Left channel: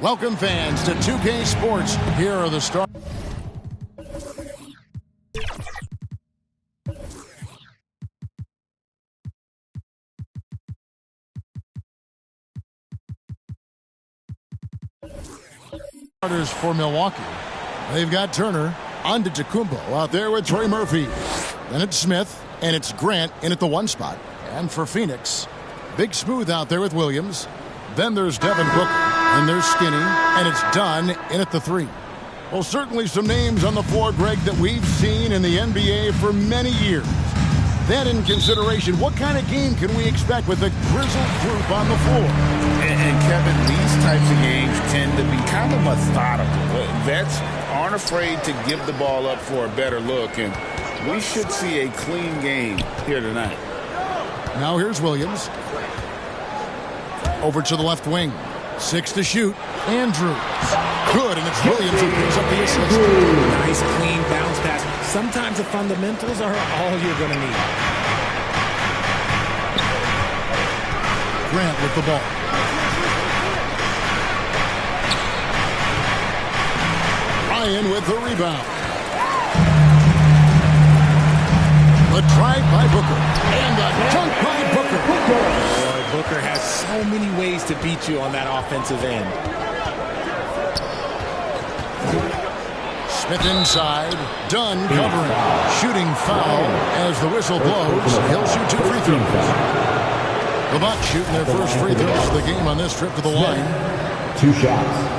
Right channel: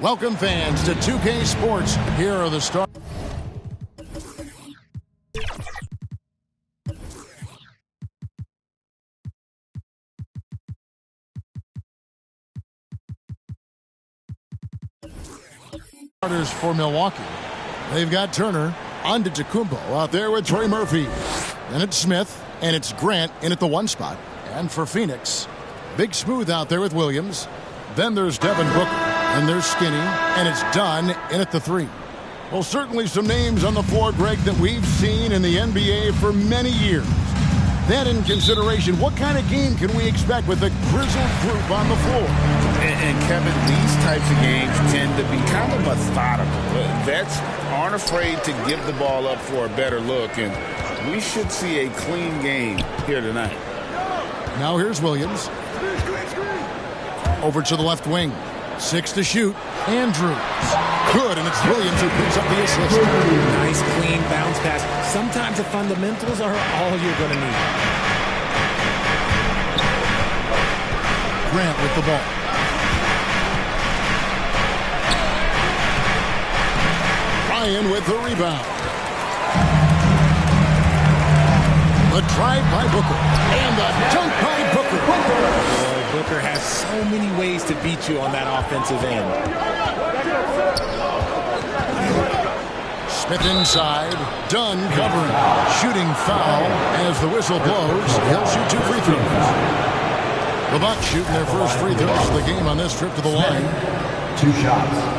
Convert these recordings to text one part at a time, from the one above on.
Welcome, fans, to 2K Sports. Here are the starters for Milwaukee. They've got Turner, Antetokounmpo out there with Trey Murphy. Then it's Smith, and it's Grant in at the 1 spot. And for Phoenix, Big Smooth out there with Williams. Then there's Devin Booker, and there's Skinny, and it's Dunn in at the 3. Well, certainly some names on the floor, Greg, that we've seen in the NBA for many years. That in consideration, what kind of game can we expect with the grizzled group on the floor? And Kevin, these types of games tend to be kind of methodical. Vets aren't afraid to give the ball up for a better look, and we should see a clean game here tonight. Now here's Williams. Over to the left wing. 6 to shoot. Andrews. Good, and it's Williams who picks up the assist. Nice, clean bounce pass. Sometimes the fundamentals are all you're going to need. Grant with the ball. Ryan with the rebound. The drive by Booker. And the dunk by Booker. Boy, Booker has so many ways to beat you on that offensive end. Smith inside. Dunn covering. Shooting foul as the whistle blows. He'll shoot 2 free throws. The Bucks shooting their first free throws of the game on this trip to the line. 2 shots.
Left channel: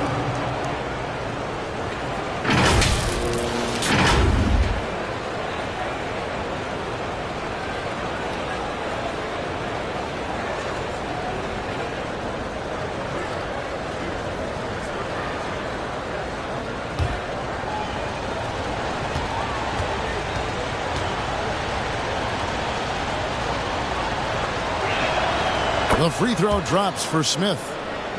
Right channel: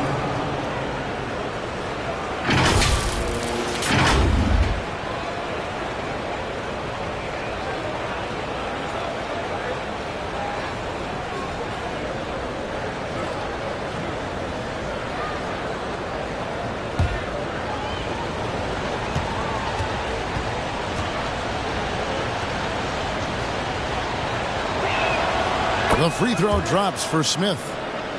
The free throw drops for Smith.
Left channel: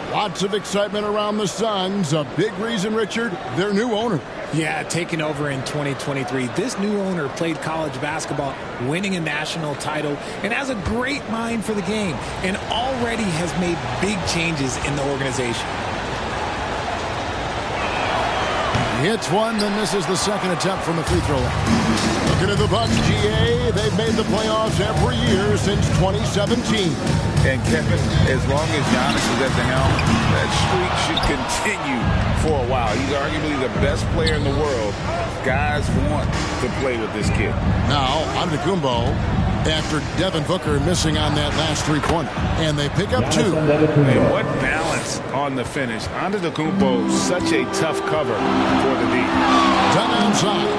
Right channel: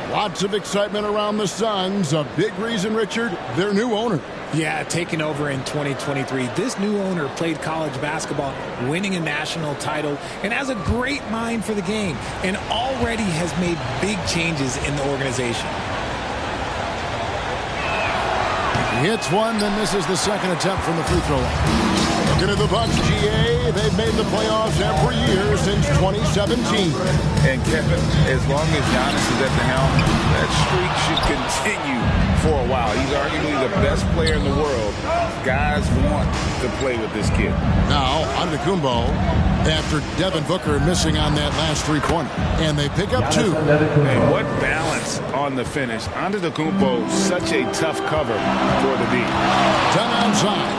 Lots of excitement around the Suns. A big reason, Richard, their new owner. Yeah, taking over in 2023. This new owner played college basketball, winning a national title, and has a great mind for the game, and already has made big changes in the organization. He hits one, then misses the second attempt from the free throw line. Looking at the Bucks, GA, they've made the playoffs every year since 2017. And Kevin, as long as Giannis is at the helm, that streak should continue for a while. He's arguably the best player in the world. Guys want to play with this kid. Now, Antetokounmpo, after Devin Booker missing on that last three-pointer. And they pick up 2. And what balance on the finish. Antetokounmpo, such a tough cover for the D. Dunn outside.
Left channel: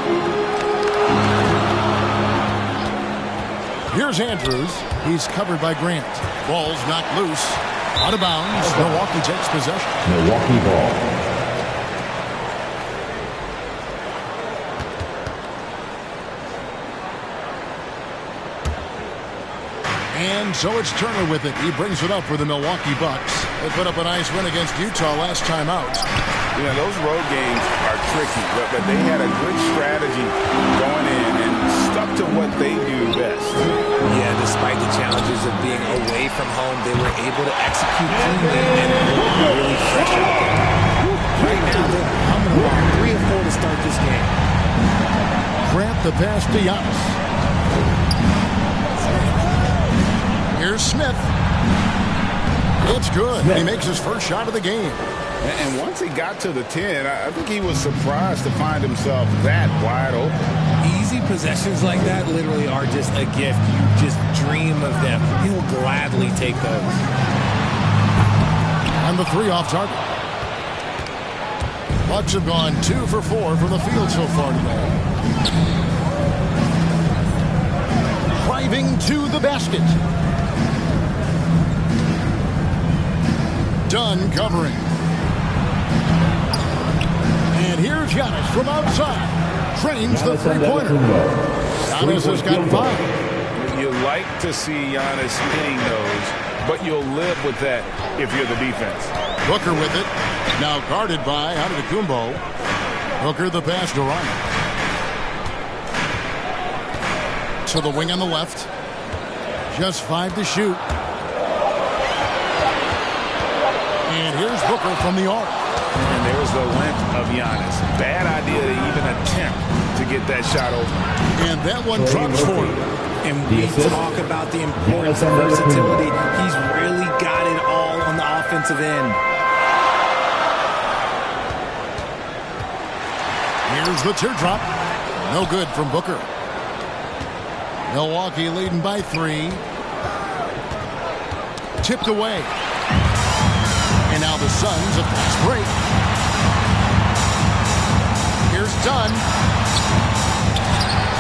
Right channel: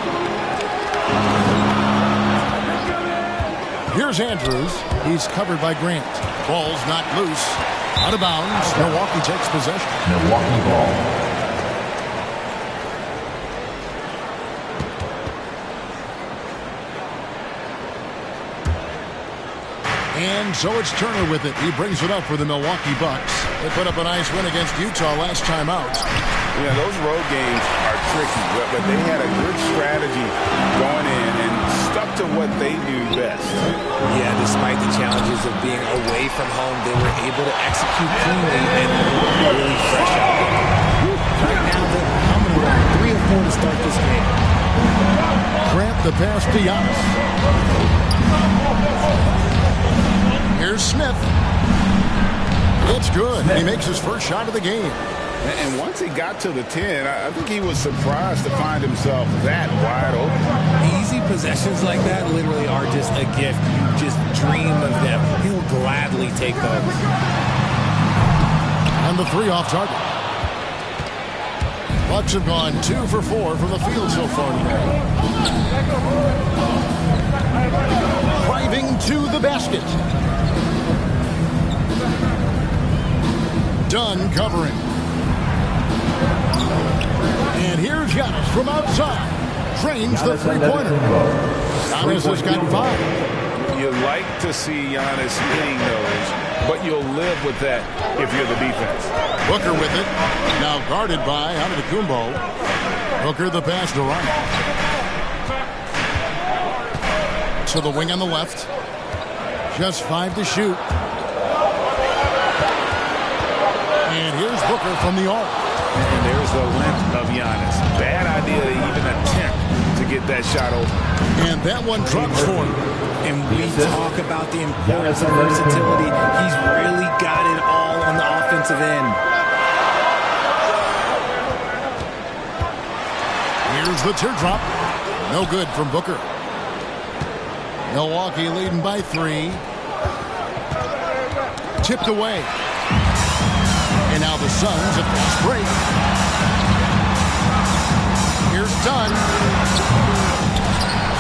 Here's Andrews. He's covered by Grant. Ball's knocked loose. Out of bounds. Milwaukee takes possession. Milwaukee ball. And so it's Turner with it. He brings it up for the Milwaukee Bucks. They put up a nice win against Utah last time out. You know, those road games are tricky, but they had a good strategy going in and stuck to what they do best. Yeah, despite the challenges of being away from home, they were able to execute cleanly and look really fresh out there. Right now, they're humming along. 3 or 4 to start this game. Grant the pass to Giannis. Here's Smith. It's good. He makes his first shot of the game. And once he got to the 10, I think he was surprised to find himself that wide open. Easy possessions like that literally are just a gift. You just dream of them. He'll gladly take those. And the 3 off target. Bucks have gone 2 for 4 from the field so far today. Driving to the basket. Dunn covering. And here's Giannis from outside. Trains the three-pointer. Giannis has got 5. You like to see Giannis hitting those, but you'll live with that if you're the defense. Booker with it. Now guarded by Antetokounmpo. Booker the pass to Ryan. To the wing on the left. Just 5 to shoot. And here's Booker from the arc. And there's the length of Giannis. Bad idea to even attempt to get that shot open. And that one drops for him. And we talk about the importance of versatility. He's really got it all on the offensive end. Here's the teardrop. No good from Booker. Milwaukee leading by 3. Tipped away. And now the Suns a fast break. Here's Dunn.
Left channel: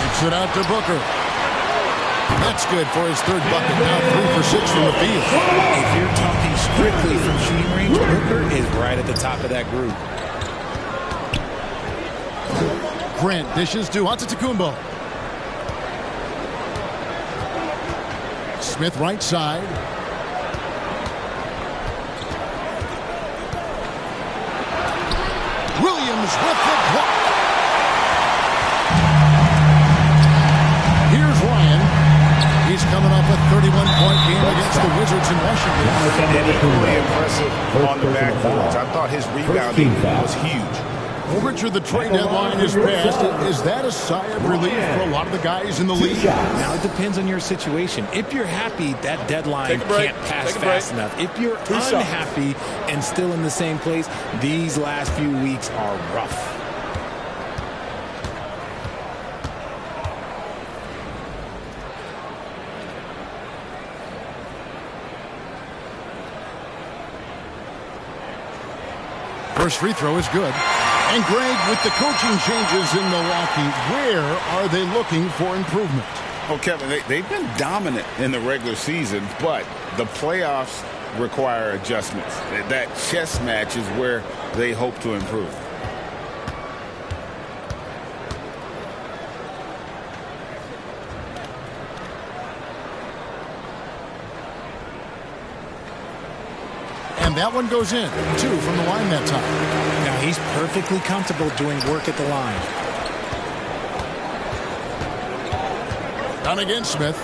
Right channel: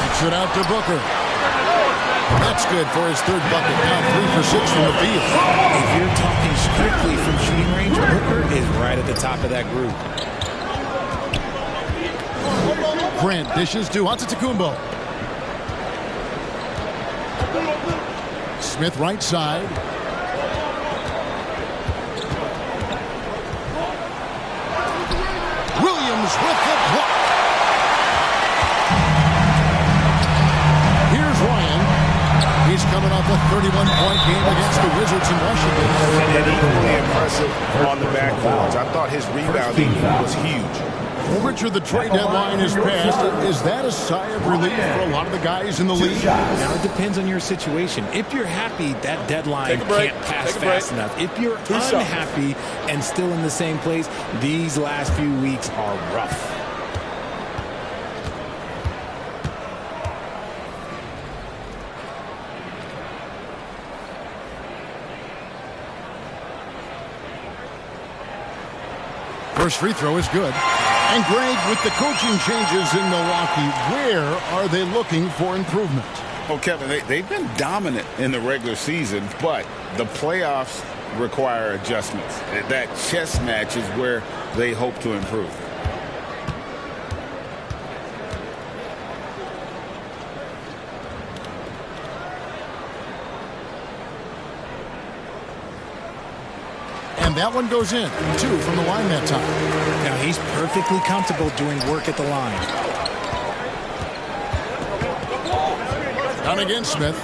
Kicks it out to Booker. That's good for his 3rd bucket. Now 3 for 6 from the field. If you're talking strictly from shooting range, Booker is right at the top of that group. Grant dishes to Antetokounmpo. Smith right side. Williams with the block. Here's Ryan. He's coming off a 31-point game against the Wizards in Washington. And equally impressive on the backboards. I thought his rebounding was huge. Well, Richard, the trade deadline is passed. Is that a sigh of relief for a lot of the guys in the league? Now, it depends on your situation. If you're happy, that deadline can't pass fast enough. If you're unhappy and still in the same place, these last few weeks are rough. First free throw is good. And Greg, with the coaching changes in Milwaukee, where are they looking for improvement? Well, Kevin, they've been dominant in the regular season, but the playoffs require adjustments. That chess match is where they hope to improve. And that one goes in. 2 from the line that time. Now, he's perfectly comfortable doing work at the line. Down again, Smith.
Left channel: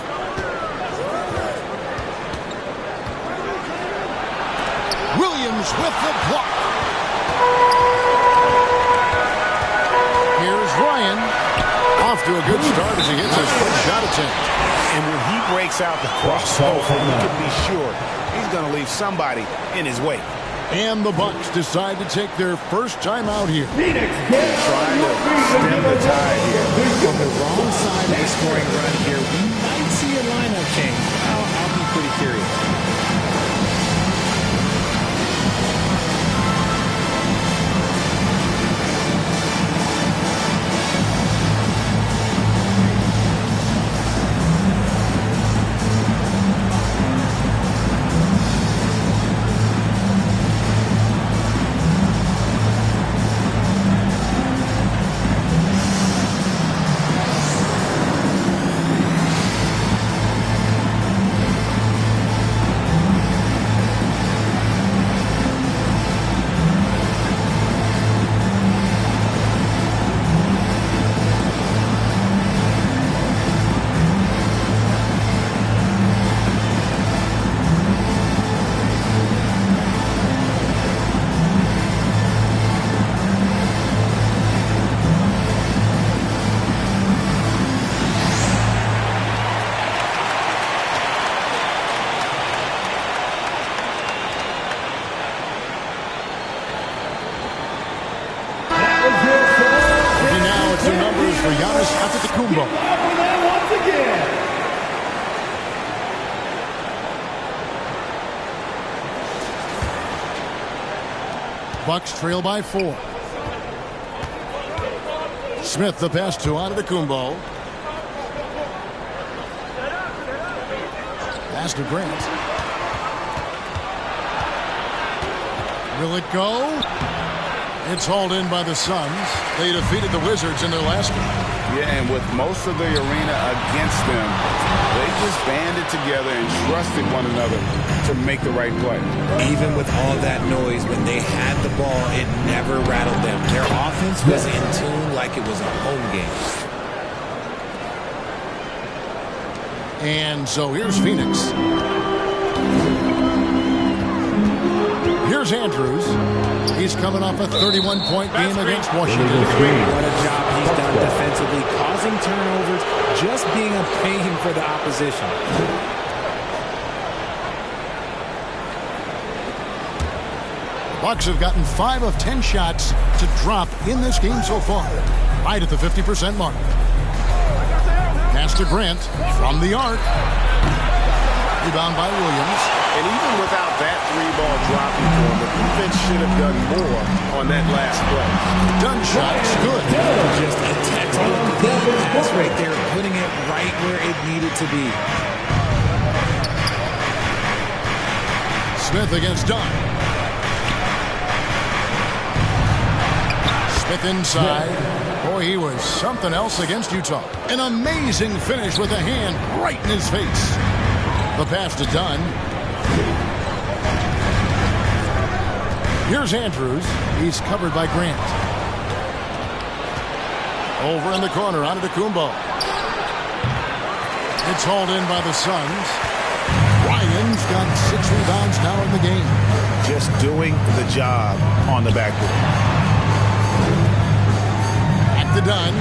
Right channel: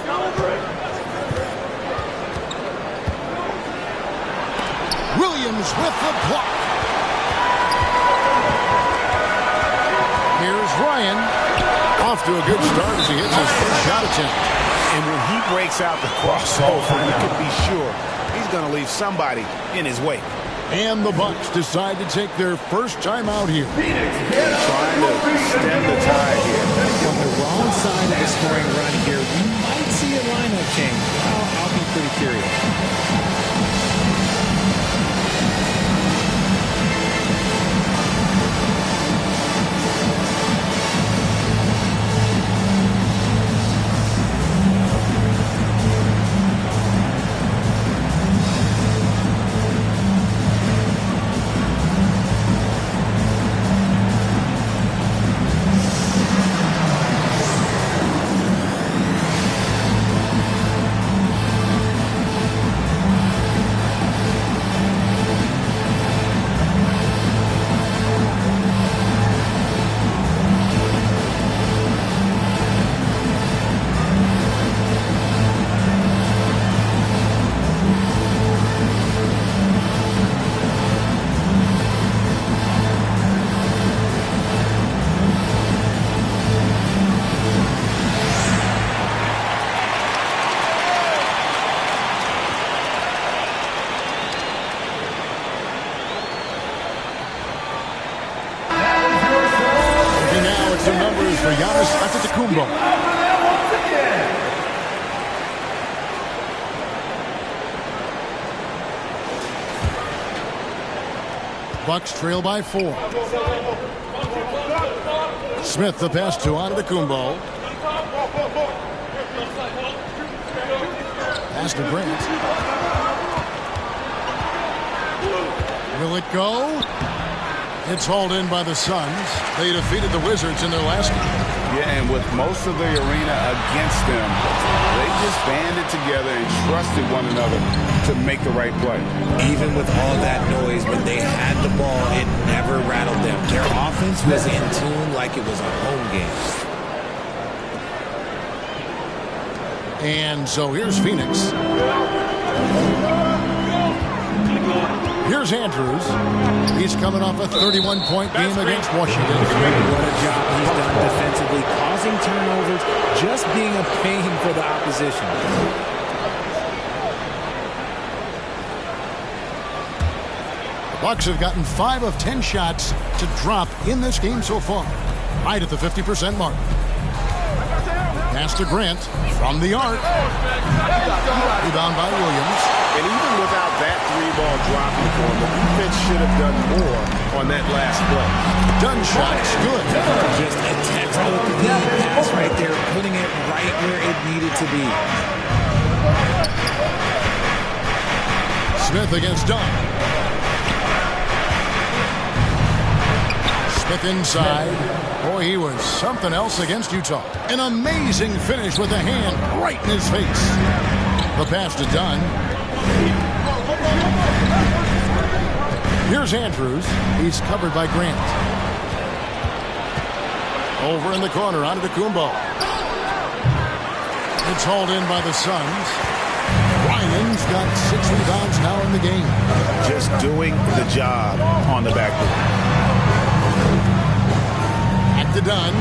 Williams with the block. Here's Ryan. Off to a good start as he hits his first shot attempt. And when he breaks out the crossover, you can be sure he's going to leave somebody in his wake. And the Bucks decide to take their first time out here. They're trying to stem the tide here. On the wrong side of the scoring run here, we might see a lineup change. I'll be pretty curious. The numbers for Giannis Antetokounmpo. Bucks trail by 4. Smith the pass to Antetokounmpo. Pass to Grant. Will it go? It's hauled in by the Suns. They defeated the Wizards in their last game. Yeah, and with most of the arena against them, they just banded together and trusted one another to make the right play. Even with all that noise, when they had the ball, it never rattled them. Their offense was in tune like it was a home game. And so here's Phoenix. Here's Andrews. He's coming off a 31-point game against Washington. What a job he's done defensively, causing turnovers, just being a pain for the opposition. The Bucks have gotten 5 of 10 shots to drop in this game so far, right at the 50% mark. Pass to Grant from the arc. Rebound by Williams. And even without that 3-ball dropping for him, the defense should have done more on that last play. Dunn shot's good. Just a textbook lead pass right there, putting it right where it needed to be. Smith against Dunn. Smith inside. Boy, he was something else against Utah. An amazing finish with a hand right in his face. The pass to Dunn. Here's Andrews. He's covered by Grant. Over in the corner, onto Kumbo. It's hauled in by the Suns. Ryan's got 6 rebounds now in the game. Just doing the job on the backboard. Back to Dunn.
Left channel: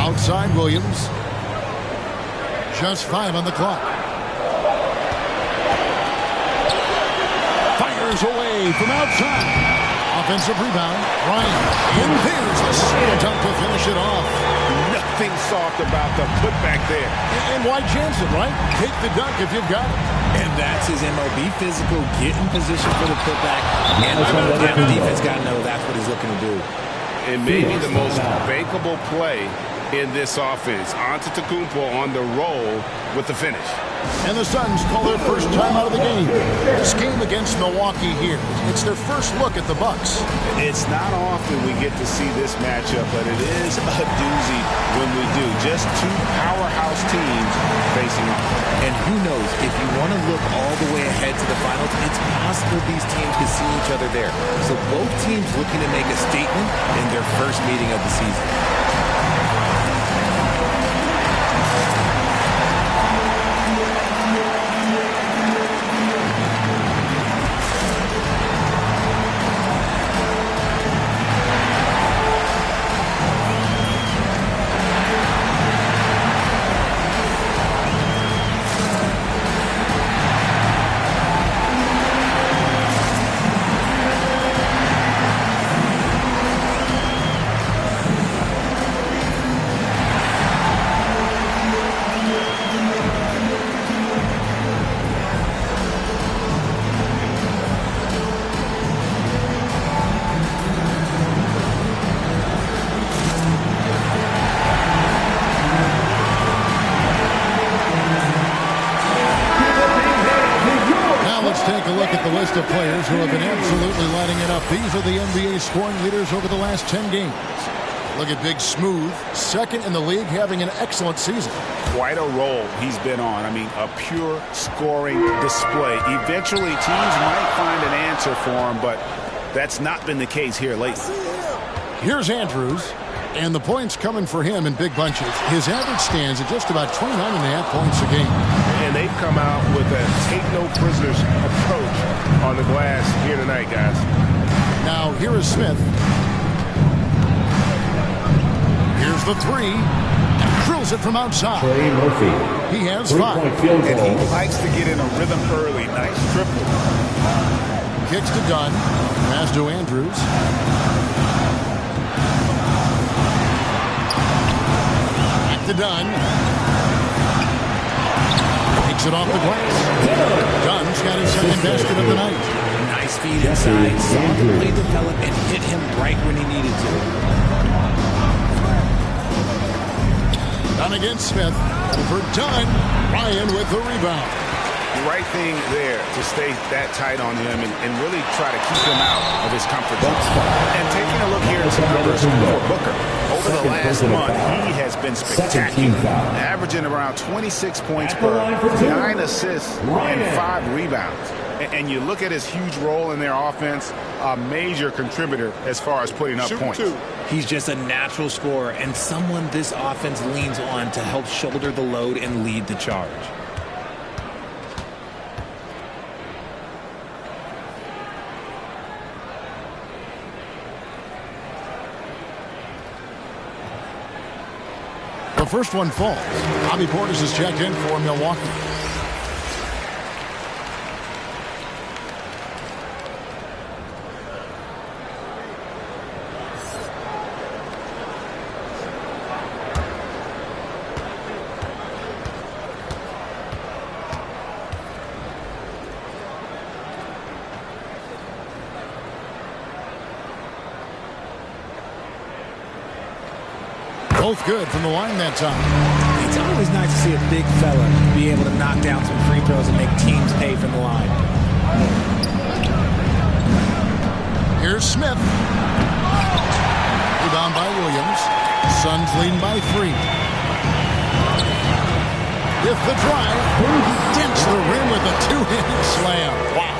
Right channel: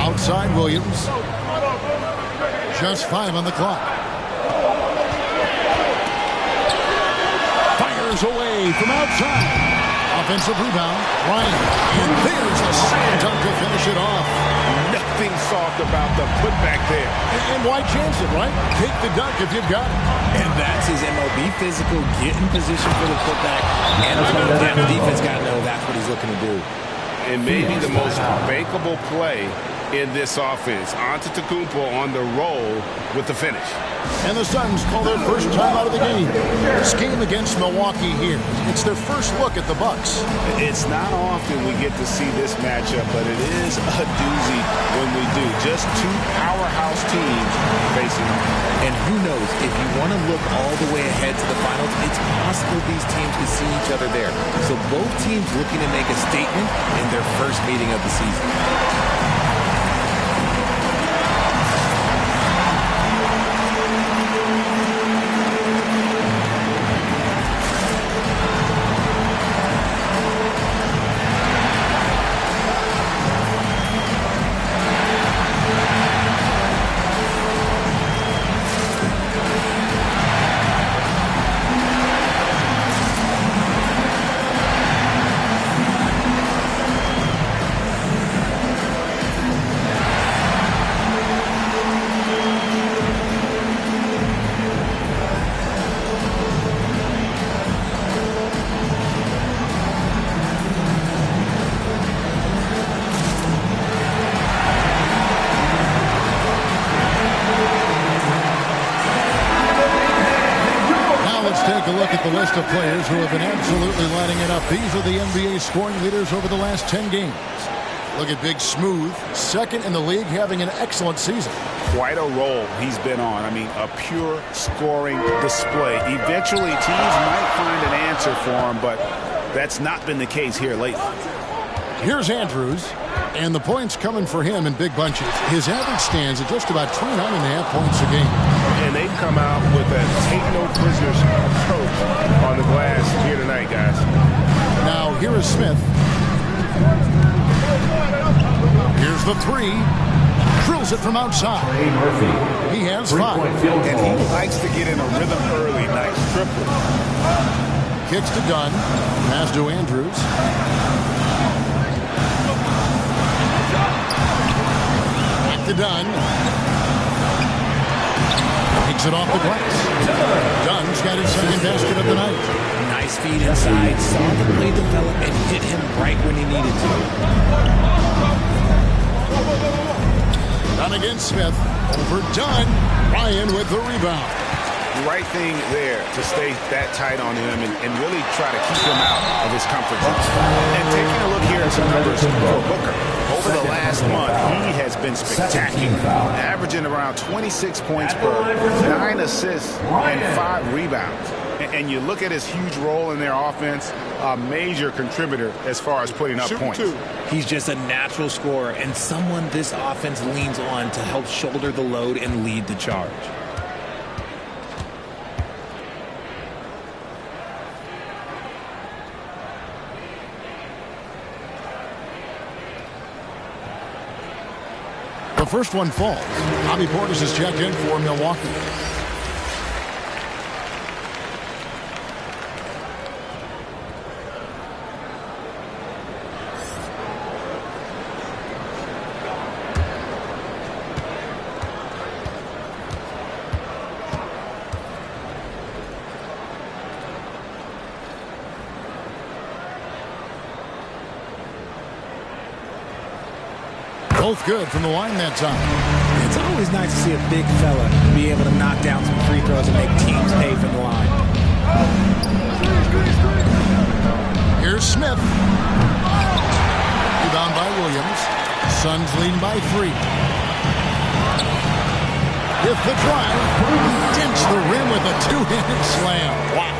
Outside Williams. Just 5 on the clock. Fires away from outside. Offensive rebound. Ryan. And there's the slam dunk to finish it off. Nothing soft about the putback there. And why chance it, right? Take the dunk if you've got it. And that's his MO. Be physical, get in position for the putback. And the defense got to know that's what he's looking to do. And maybe the most bankable play in this offense. Antetokounmpo on the roll with the finish. And the Suns call their first time out of the game. This game against Milwaukee here, it's their first look at the Bucks. It's not often we get to see this matchup, but it is a doozy when we do. Just 2 powerhouse teams facing off. And who knows, if you want to look all the way ahead to the finals, it's possible these teams could see each other there. So both teams looking to make a statement in their first meeting of the season. Let's take a look at the list of players who have been absolutely lighting it up. These are the NBA scoring leaders over the last 10 games. Look at Big Smooth, second in the league, having an excellent season. Quite a role he's been on. I mean, a pure scoring display. Eventually, teams might find an answer for him, but that's not been the case here lately. Here's Andrews, and the points coming for him in big bunches. His average stands at just about 29.5 points a game. And they've come out with a take-no-prisoners approach on the glass here tonight, guys. Now, here is Smith. Here's the 3. Drills it from outside. Trey Murphy. He has 5. Field goal. And he likes to get in a rhythm early. Nice triple. Kicks to Dunn. Pass to Andrews. Back to Dunn. Takes it off the glass. Dunn's got his second basket of the night. Nice feed inside. Saw the play develop and hit him right when he needed to. Dunn against Smith. Over Dunn. Ryan with the rebound. The right thing there to stay that tight on him and really try to keep him out of his comfort zone. And taking a look here at some numbers for Booker. Over the last month, he has been spectacular, averaging around 26 points per, 9 assists, and 5 rebounds. And you look at his huge role in their offense, a major contributor as far as putting up points. He's just a natural scorer and someone this offense leans on to help shoulder the load and lead the charge. first one falls. Bobby Portis is checked in for Milwaukee. Both good from the line that time. It's always nice to see a big fella be able to knock down some free throws and make teams pay from the line. Here's Smith. Rebound by Williams. Suns leading by 3. With the drive, he dents the rim with a two-handed slam. Wow.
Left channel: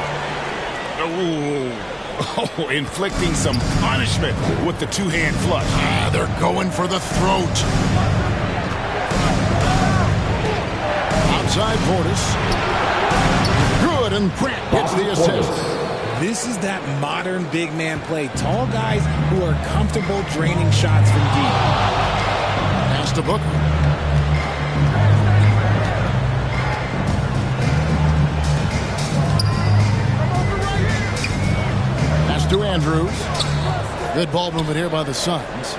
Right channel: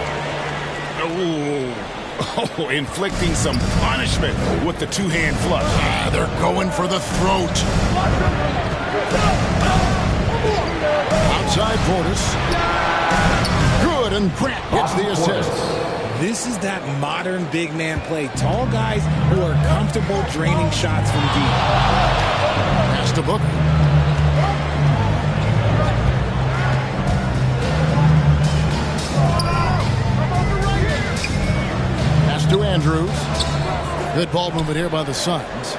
Oh, inflicting some punishment with the two-hand flush. They're going for the throat. Outside Portis. Good, and Grant gets the assist. This is that modern big man play. Tall guys who are comfortable draining shots from deep. Pass to Booker. Pass to Andrews. Good ball movement here by the Suns.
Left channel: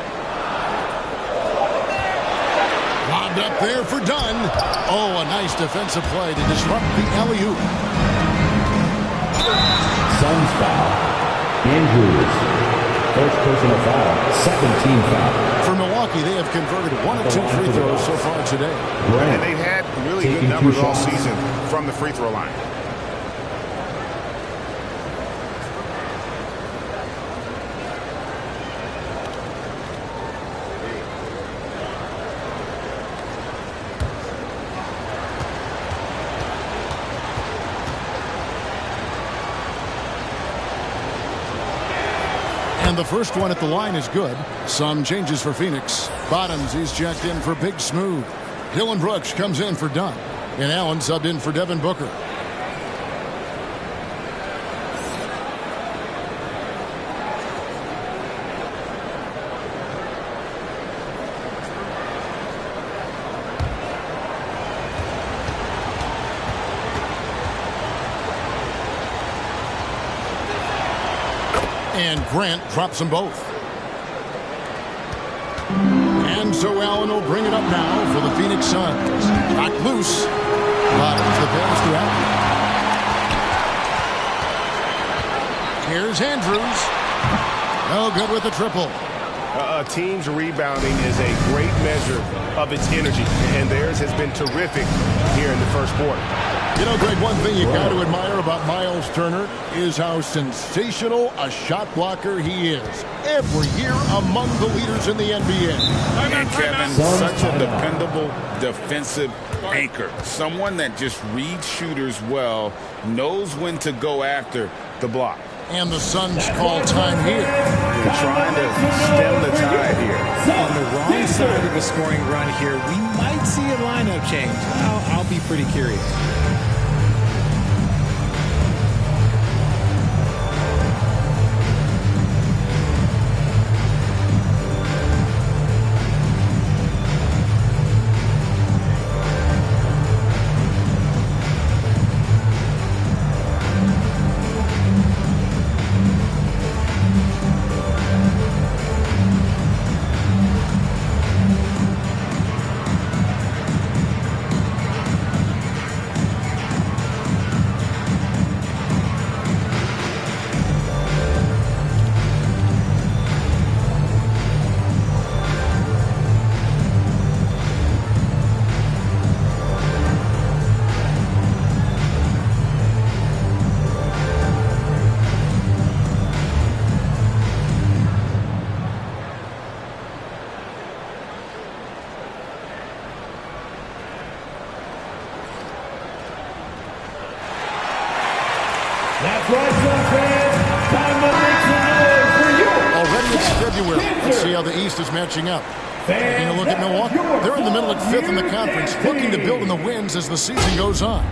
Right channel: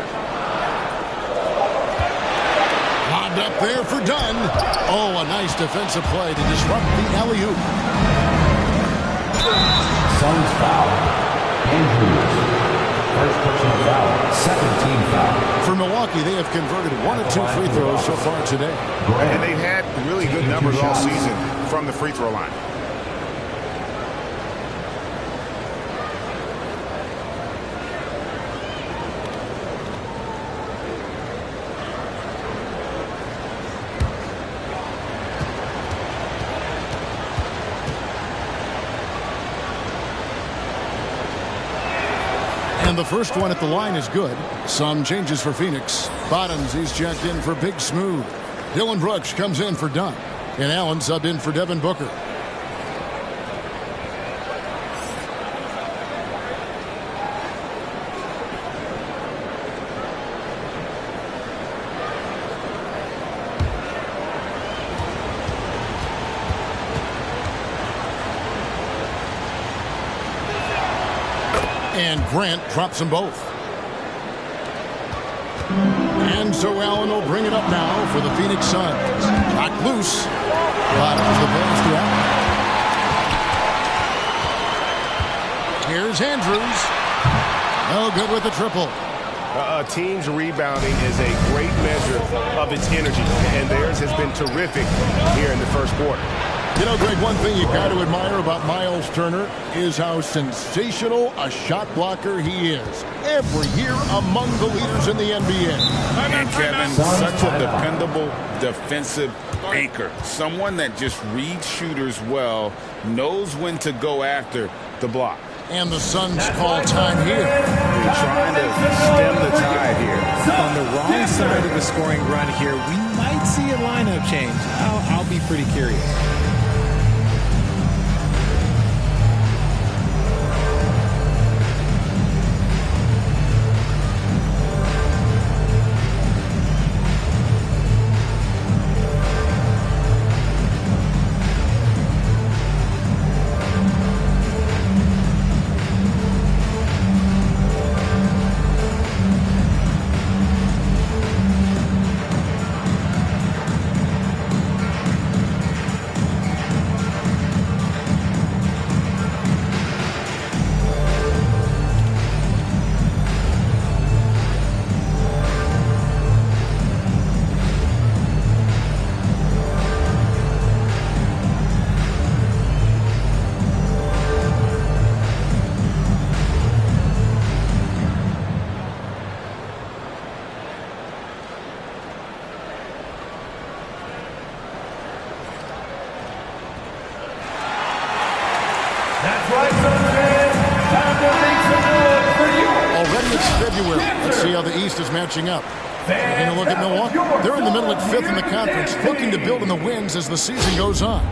Lobbed up there for Dunn. Oh, a nice defensive play to disrupt the alley-oop. Suns foul. Andrews. First personal foul. Second team foul. For Milwaukee, they have converted 1 of 2 free throws so far today. And they've had really good numbers all season from the free throw line. And the first one at the line is good. Some changes for Phoenix. Bottoms, he's checked in for Big Smooth. Dylan Brooks comes in for Dunn. And Allen subbed in for Devin Booker. And Grant drops them both. And so Allen will bring it up now for the Phoenix Suns. Knocked loose. Bottoms the pass to Allen. Here's Andrews. No good with the triple. A team's rebounding is a great measure of its energy, and theirs has been terrific here in the first quarter. You know, Greg, one thing you got to admire about Miles Turner is how sensational a shot blocker he is. Every year among the leaders in the NBA. And Kevin, such a dependable defensive anchor. Someone that just reads shooters well, knows when to go after the block. And the Suns call time here. They're trying to stem the tide here. On the wrong side of a scoring run here, we might see a lineup change. I'll be pretty curious. That's right, Suns fans. Time to make some noise for you. Already it's February. Let's see how the East is matching up. Taking a look at Milwaukee. They're in the middle at 5th in the conference, looking to build on the wins as the season goes on.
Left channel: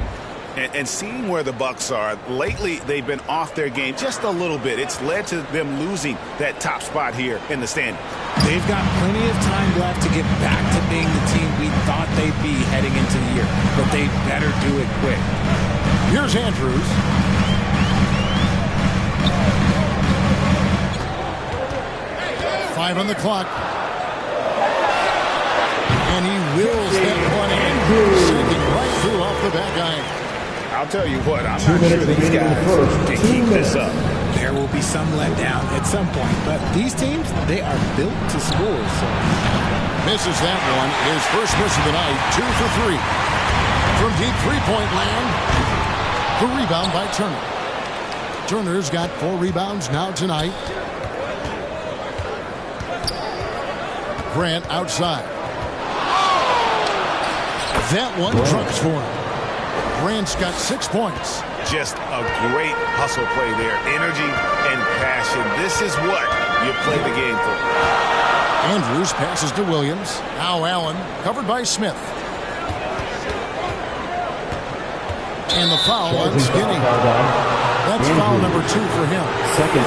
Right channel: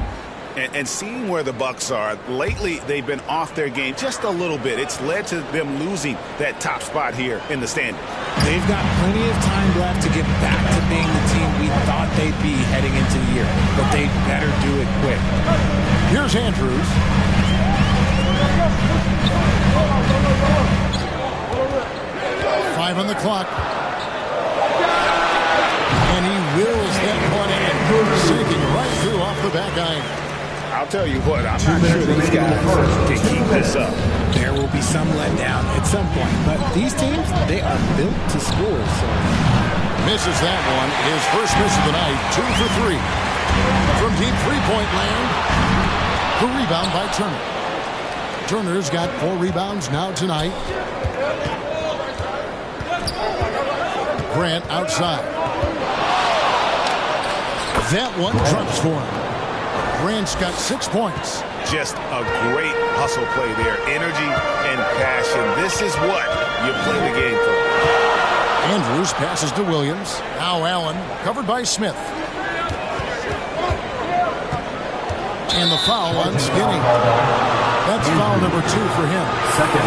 And seeing where the Bucks are, lately they've been off their game just a little bit. It's led to them losing that top spot here in the standings. They've got plenty of time left to get back to being the team we thought they'd be heading into the year, but they better do it quick. Here's Andrews. Five on the clock. And he wills that one in, sinking right through off the back iron. I'll tell you what, I'm not sure these guys can keep this up. There will be some letdown at some point, but these teams, they are built to score. So misses that one. His first miss of the night, 2 for 3. From deep three-point land, the rebound by Turner. Turner's got 4 rebounds now tonight. Grant outside. That one drops for him. Grant's got 6 points. Just a great hustle play there. Energy and passion. This is what you play the game for. Andrews passes to Williams. Now Allen, covered by Smith. And the foul on Skinny. That's foul number 2 for him.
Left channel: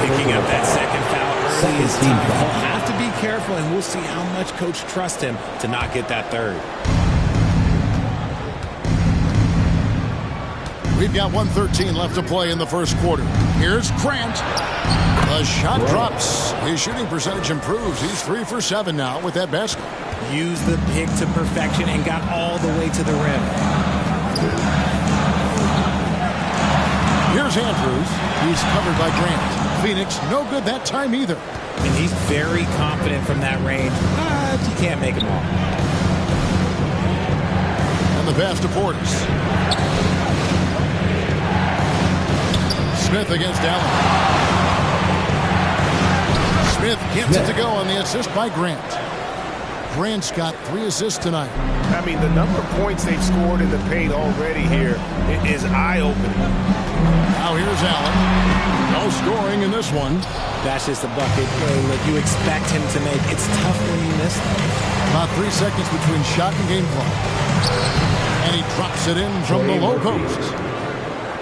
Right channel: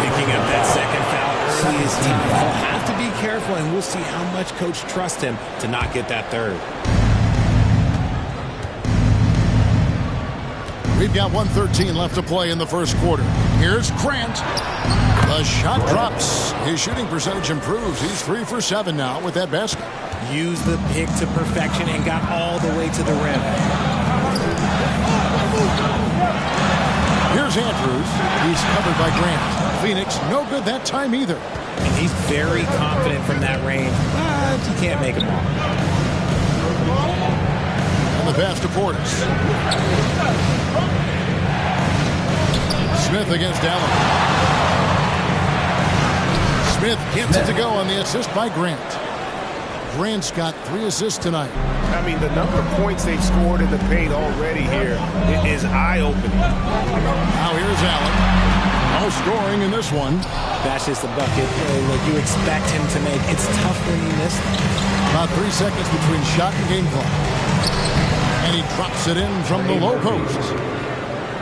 Picking up that second foul early is time. He'll have to be careful, and we'll see how much coach trusts him to not get that third. We've got 1:13 left to play in the first quarter. Here's Grant. The shot drops. His shooting percentage improves. He's 3 for 7 now with that basket. Used the pick to perfection and got all the way to the rim. Here's Andrews. He's covered by Grant. Phoenix, no good that time either. And he's very confident from that range, but you can't make him all. And the pass to Portis. Smith against Allen. Smith gets it to go on the assist by Grant. Grant's got 3 assists tonight. I mean, the number of points they've scored in the paint already here is eye-opening. Now here's Allen. No scoring in this one. That's just a bucket look you expect him to make. It's tough when you miss them. About 3 seconds between shot and game clock. And he drops it in from the low post.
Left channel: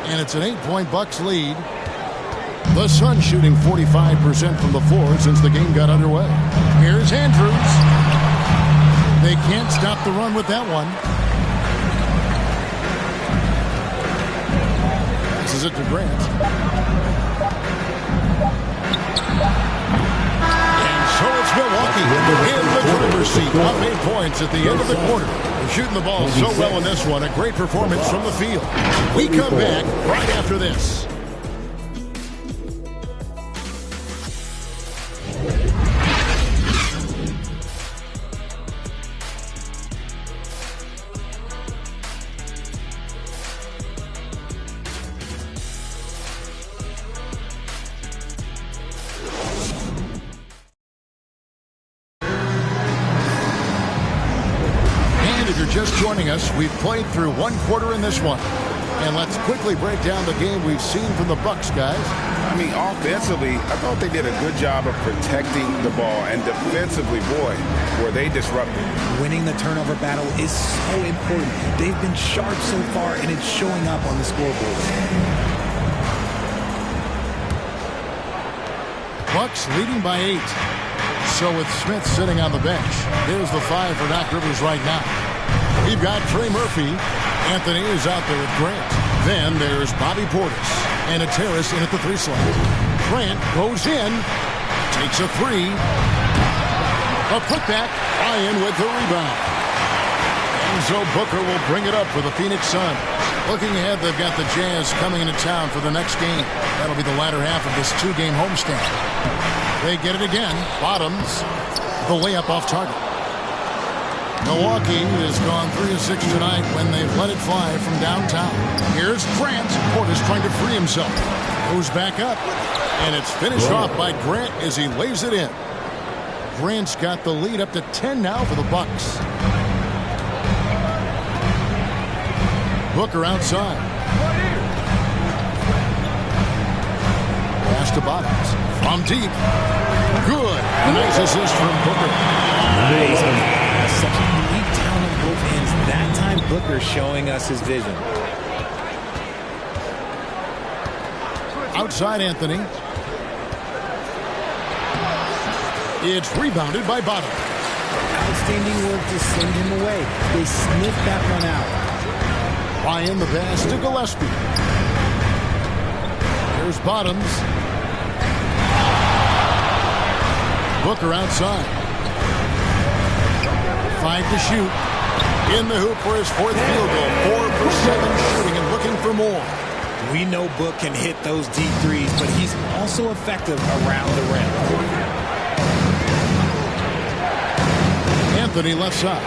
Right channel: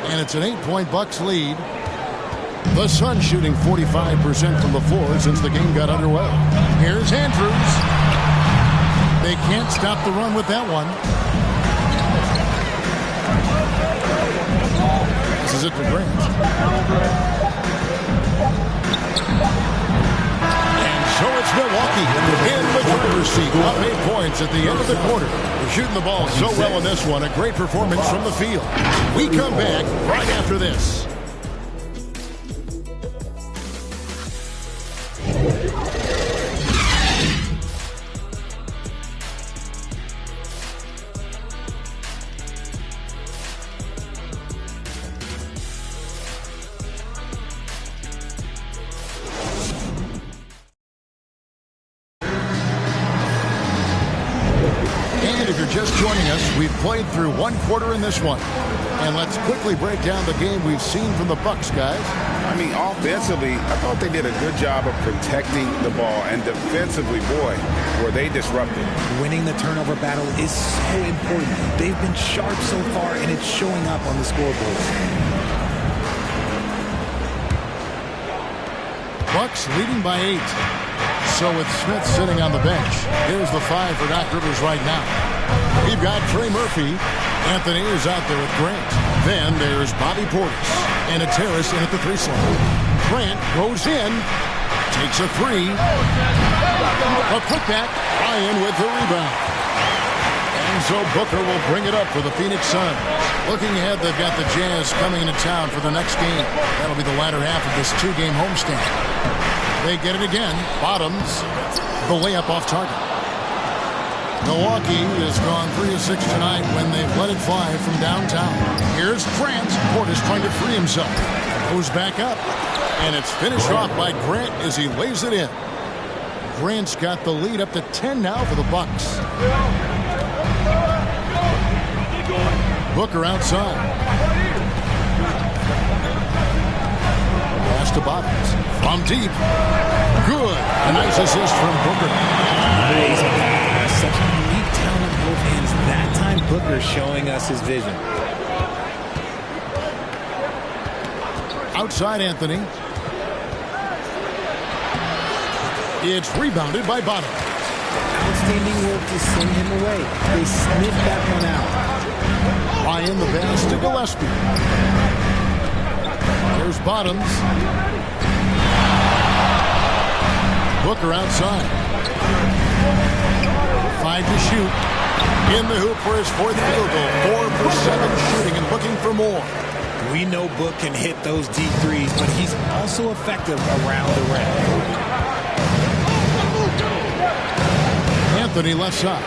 And it's an 8-point Bucks lead. The Suns shooting 45% from the floor since the game got underway. Here's Andrews. They can't stop the run with that one. This is it to Grant. And so it's Milwaukee in the driver's seat. Up 8 points at the end of the quarter. They're shooting the ball so well in this one. A great performance from the field. We come back right after this. And if you're just joining us, we've played through 1 quarter in this one. And let's quickly break down the game we've seen from the Bucks, guys. I mean, offensively, I thought they did a good job of protecting the ball. And defensively, boy, were they disruptive. Winning the turnover battle is so important. They've been sharp so far, and it's showing up on the scoreboard. Bucks leading by 8. So with Smith sitting on the bench, here's the 5 for Doc Rivers right now. We've got Trey Murphy. Anthony is out there with Grant. Then there's Bobby Portis and a Terrace in at the 3 slot. Grant goes in, takes a 3. A putback, Ryan with the rebound. And so Booker will bring it up for the Phoenix Suns. Looking ahead, they've got the Jazz coming into town for the next game. That'll be the latter half of this 2-game homestand. They get it again. Bottoms, the layup off target. Milwaukee has gone 3 of 6 tonight when they've let it fly from downtown. Here's Grant. Portis trying to free himself. Goes back up. And it's finished off by Grant as he lays it in. Grant's got the lead up to 10 now for the Bucks. Booker outside. Pass to Bottoms. From deep. Good. A nice assist from Booker. Nice pass. Such unique talent on both ends. That time, Booker showing us his vision. Outside Anthony. It's rebounded by Bottom. Outstanding work to send him away. They sniffed that one out. Ryan the pass to Gillespie. Here's Bottoms. Booker outside. 5 to shoot. In the hoop for his 4th field goal. 4 for 7 shooting and looking for more. We know Book can hit those deep threes, but he's also effective around the rim. Anthony left side.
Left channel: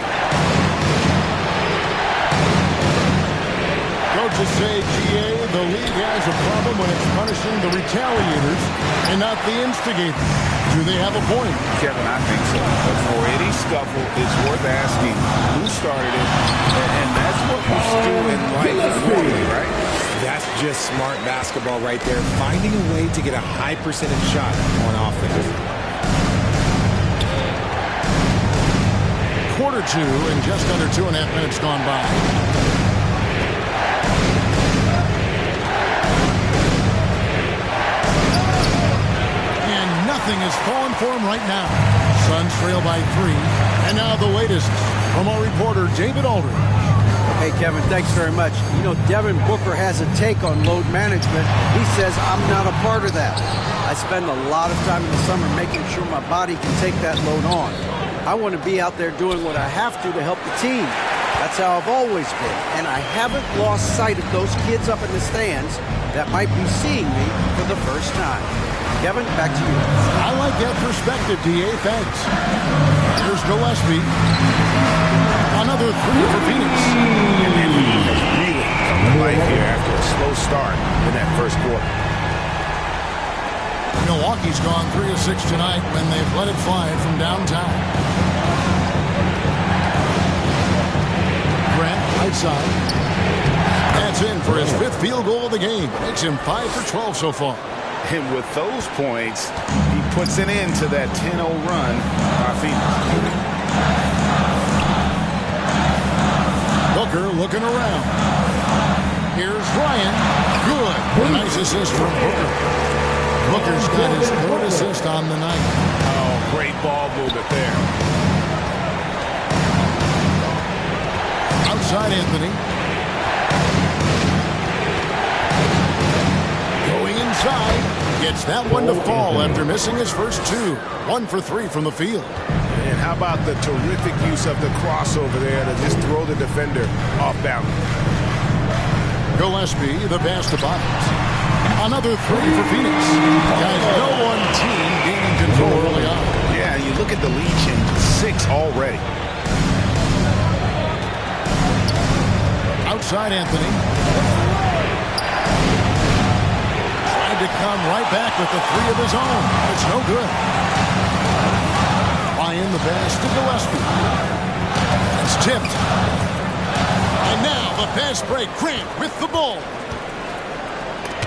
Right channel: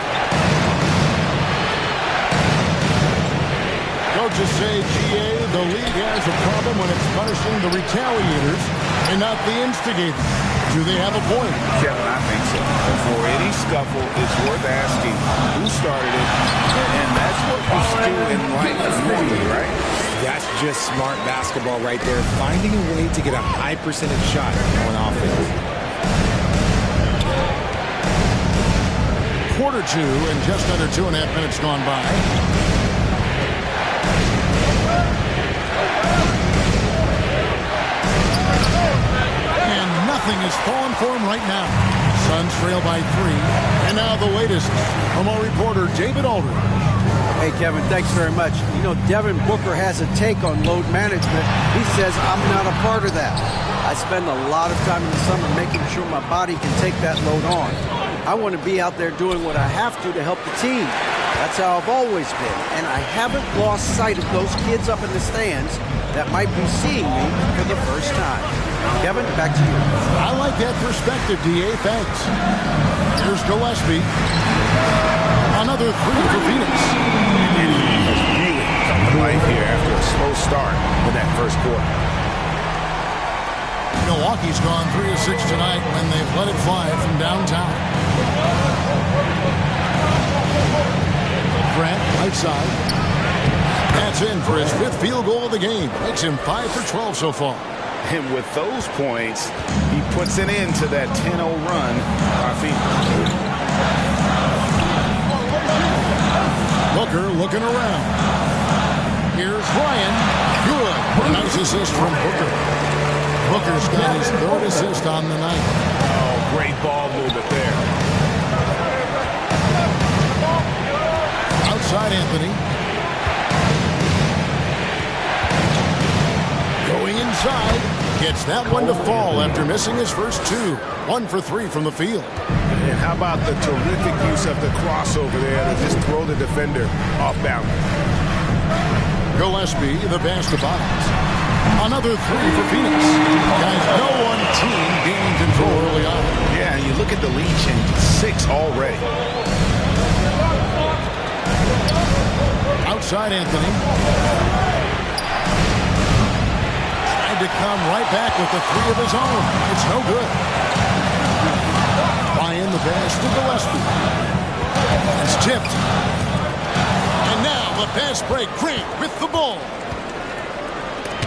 Coaches say, GA, the league has a problem when it's punishing the retaliators and not the instigators. Do they have a point? Kevin, I think so. For any scuffle, it's worth asking who started it, and that's what we do in life normally, right? That's just smart basketball right there, finding a way to get a high percentage shot on offense. Quarter 2 and just under 2.5 minutes gone by. And nothing is falling for him right now. Suns trail by 3. And now the latest from our reporter, David Aldridge. Hey, Kevin, thanks very much. You know, Devin Booker has a take on load management. He says, I'm not a part of that. I spend a lot of time in the summer making sure my body can take that load on. I want to be out there doing what I have to help the team. That's how I've always been. And I haven't lost sight of those kids up in the stands that might be seeing me for the first time. Kevin, back to you. I like that perspective, D.A. Thanks. Here's Gillespie. Another 3 for Phoenix. And he has really come to life here after a slow start in that first quarter. Milwaukee's gone 3 of 6 tonight when they've let it fly from downtown. Grant, right side. That's in for his 5th field goal of the game. Makes him 5 for 12 so far. And with those points, he puts an end to that 10-0 run by Phoenix. Booker looking around. Here's Ryan. Good. Nice assist from Booker. Booker's got his 3rd assist on the night. Oh, great ball movement there. Outside Anthony. Going inside. Gets that one to fall after missing his first 2. 1 for 3 from the field. And how about the terrific use of the crossover there to just throw the defender off balance. Gillespie, the pass to Bottoms. Another 3 for Phoenix. Guys, no one team gaining control early on. Yeah, you look at the lead change. 6 already. Outside Anthony. Tried to come right back with the 3 of his own, but it's no good. Ryan the pass to Gillespie. It's tipped. And now the pass break. Grant with the ball.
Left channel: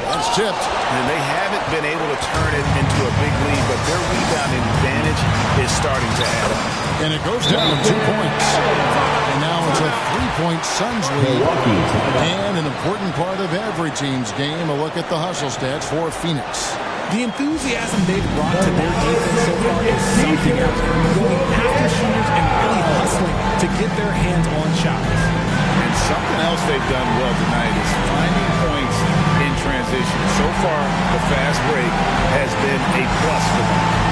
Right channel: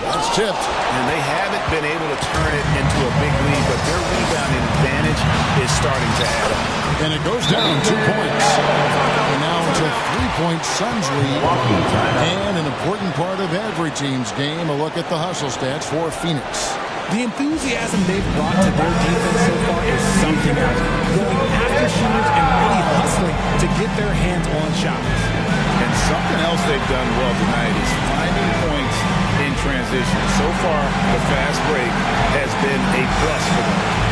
That's tipped. And they haven't been able to turn it into a big lead, but their rebounding advantage is starting to add up. And it goes down 2 points. And now it's a 3-point Suns lead. And an important part of every team's game, a look at the hustle stats for Phoenix. The enthusiasm they've brought to their defense so far is something else. Going after shooters and really hustling to get their hands on shots. And something else they've done well tonight is finding points in transition. So far, the fast break has been a plus for them.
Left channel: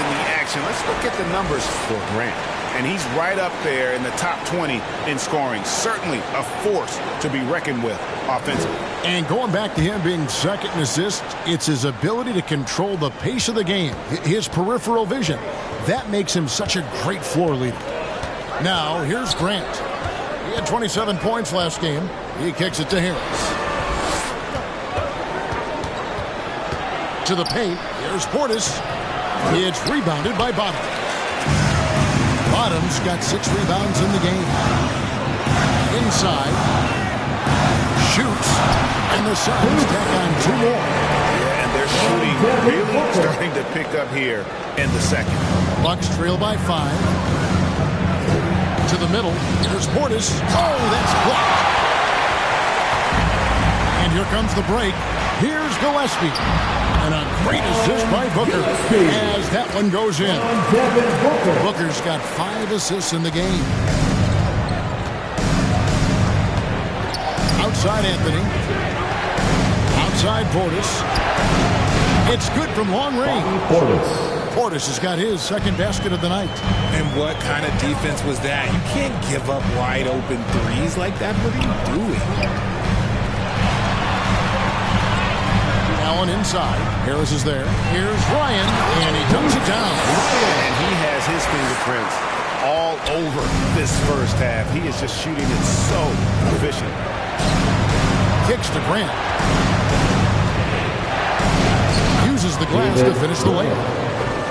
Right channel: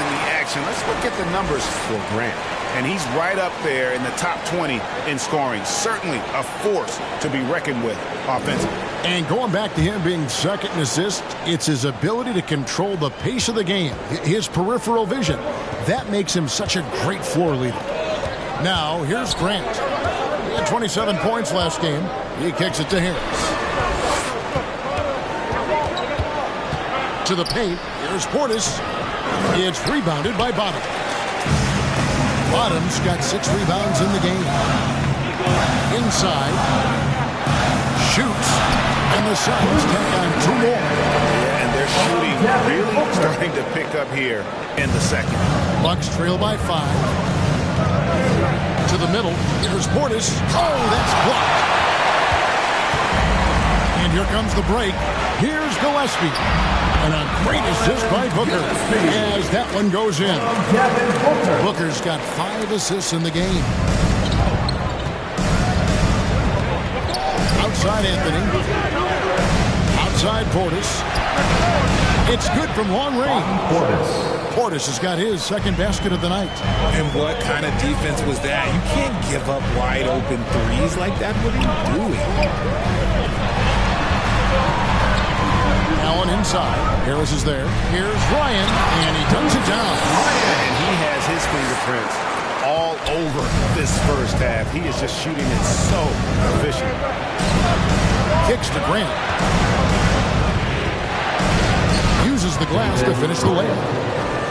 in the action. Let's look at the numbers for Grant. And he's right up there in the top 20 in scoring. Certainly a force to be reckoned with offensively. And going back to him being second in assists, it's his ability to control the pace of the game, his peripheral vision. That makes him such a great floor leader. Now, here's Grant. He had 27 points last game. He kicks it to Harris. To the paint. Here's Portis. It's rebounded by Bottom. Bottom's got 6 rebounds in the game. Inside. Shoots. And the Suns tack on 2 more. Yeah, and they're shooting really starting to pick up here in the second. Bucks trail by 5. To the middle. Here's Portis. Oh, that's blocked. And here comes the break. Here's Gillespie. And a great assist by Booker as that one goes in. Booker's got 5 assists in the game. Outside Anthony. Outside Portis. It's good from long range. Portis has got his second basket of the night. And what kind of defense was that? You can't give up wide open threes like that. What are you doing? Allen inside. Harris is there. Here's Ryan, and he dunks it down. And he has his fingerprints all over this first half. He is just shooting it so efficient. Kicks to Grant. Uses the glass to finish the layup.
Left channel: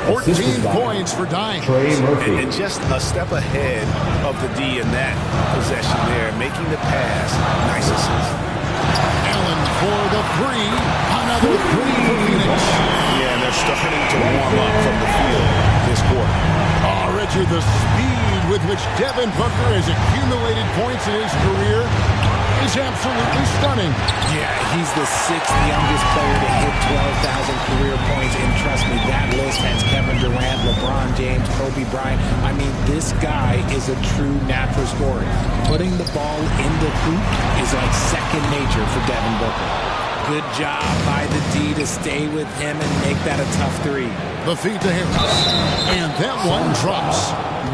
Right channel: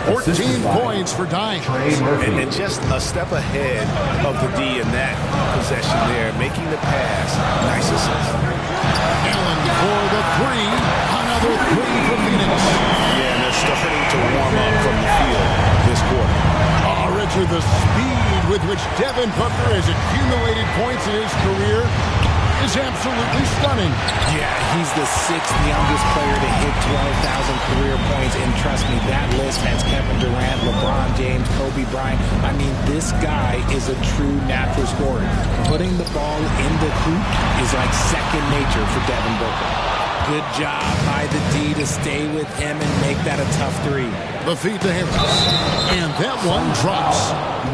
14 points for Dime. And just a step ahead of the D in that possession there, making the pass. Nice assist. Allen for the 3. Another 3 for Phoenix. Yeah, and they're starting to warm up from the field this quarter. Oh, Richard, the speed with which Devin Booker has accumulated points in his career is absolutely stunning. Yeah, he's the 6th youngest player to hit 12,000 career points. And trust me, that list has Kevin Durant, LeBron James, Kobe Bryant. I mean, this guy is a true natural scorer. Putting the ball in the hoop is like second nature for Devin Booker. Good job by the D to stay with him and make that a tough 3. The feed to Harris. And that one drops.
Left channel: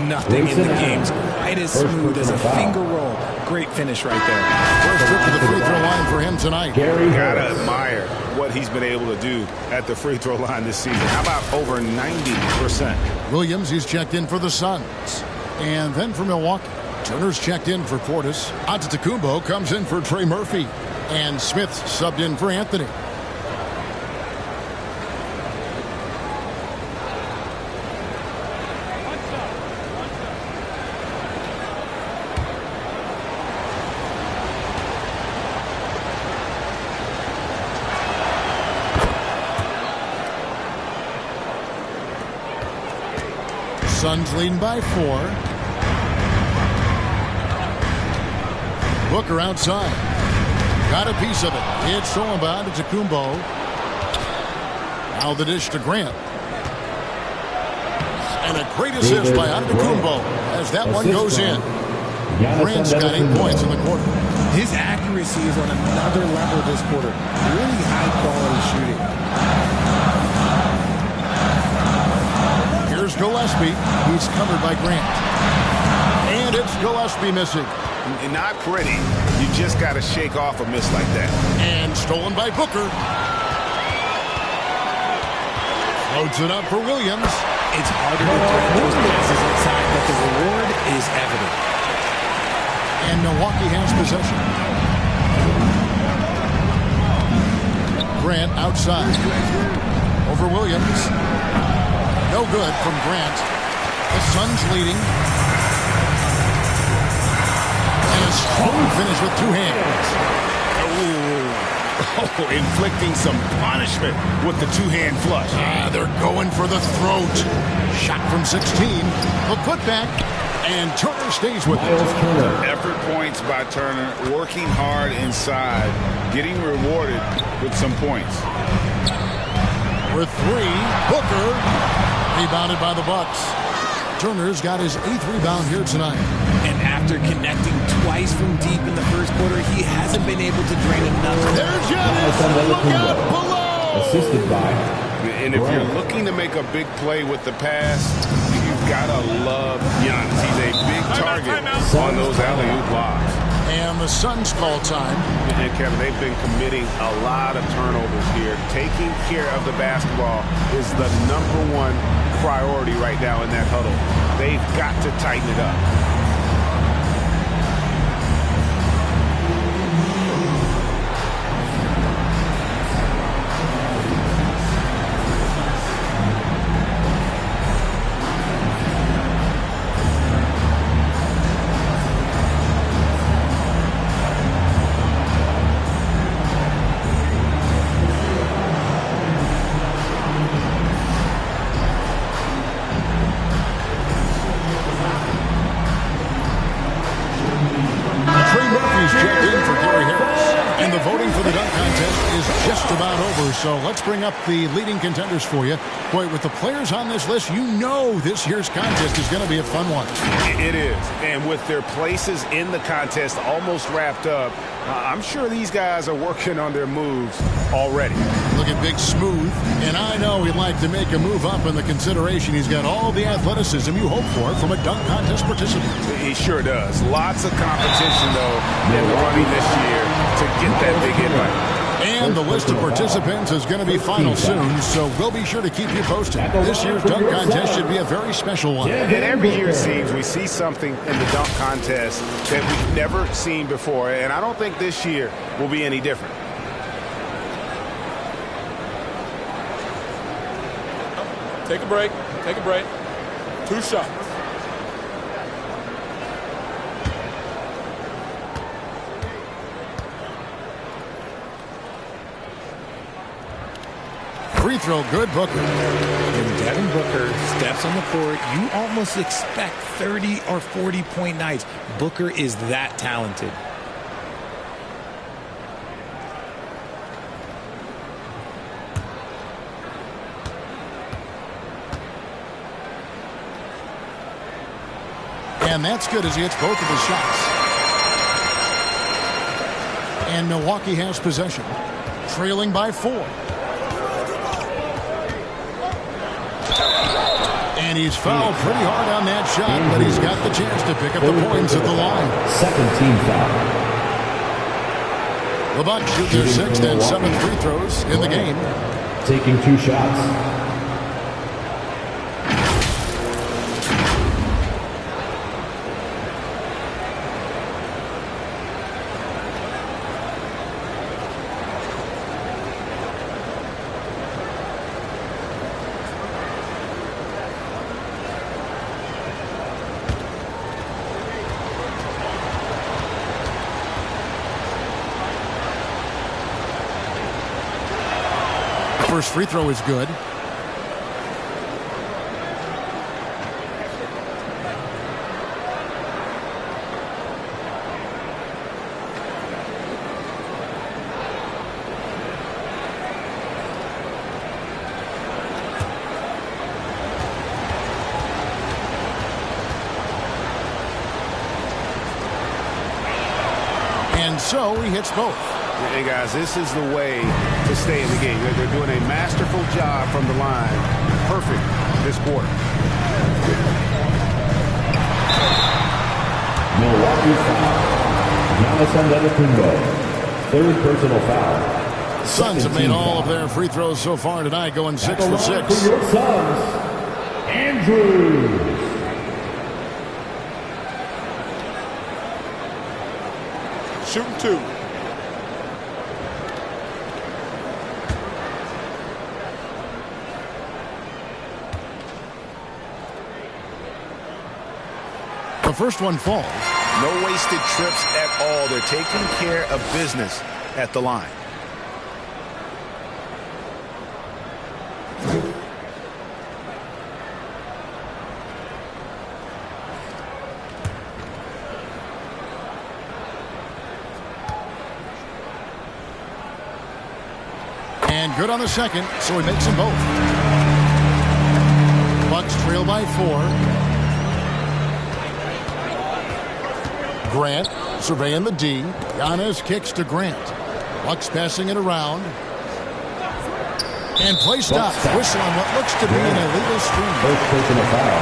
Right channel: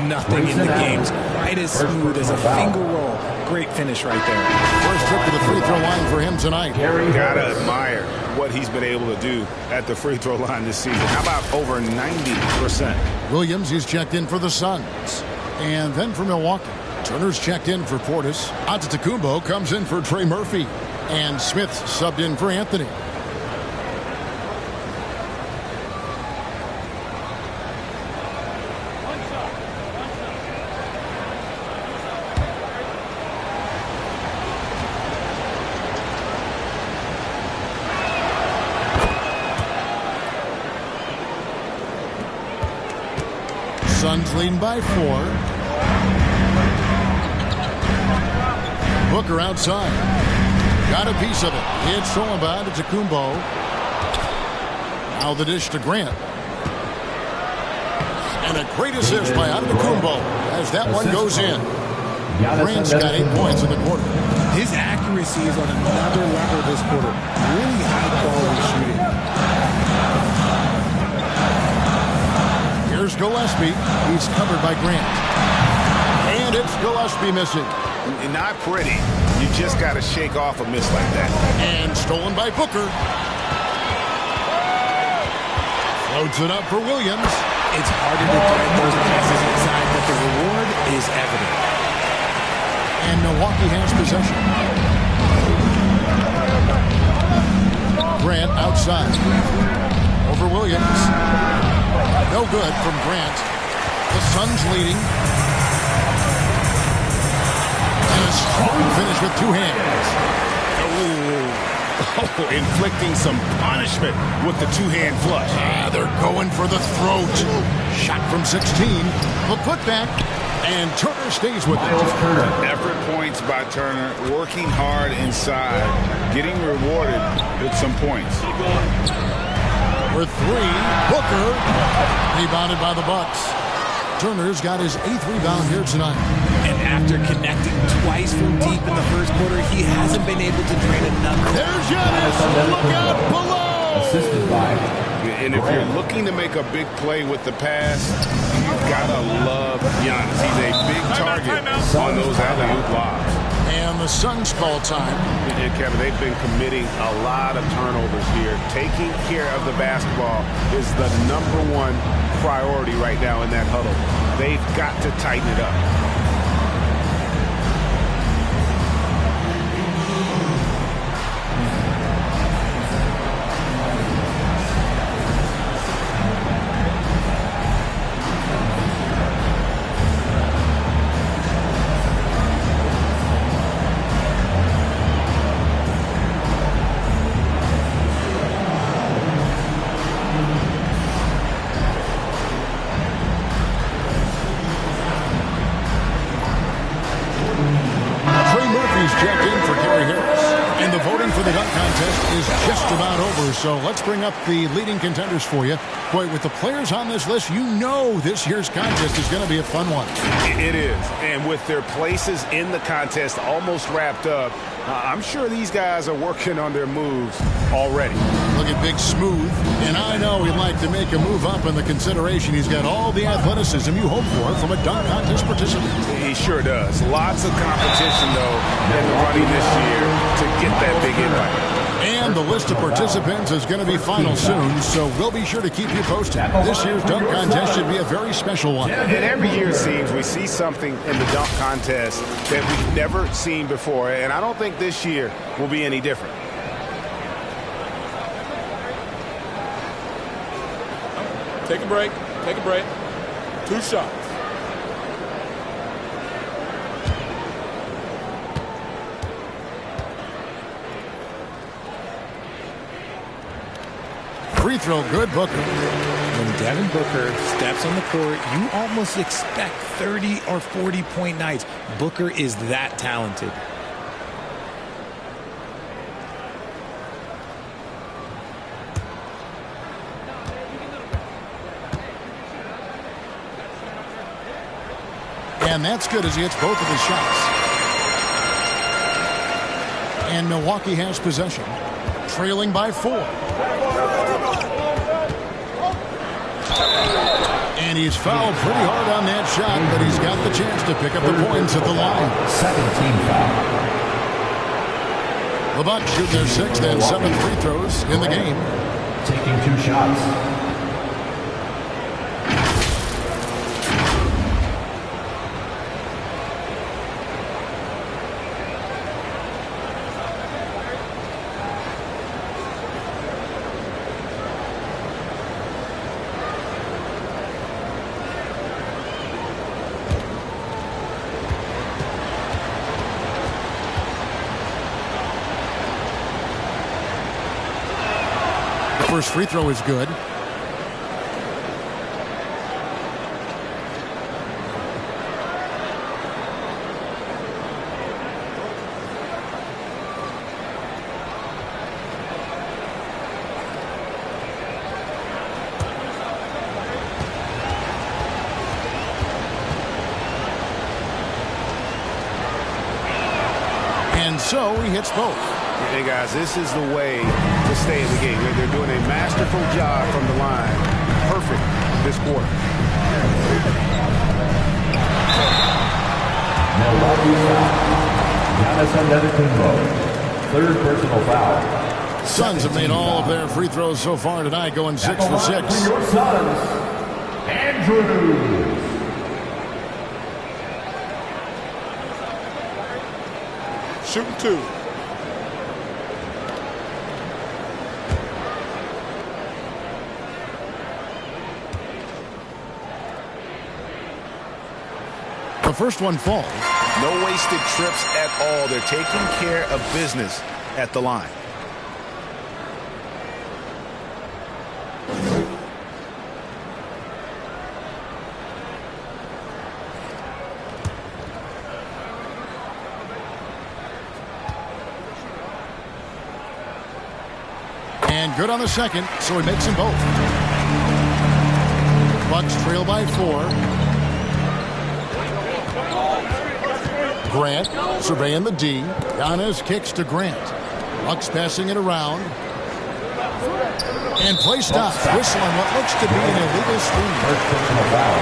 Nothing in the game's quite as smooth as a finger roll. Great finish right there. First trip to the free throw line for him tonight. Gotta admire what he's been able to do at the free throw line this season. How about over 90%? Williams, he's checked in for the Suns. And then for Milwaukee. Turner's checked in for Portis. Antetokounmpo comes in for Trey Murphy. And Smith subbed in for Anthony. Suns leading by 4. Booker outside. Got a piece of it. It's stolen by Antetokounmpo. Now the dish to Grant. And a great assist by Antetokounmpo as that one goes in. Grant's got 8 points in the quarter. His accuracy is on another level this quarter. Really high-quality shooting. Here's Gillespie. He's covered by Grant. And it's Gillespie missing. Not pretty. You just got to shake off a miss like that. And stolen by Booker. Floats it up for Williams. It's harder to thread those passes inside, but the reward is evident. And Milwaukee has possession. Grant outside. Over Williams. No good from Grant. The Suns leading. And a strong finish with 2 hands. Oh, inflicting some punishment with the 2-hand flush. They're going for the throat. Shot from 16. The putback. And Turner stays with it. Effort points by Turner. Working hard inside. Getting rewarded with some points. For 3. Booker. Rebounded by the Bucks. Turner's got his 8th rebound here tonight. And after connecting twice from deep in the first quarter, he hasn't been able to drain another. There's Giannis. Look out below. Assisted by And if you're looking to make a big play with the pass, you've got to love Giannis. He's a big target on those alley-oop lobs. And the Suns call time. And Kevin, they've been committing a lot of turnovers here. Taking care of the basketball is the #1 priority right now in that huddle. They've got to tighten it up. Checked in for Gary Harris. And the voting for the dunk contest is just about over, so let's bring up the leading contenders for you. Boy, with the players on this list, you know this year's contest is going to be a fun one. It is, and with their places in the contest almost wrapped up, I'm sure these guys are working on their moves already. Look at Big Smooth, and I know he'd like to make a move up in the consideration. He's got all the athleticism you hope for from a dunk contest participant. He sure does. Lots of competition, though, in the running this year to get that big invite. And the list of participants is going to be final soon, so we'll be sure to keep you posted. This year's dunk contest should be a very special one. And every year it seems we see something in the dunk contest that we've never seen before, and I don't think this year will be any different. Take a break. Take a break. 2 shots. Free throw good, Booker. When Devin Booker steps on the court, you almost expect 30 or 40-point nights. Booker is that talented. And that's good as he hits both of his shots. And Milwaukee has possession, trailing by 4. And he's fouled pretty hard on that shot, but he's got the chance to pick up the points at the line. Second team foul. The Bucks shoot their 6th and 7th free throws in the game. Taking 2 shots. First free throw is good. And so he hits both. Hey, guys, this is the way to stay in the game. They're doing a masterful job from the line. Perfect this quarter. Milwaukee's foul. Giannis Antetokounmpo. 3rd personal foul. The Suns have made all of their free throws so far tonight, going 6 for 6. For your Suns, Andrews. Shooting 2. The first one falls. No wasted trips at all. They're taking care of business at the line. And good on the second, so he makes them both. Bucks trail by 4. Grant surveying the D. Giannis kicks to Grant. Bucks passing it around. And play stops. Whistle on what looks to be an illegal screen. First personal foul.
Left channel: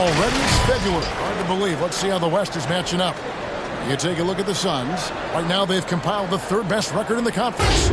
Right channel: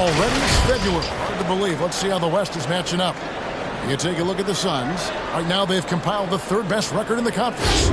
Already it's February. Hard to believe. Let's see how the West is matching up. You take a look at the Suns. Right now they've compiled the third best record in the conference.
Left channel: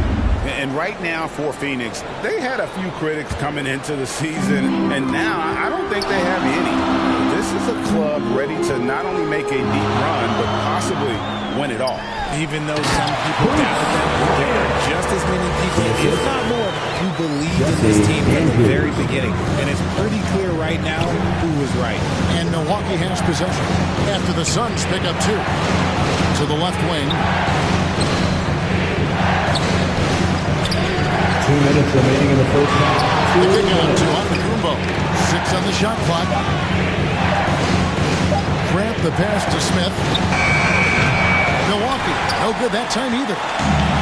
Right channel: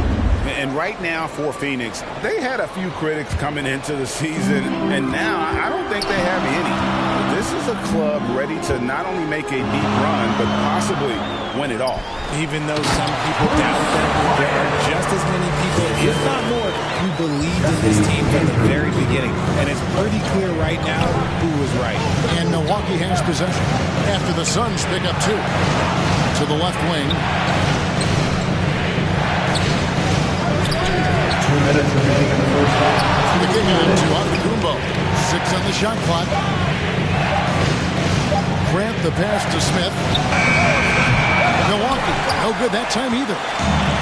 And right now for Phoenix, they had a few critics coming into the season, and now I don't think they have any. This is a club ready to not only make a deep run, but possibly win it all. Even though some people doubted them, there are just as many people, if not more, who believed in this team from the very beginning. And it's pretty clear right now who was right. And Milwaukee has possession after the Suns pick up 2. To the left wing. 2 minutes remaining in the first half. The kick out to Antetokounmpo. 6 on the shot clock. Grant the pass to Smith. Milwaukee, no good that time either.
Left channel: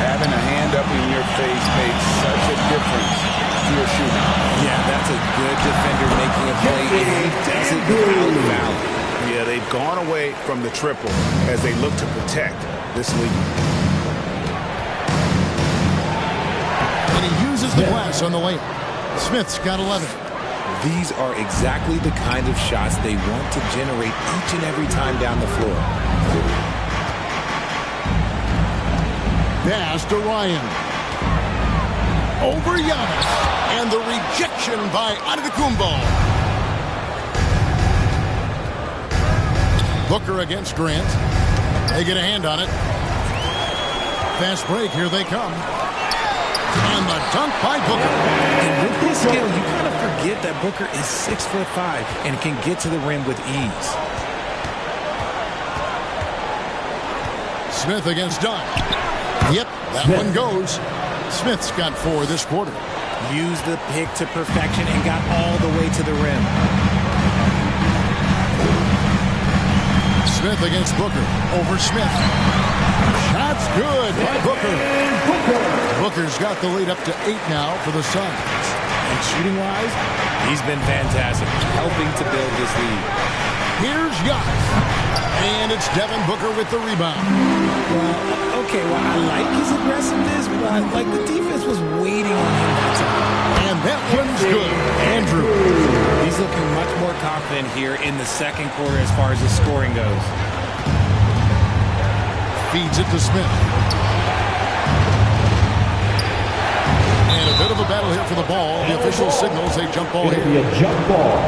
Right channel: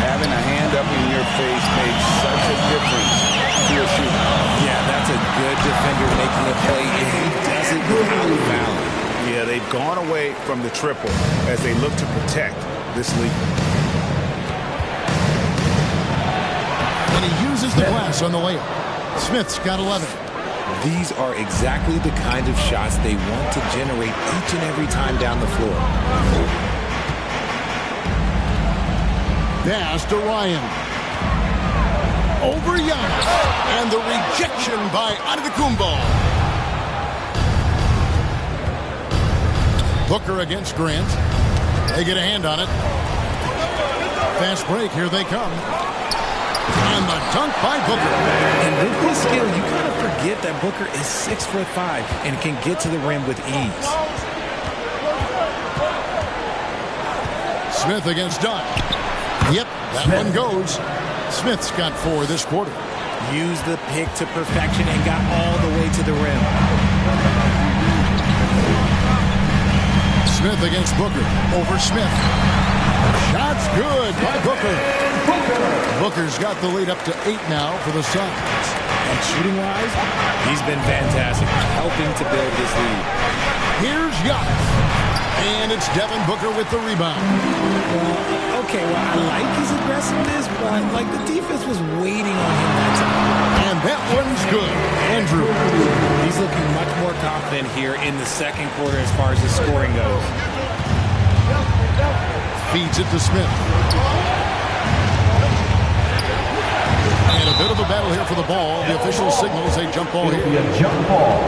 Having a hand up in your face makes such a difference to your shooting. Yeah, that's a good defender making a play, and he does it without fouling. Yeah, they've gone away from the triple as they look to protect this lead. And he uses the glass on the layup. Smith's got 11. These are exactly the kind of shots they want to generate each and every time down the floor. Pass to Ryan. Over Giannis. And the rejection by Antetokounmpo. Booker against Grant. They get a hand on it. Fast break. Here they come. And the dunk by Booker. And with his skill, you kind of forget that Booker is 6'5" and can get to the rim with ease. Smith against Dunn. Yep, that one goes. Smith's got 4 this quarter. Used the pick to perfection and got all the way to the rim. Smith against Booker. Over Smith. Shot's good by Booker. Booker's got the lead up to 8 now for the Suns. And shooting-wise, he's been fantastic, helping to build this lead. Here's Giannis. And it's Devin Booker with the rebound. Well, okay, I like his aggressiveness, but like the defense was waiting on him that time. And that one's good. Andrew. He's looking much more confident here in the second quarter as far as the scoring goes. Feeds it to Smith. And a bit of a battle here for the ball. The official signals a jump ball here. It'll be a jump ball.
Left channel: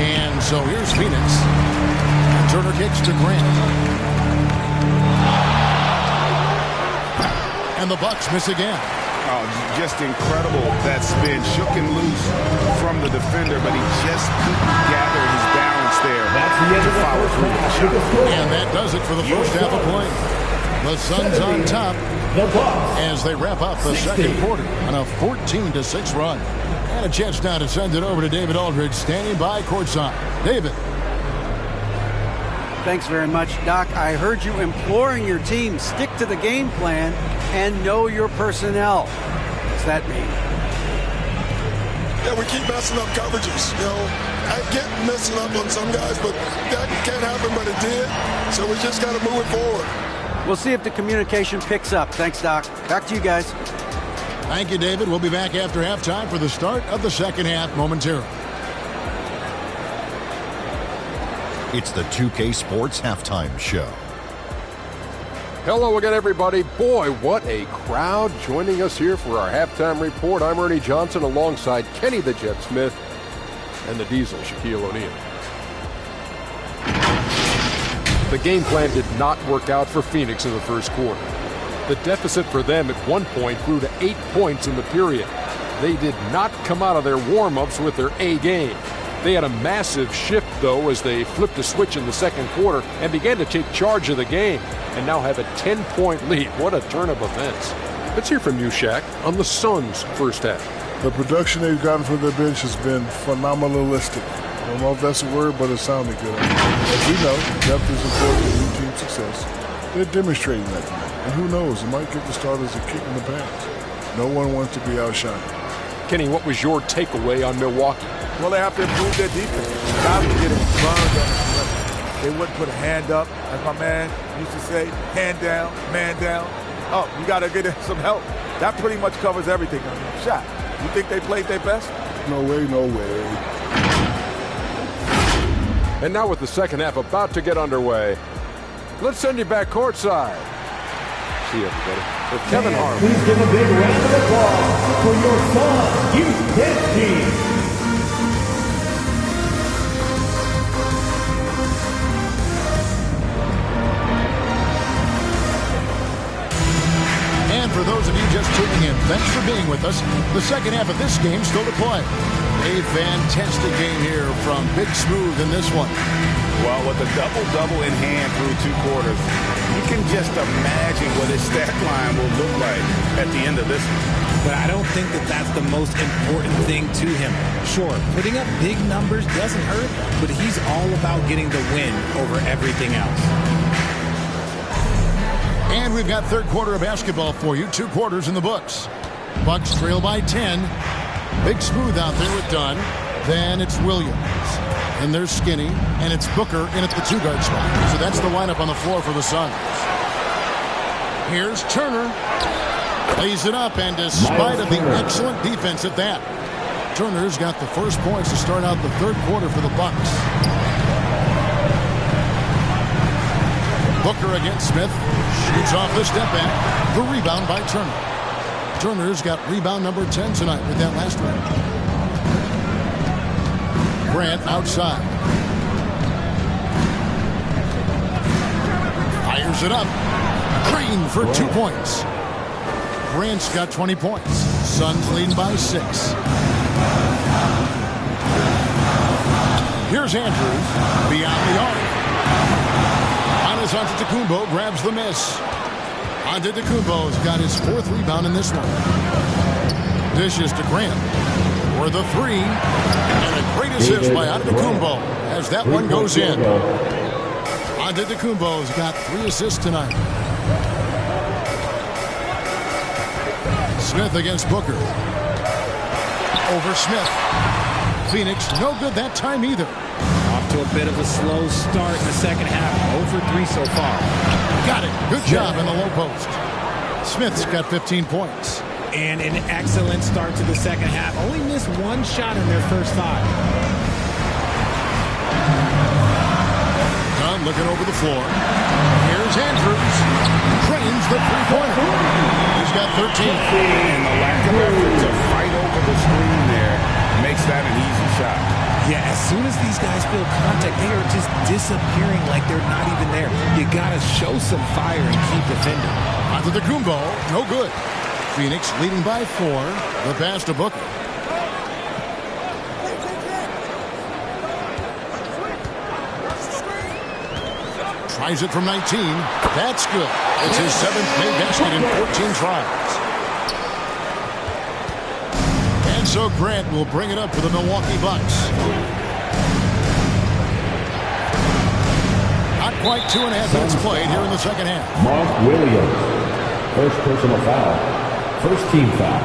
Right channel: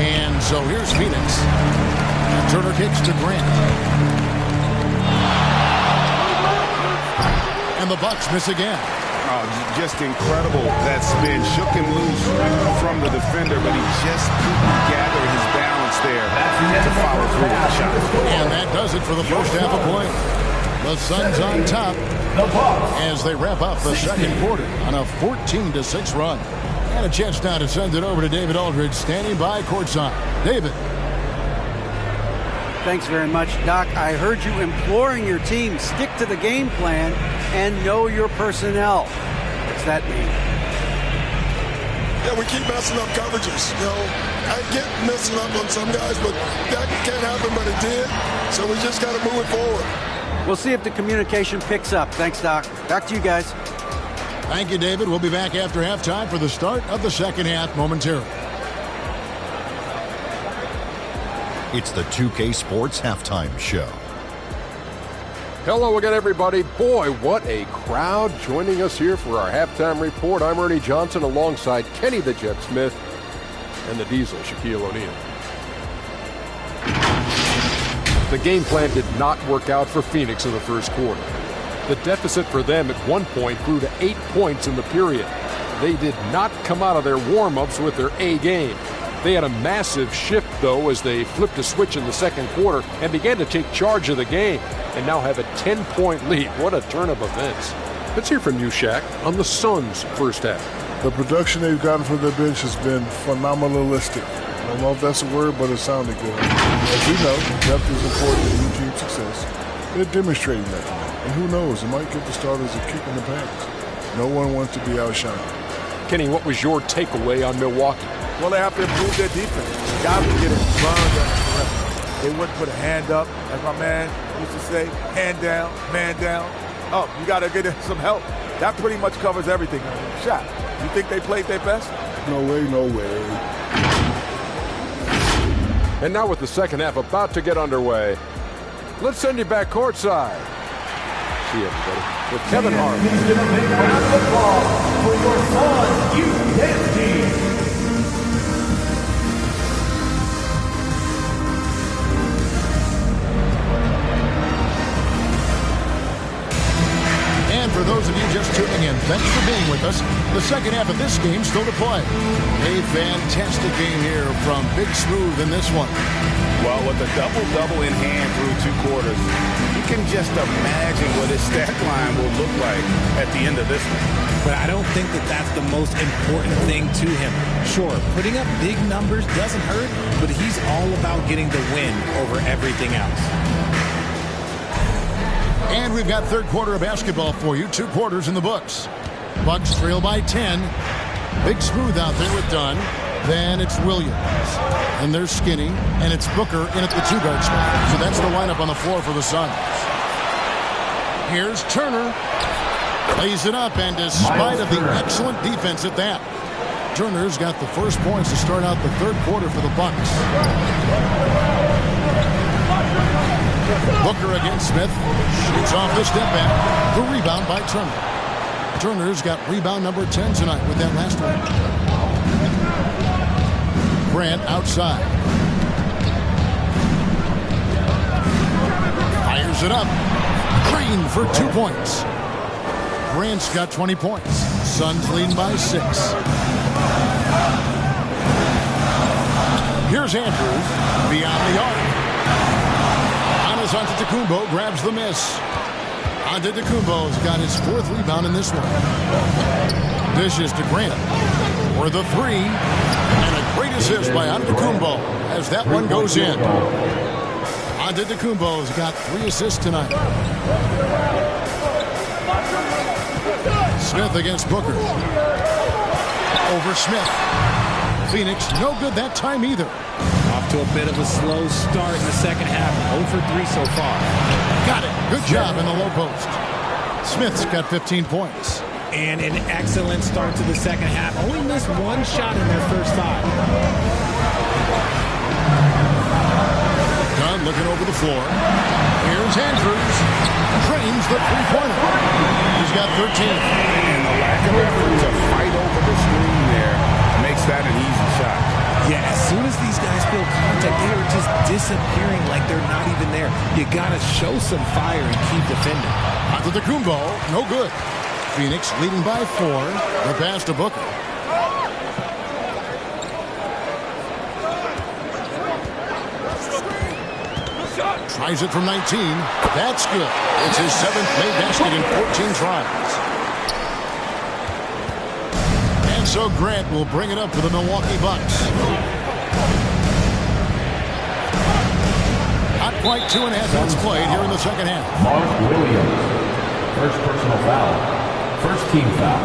And so here's Phoenix. And Turner kicks to Grant. And the Bucks miss again. Oh, just incredible. That spin shook him loose from the defender, but he just couldn't gather his balance there to follow through with the shot. And that does it for the first half of play. The Suns on top as they wrap up the second quarter on a 14-6 run. And a chance now to send it over to David Aldridge, standing by courtside. David. Thanks very much, Doc. I heard you imploring your team, stick to the game plan and know your personnel. What's that mean? Yeah, we keep messing up coverages. You know, I get messing up on some guys, but that can't happen, but it did. So we just got to move it forward. We'll see if the communication picks up. Thanks, Doc. Back to you guys. Thank you, David. We'll be back after halftime for the start of the second half momentarily. It's the 2K Sports Halftime Show. Hello again, everybody. Boy, what a crowd joining us here for our halftime report. I'm Ernie Johnson alongside Kenny the Jet Smith and the Diesel, Shaquille O'Neal. The game plan did not work out for Phoenix in the first quarter. The deficit for them at one point grew to 8 points in the period. They did not come out of their warm-ups with their A game. They had a massive shift, though, as they flipped a switch in the second quarter and began to take charge of the game and now have a 10-point lead. What a turn of events. Let's hear from you, Shaq, on the Suns' first half. The production they've gotten from their bench has been phenomenalistic. I don't know if that's a word, but it sounded good. As we know, depth is important in new team success. They're demonstrating that tonight. And who knows, it might give the starters a kick in the pants. No one wants to be outshined. Kenny, what was your takeaway on Milwaukee? Well, they have to improve their defense. Guys are getting burned on the perimeter. They wouldn't put a hand up, as my man used to say, hand down, man down. Up, you got to get some help. That pretty much covers everything on your shot. You think they played their best? No way, no way. And now with the second half about to get underway, let's send you back courtside. See you, everybody, with Kevin Harlan. Please give a big round of applause for your Suns Youth Dance Team. And for those of you just tuning in, thanks for being with us. The second half of this game still to play. A fantastic game here from Big Smooth in this one. Well, with a double-double in hand through 2 quarters, you can just imagine what his stat line will look like at the end of this one. But I don't think that that's the most important thing to him. Sure, putting up big numbers doesn't hurt, but he's all about getting the win over everything else. And we've got third quarter of basketball for you. 2 quarters in the books. Bucks trail by 10. Big Smooth out there with Dunn. Then it's Williams. And there's Skinny. And it's Booker in at the 2-guard spot. So that's the lineup on the floor for the Suns. Here's Turner. Lays it up, and despite of the excellent defense at that, Turner's got the first points to start out the third quarter for the Bucks. Booker against Smith. Shoots off the step back. The rebound by Turner. Turner's got rebound number 10 tonight with that last one. Grant outside. Fires it up. Green for 2 points. Grant's got 20 points. Suns leading by 6. Here's Andrews beyond the arc. Antetokounmpo grabs the miss. Antetokounmpo's got his 4th rebound in this one. Dishes to Grant for the 3. And a great assist by Antetokounmpo as that one goes in. Antetokounmpo's got 3 assists tonight. Smith against Booker. Over Smith. Phoenix no good that time either. Off to a bit of a slow start in the second half. 0 for 3 so far. Got it. Good job in the low post. Smith's got 15 points. And an excellent start to the second half. Only missed 1 shot in their first 5. Dunn looking over the floor. Here's Andrews. Trains the 3-pointer. He's got 13. And the lack of effort to fight over the screen there makes that an easy shot. Yeah, as soon as these guys feel contact, they are just disappearing like they're not even there. You got to show some fire and keep defending. Antetokounmpo, no good. Phoenix leading by 4. The pass to Booker. Tries it from 19. That's good. It's his 7th made basket in 14 tries. And so Grant will bring it up for the Milwaukee Bucks. Not quite 2.5 minutes played here in the second half. Mark Williams. First personal foul. First team foul.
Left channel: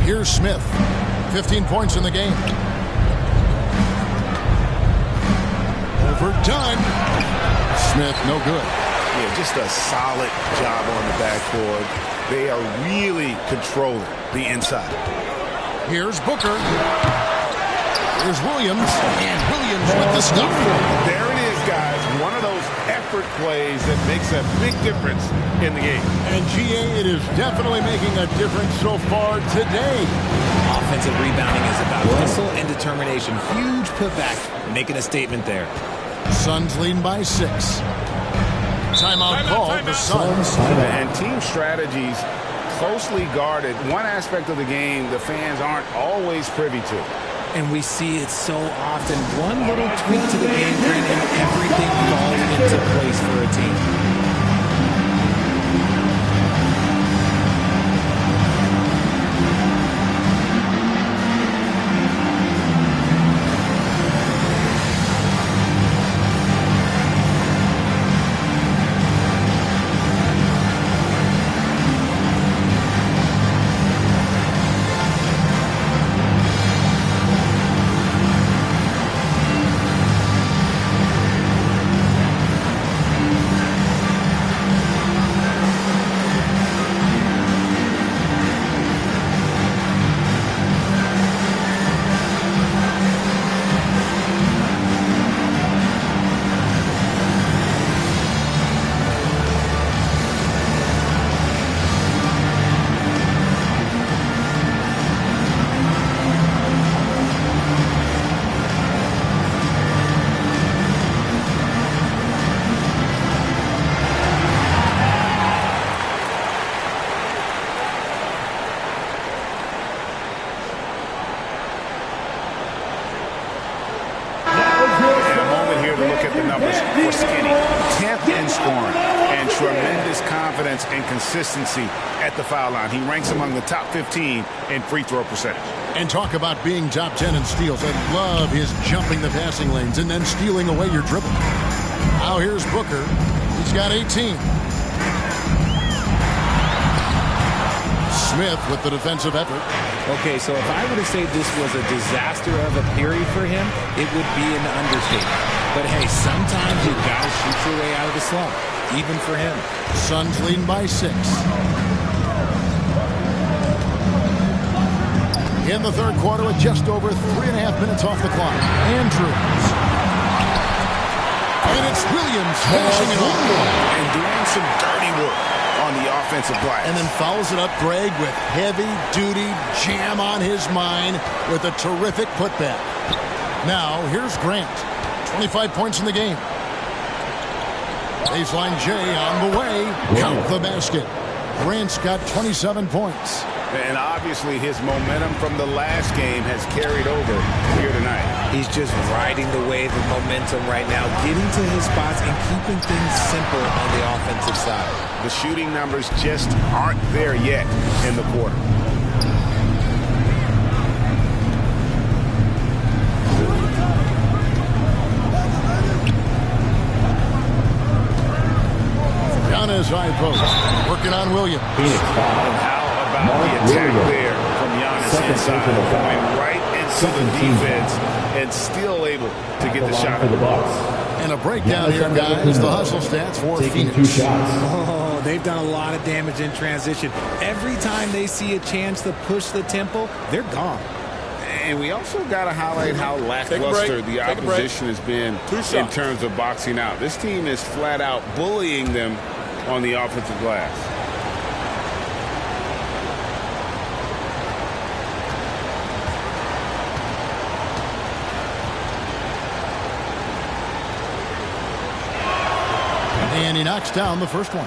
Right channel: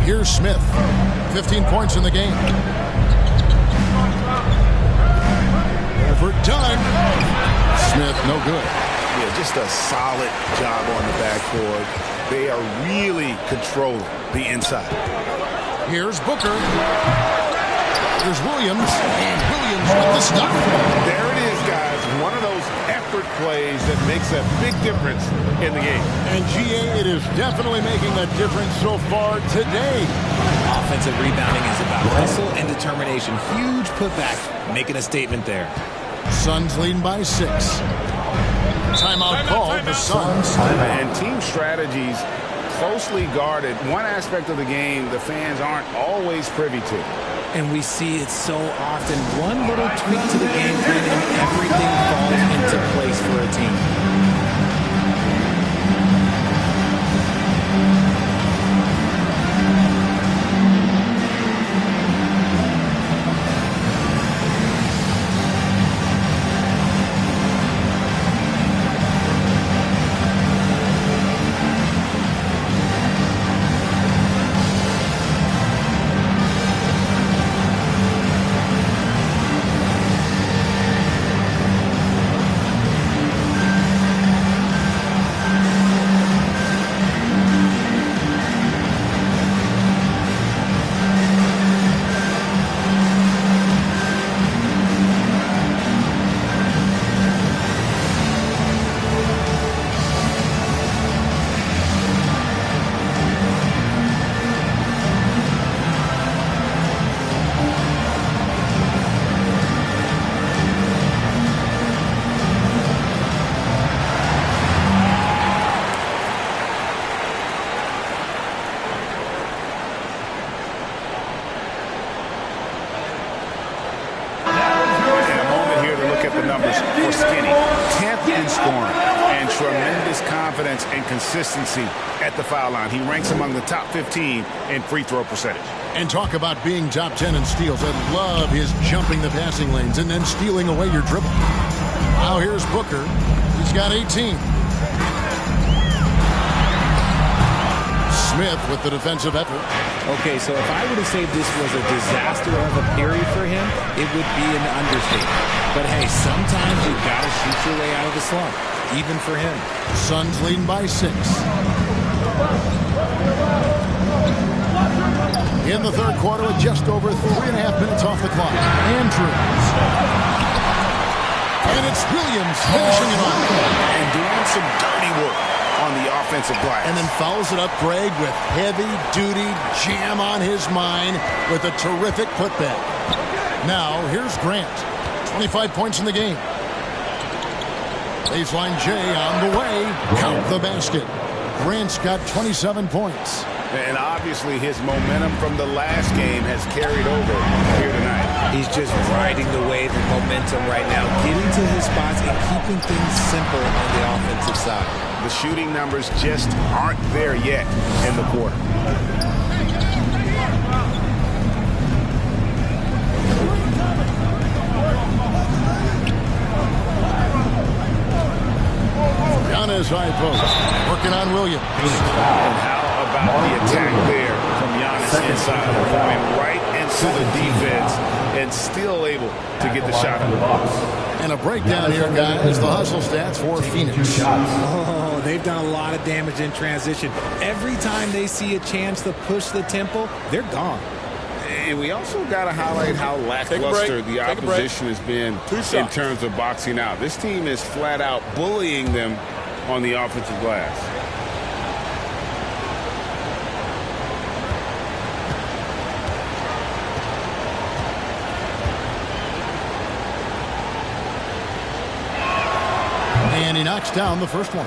Here's Smith. 15 points in the game. Overdone. Smith, no good. Yeah, just a solid job on the backboard. They are really controlling the inside. Here's Booker. Here's Williams. And Williams with the stuff. There it is, guys. One of those effort plays that makes a big difference in the game. And GA, it is definitely making a difference so far today. Offensive rebounding is about hustle and determination. Huge putback, making a statement there. Suns leading by 6. Timeout called the Suns. And team strategies closely guarded. One aspect of the game the fans aren't always privy to. And we see it so often. One little tweak to the game plan and everything falls into place for a team. to look at the numbers for Skinny. 10th in scoring and tremendous confidence and consistency at the foul line. He ranks among the top 15 in free throw percentage. And talk about being top 10 in steals. I love his jumping the passing lanes and then stealing away your dribble. Now here's Booker. He's got 18. Smith with the defensive effort. Okay, so if I were to say this was a disaster of a period for him, it would be an understatement. But hey, sometimes you got to shoot your way out of the slump, even for him. Suns leading by 6. In the third quarter with just over 3.5 minutes off the clock. Andrews. And it's Williams finishing it off. And doing some dirty work on the offensive glass. And then follows it up, Greg, with heavy-duty jam on his mind with a terrific putback. Now, here's Grant. 25 points in the game. Baseline J on the way. Count the basket. Grant's got 27 points. And obviously his momentum from the last game has carried over here tonight. He's just riding the wave of momentum right now, getting to his spots and keeping things simple on the offensive side. The shooting numbers just aren't there yet in the quarter. Giannis high post, working on Williams. And how about the attack there from Giannis inside, going right into the defense and still able to get the shot in the box. And a breakdown here, guys. The hustle stats for Phoenix. Oh, they've done a lot of damage in transition. Every time they see a chance to push the tempo, they're gone. And we also got to highlight how lackluster the opposition has been in terms of boxing out. This team is flat out bullying them on the offensive glass. And he knocks down the first one.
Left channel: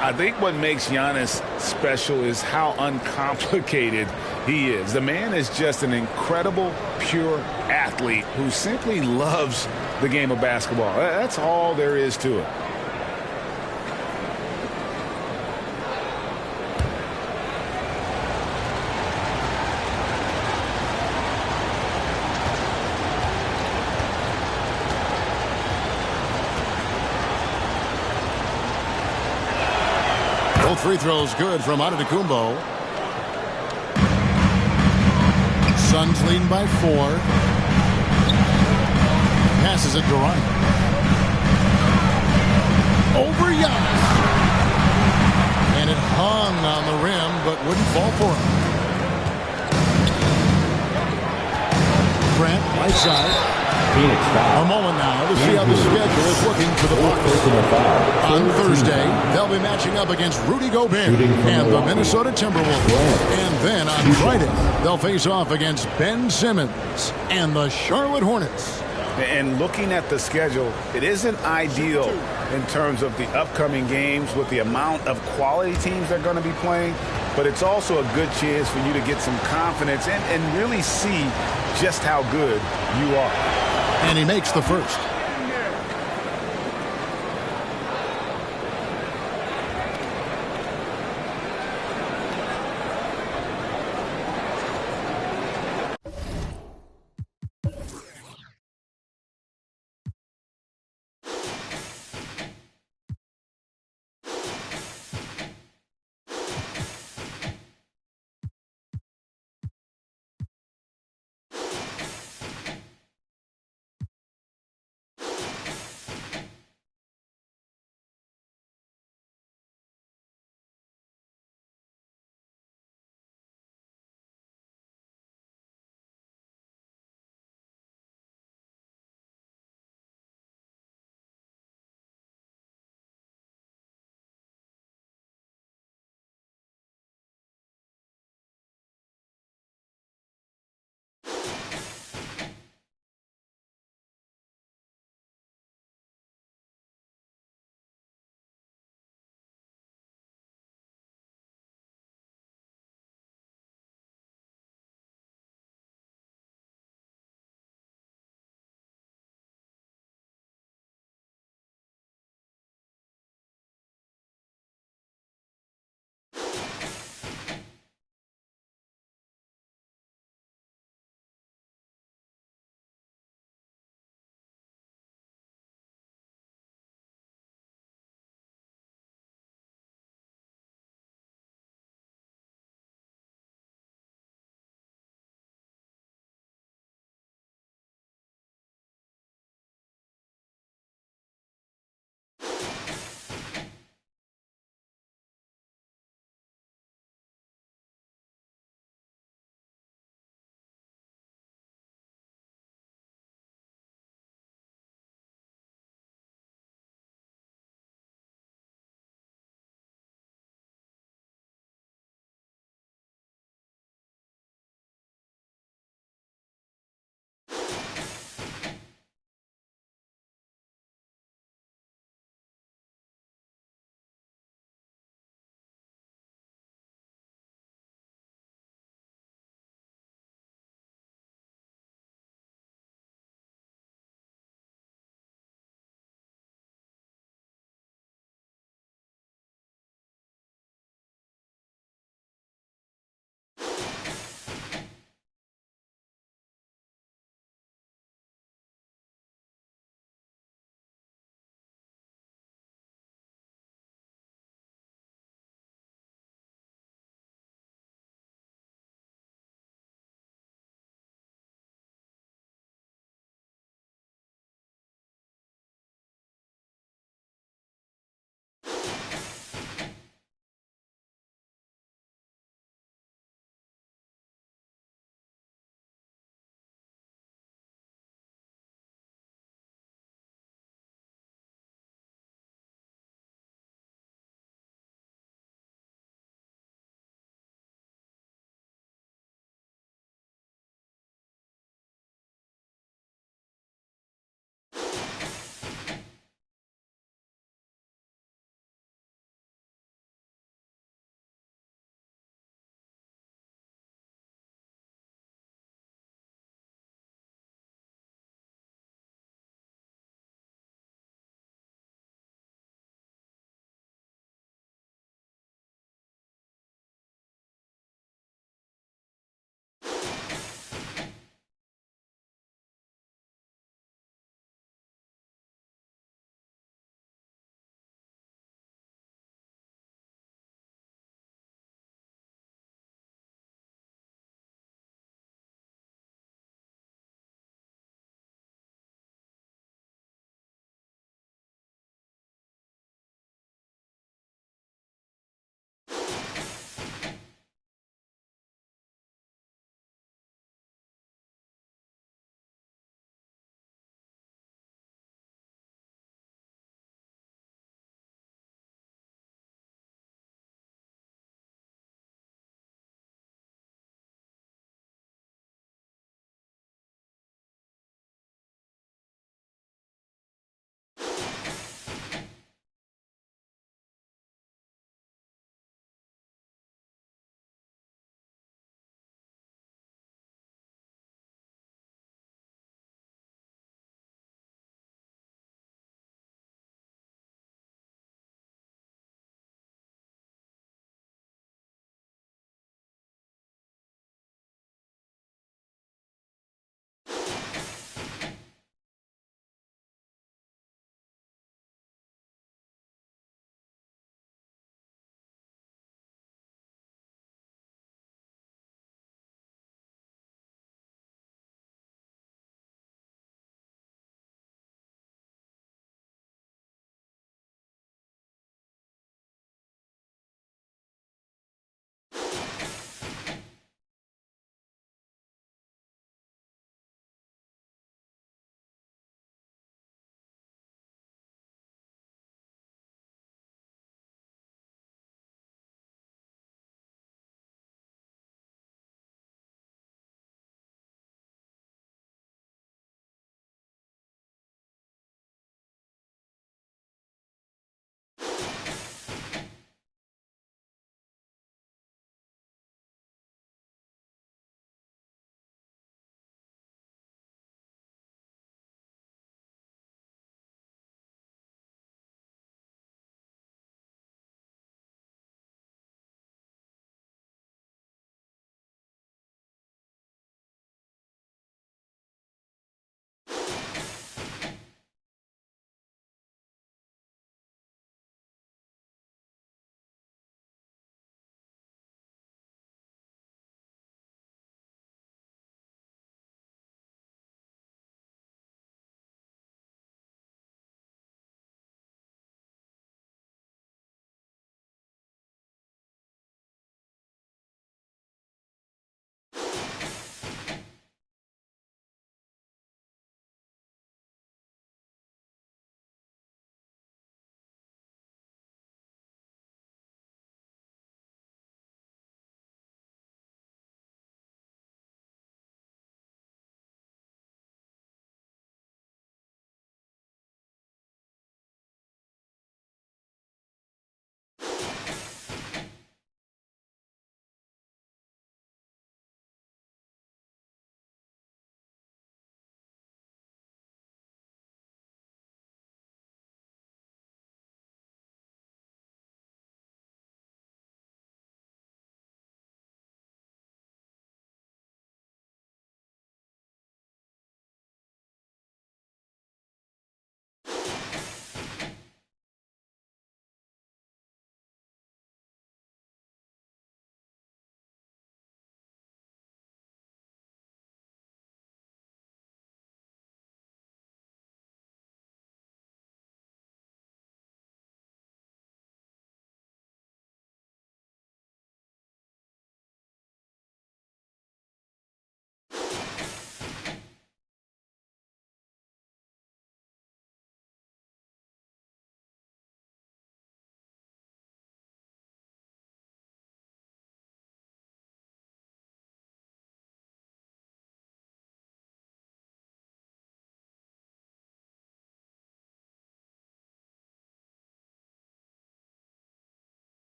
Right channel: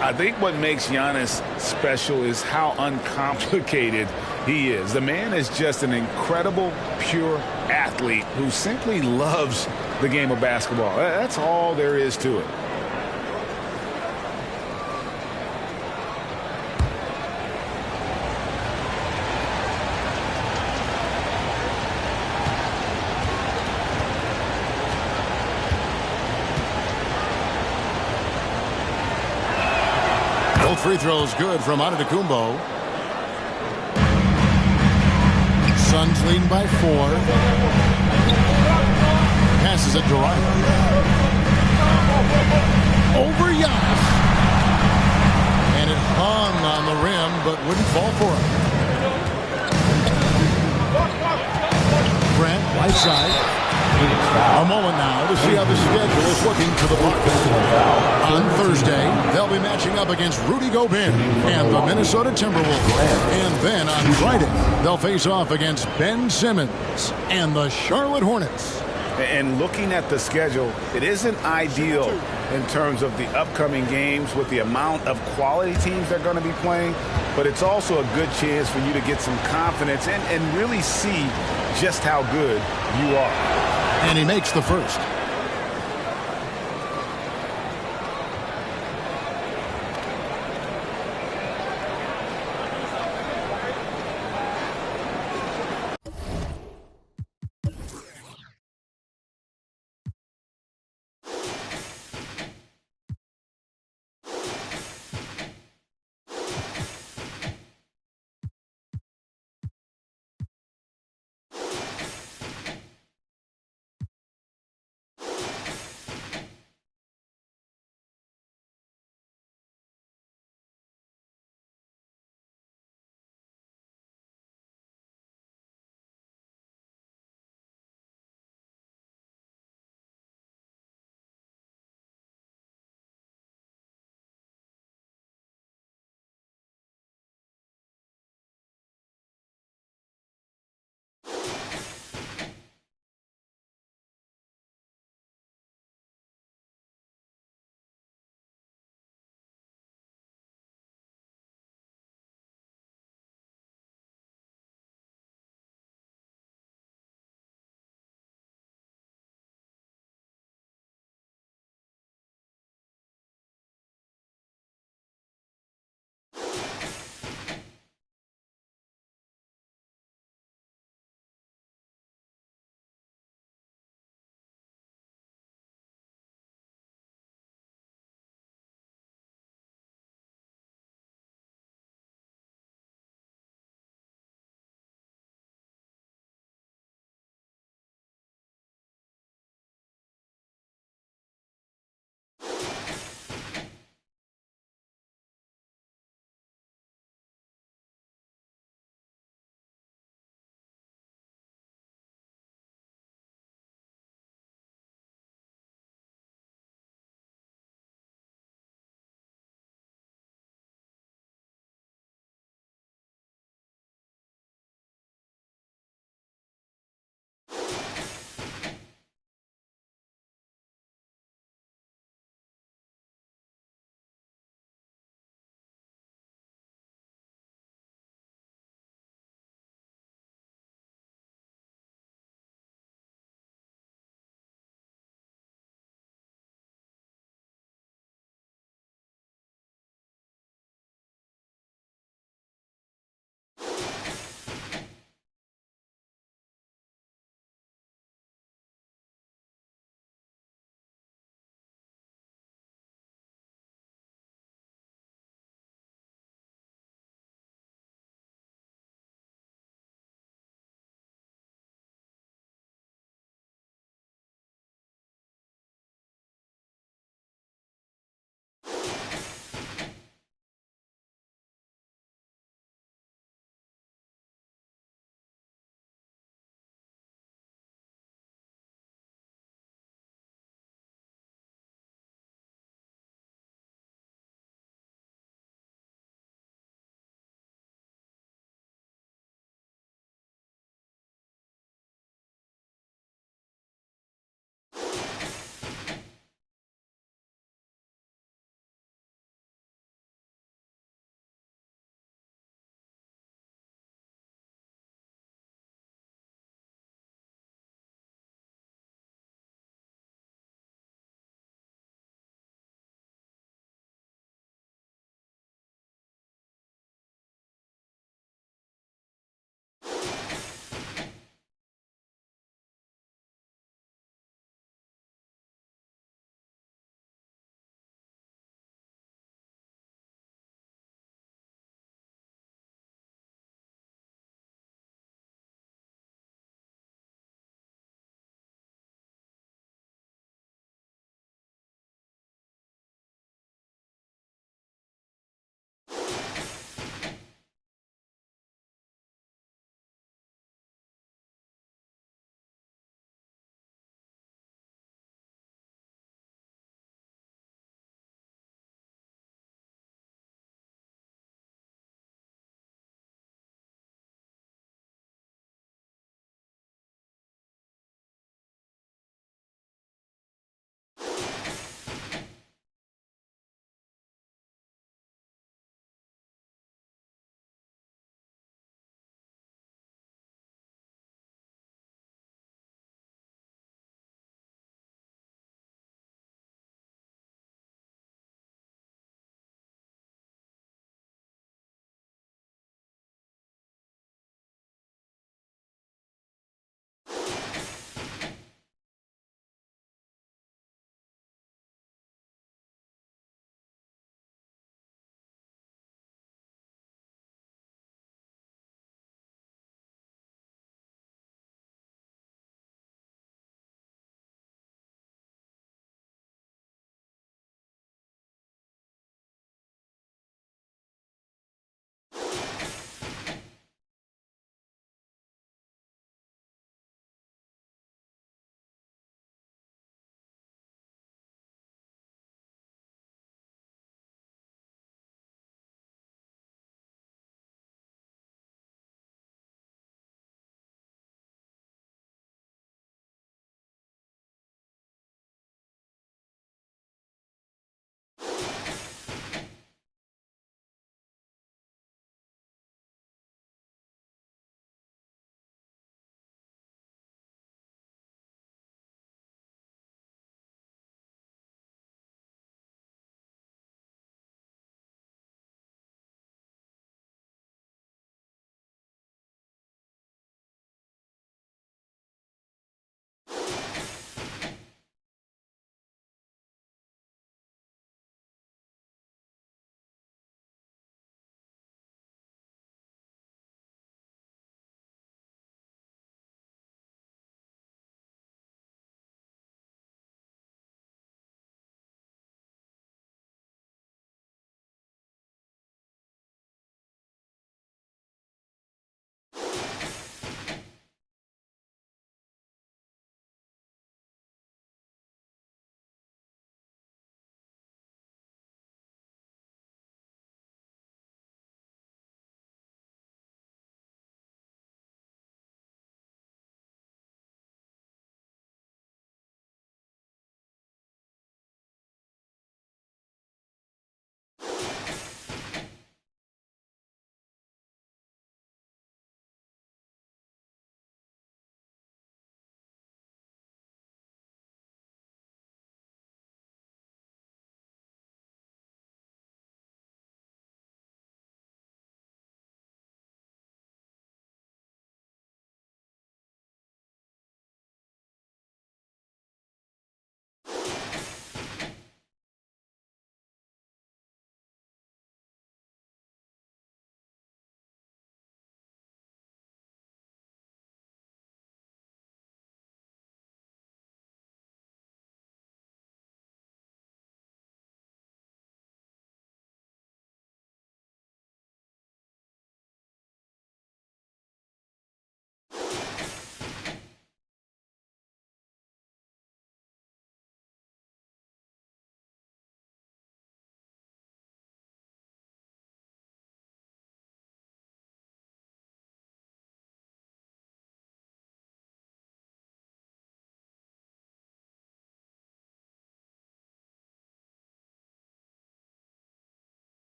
I think what makes Giannis special is how uncomplicated he is. The man is just an incredible, pure athlete who simply loves the game of basketball. That's all there is to it. Both free throws good from Antetokounmpo. Suns leading by 4. Passes it to Ryan. Over Giannis. And it hung on the rim, but wouldn't fall for him. Grant, right side. A moment now to see how the schedule is looking for the Bucks. On Thursday, they'll be matching up against Rudy Gobert and the Minnesota Timberwolves. And then on Friday, they'll face off against Ben Simmons and the Charlotte Hornets. And looking at the schedule, it isn't ideal in terms of the upcoming games with the amount of quality teams they're going to be playing. But it's also a good chance for you to get some confidence and really see just how good you are. And he makes the first.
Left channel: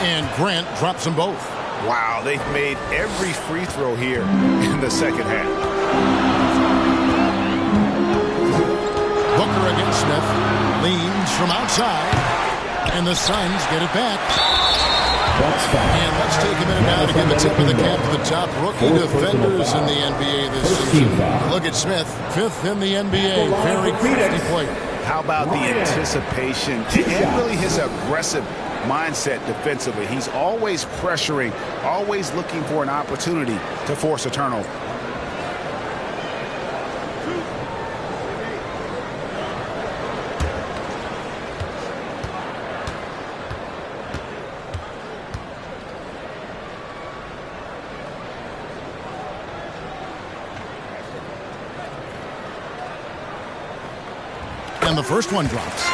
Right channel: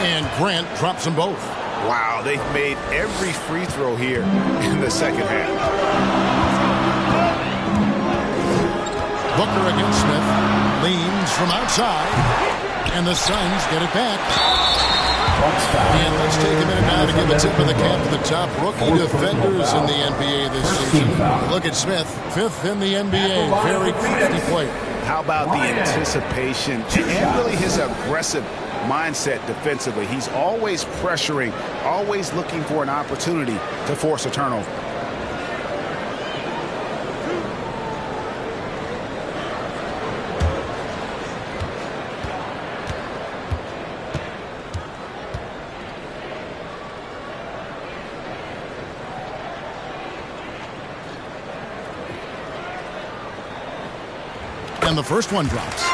And Grant drops them both. Wow, they've made every free throw here in the second half. Booker against Smith. Leans from outside. And the Suns get it back. And let's take a minute now to give a tip of the cap to the top rookie defenders in the NBA this season. Look at Smith, 5th in the NBA. Very crafty player. How about the anticipation and really his aggressive mindset defensively? He's always pressuring, always looking for an opportunity to force a turnover. And the first one drops.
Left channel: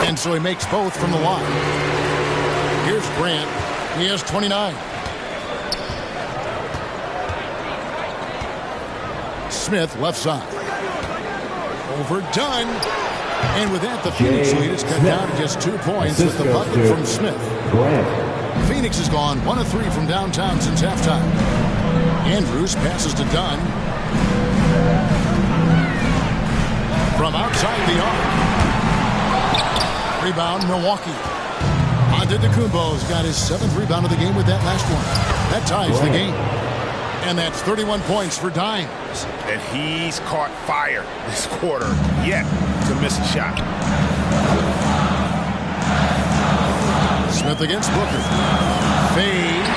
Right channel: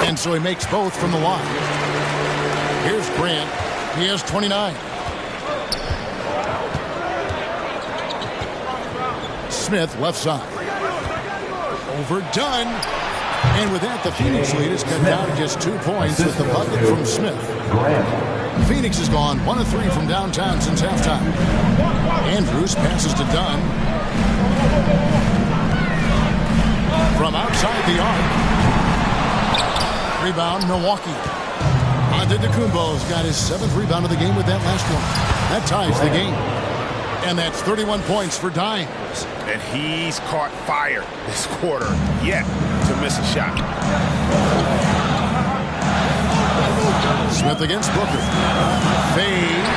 And so he makes both from the line. Here's Grant. He has 29. Smith, left side. Overdone. And with that, the Phoenix lead is cut down to just 2 points with the bucket from Smith. Phoenix has gone 1 of 3 from downtown since halftime. Andrews passes to Dunn. From outside the arc. Rebound, Milwaukee. Antetokounmpo's got his 7th rebound of the game with that last one. That ties the game. And that's 31 points for Dimes. And he's caught fire this quarter, yet to miss a shot. Smith against Booker. Fades.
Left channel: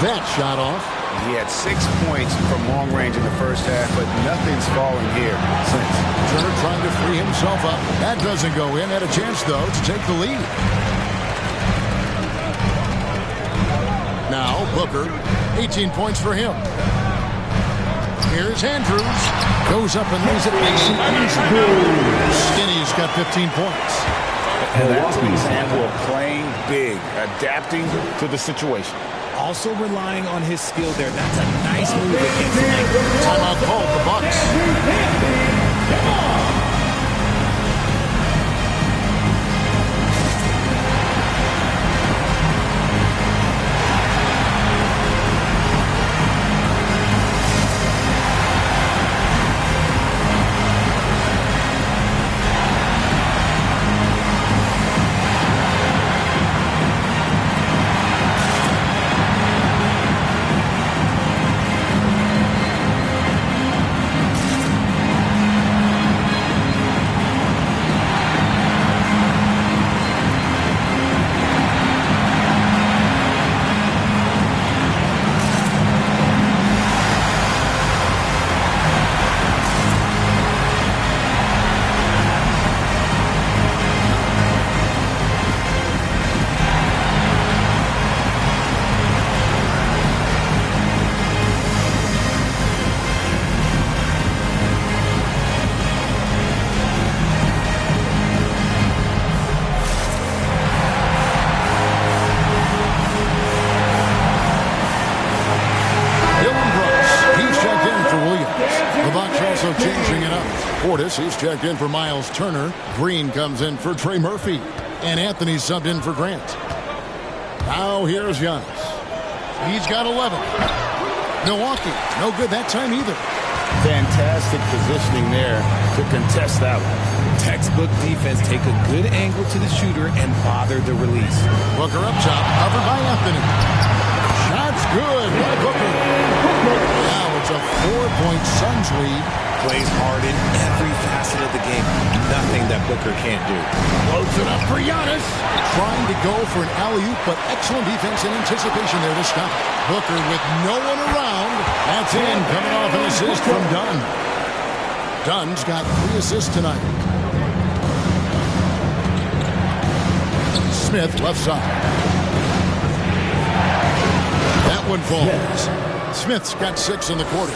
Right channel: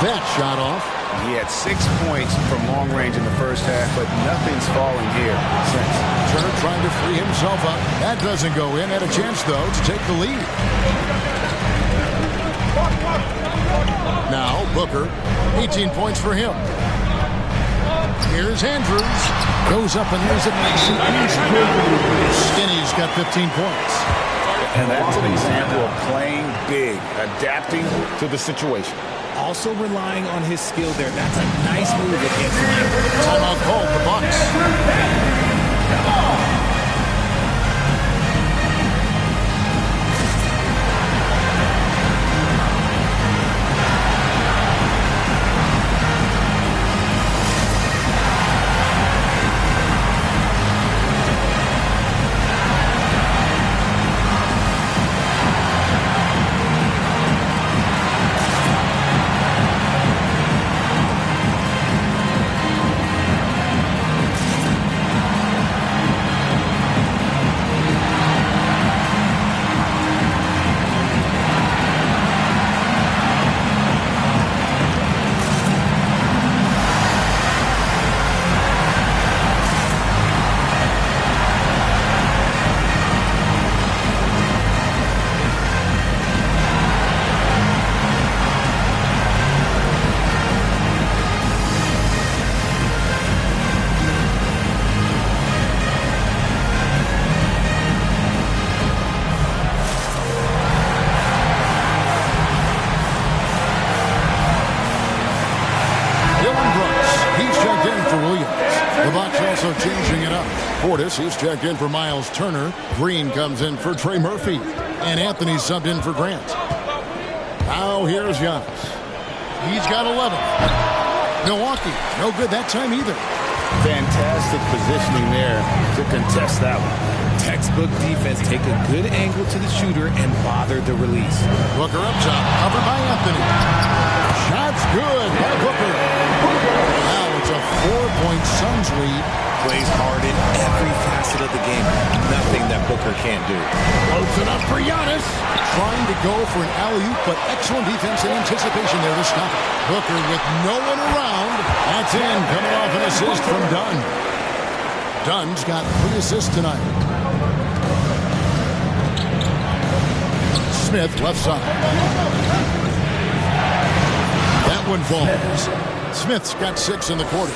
That shot off. He had 6 points from long range in the first half, but nothing's falling here since. Turner trying to free himself up. That doesn't go in. Had a chance, though, to take the lead. Now, Booker, 18 points for him. Here's Andrews. Goes up and lays it nice and easy. Skinny's got 15 points. And that's an example of playing big, adapting to the situation. Also relying on his skill there. That's a nice move against length. Timeout called the Bucks. The Bucks also changing it up. Portis, he's checked in for Miles Turner. Green comes in for Trey Murphy. And Anthony subbed in for Grant. Now here's Giannis. He's got 11. Milwaukee, no good that time either. Fantastic positioning there to contest that one. Textbook defense. Take a good angle to the shooter and bother the release. Booker up top, covered by Anthony. Shot's good by Booker. Now it's a 4-point Suns lead. Plays hard in every facet of the game. Nothing that Booker can't do. Floats it up for Giannis. Trying to go for an alley-oop, but excellent defense and anticipation there to stop it. Booker with no one around. That's in, coming off an assist from Dunn. Dunn's got 3 assists tonight. Smith, left side. That one falls. Smith's got 6 in the quarter.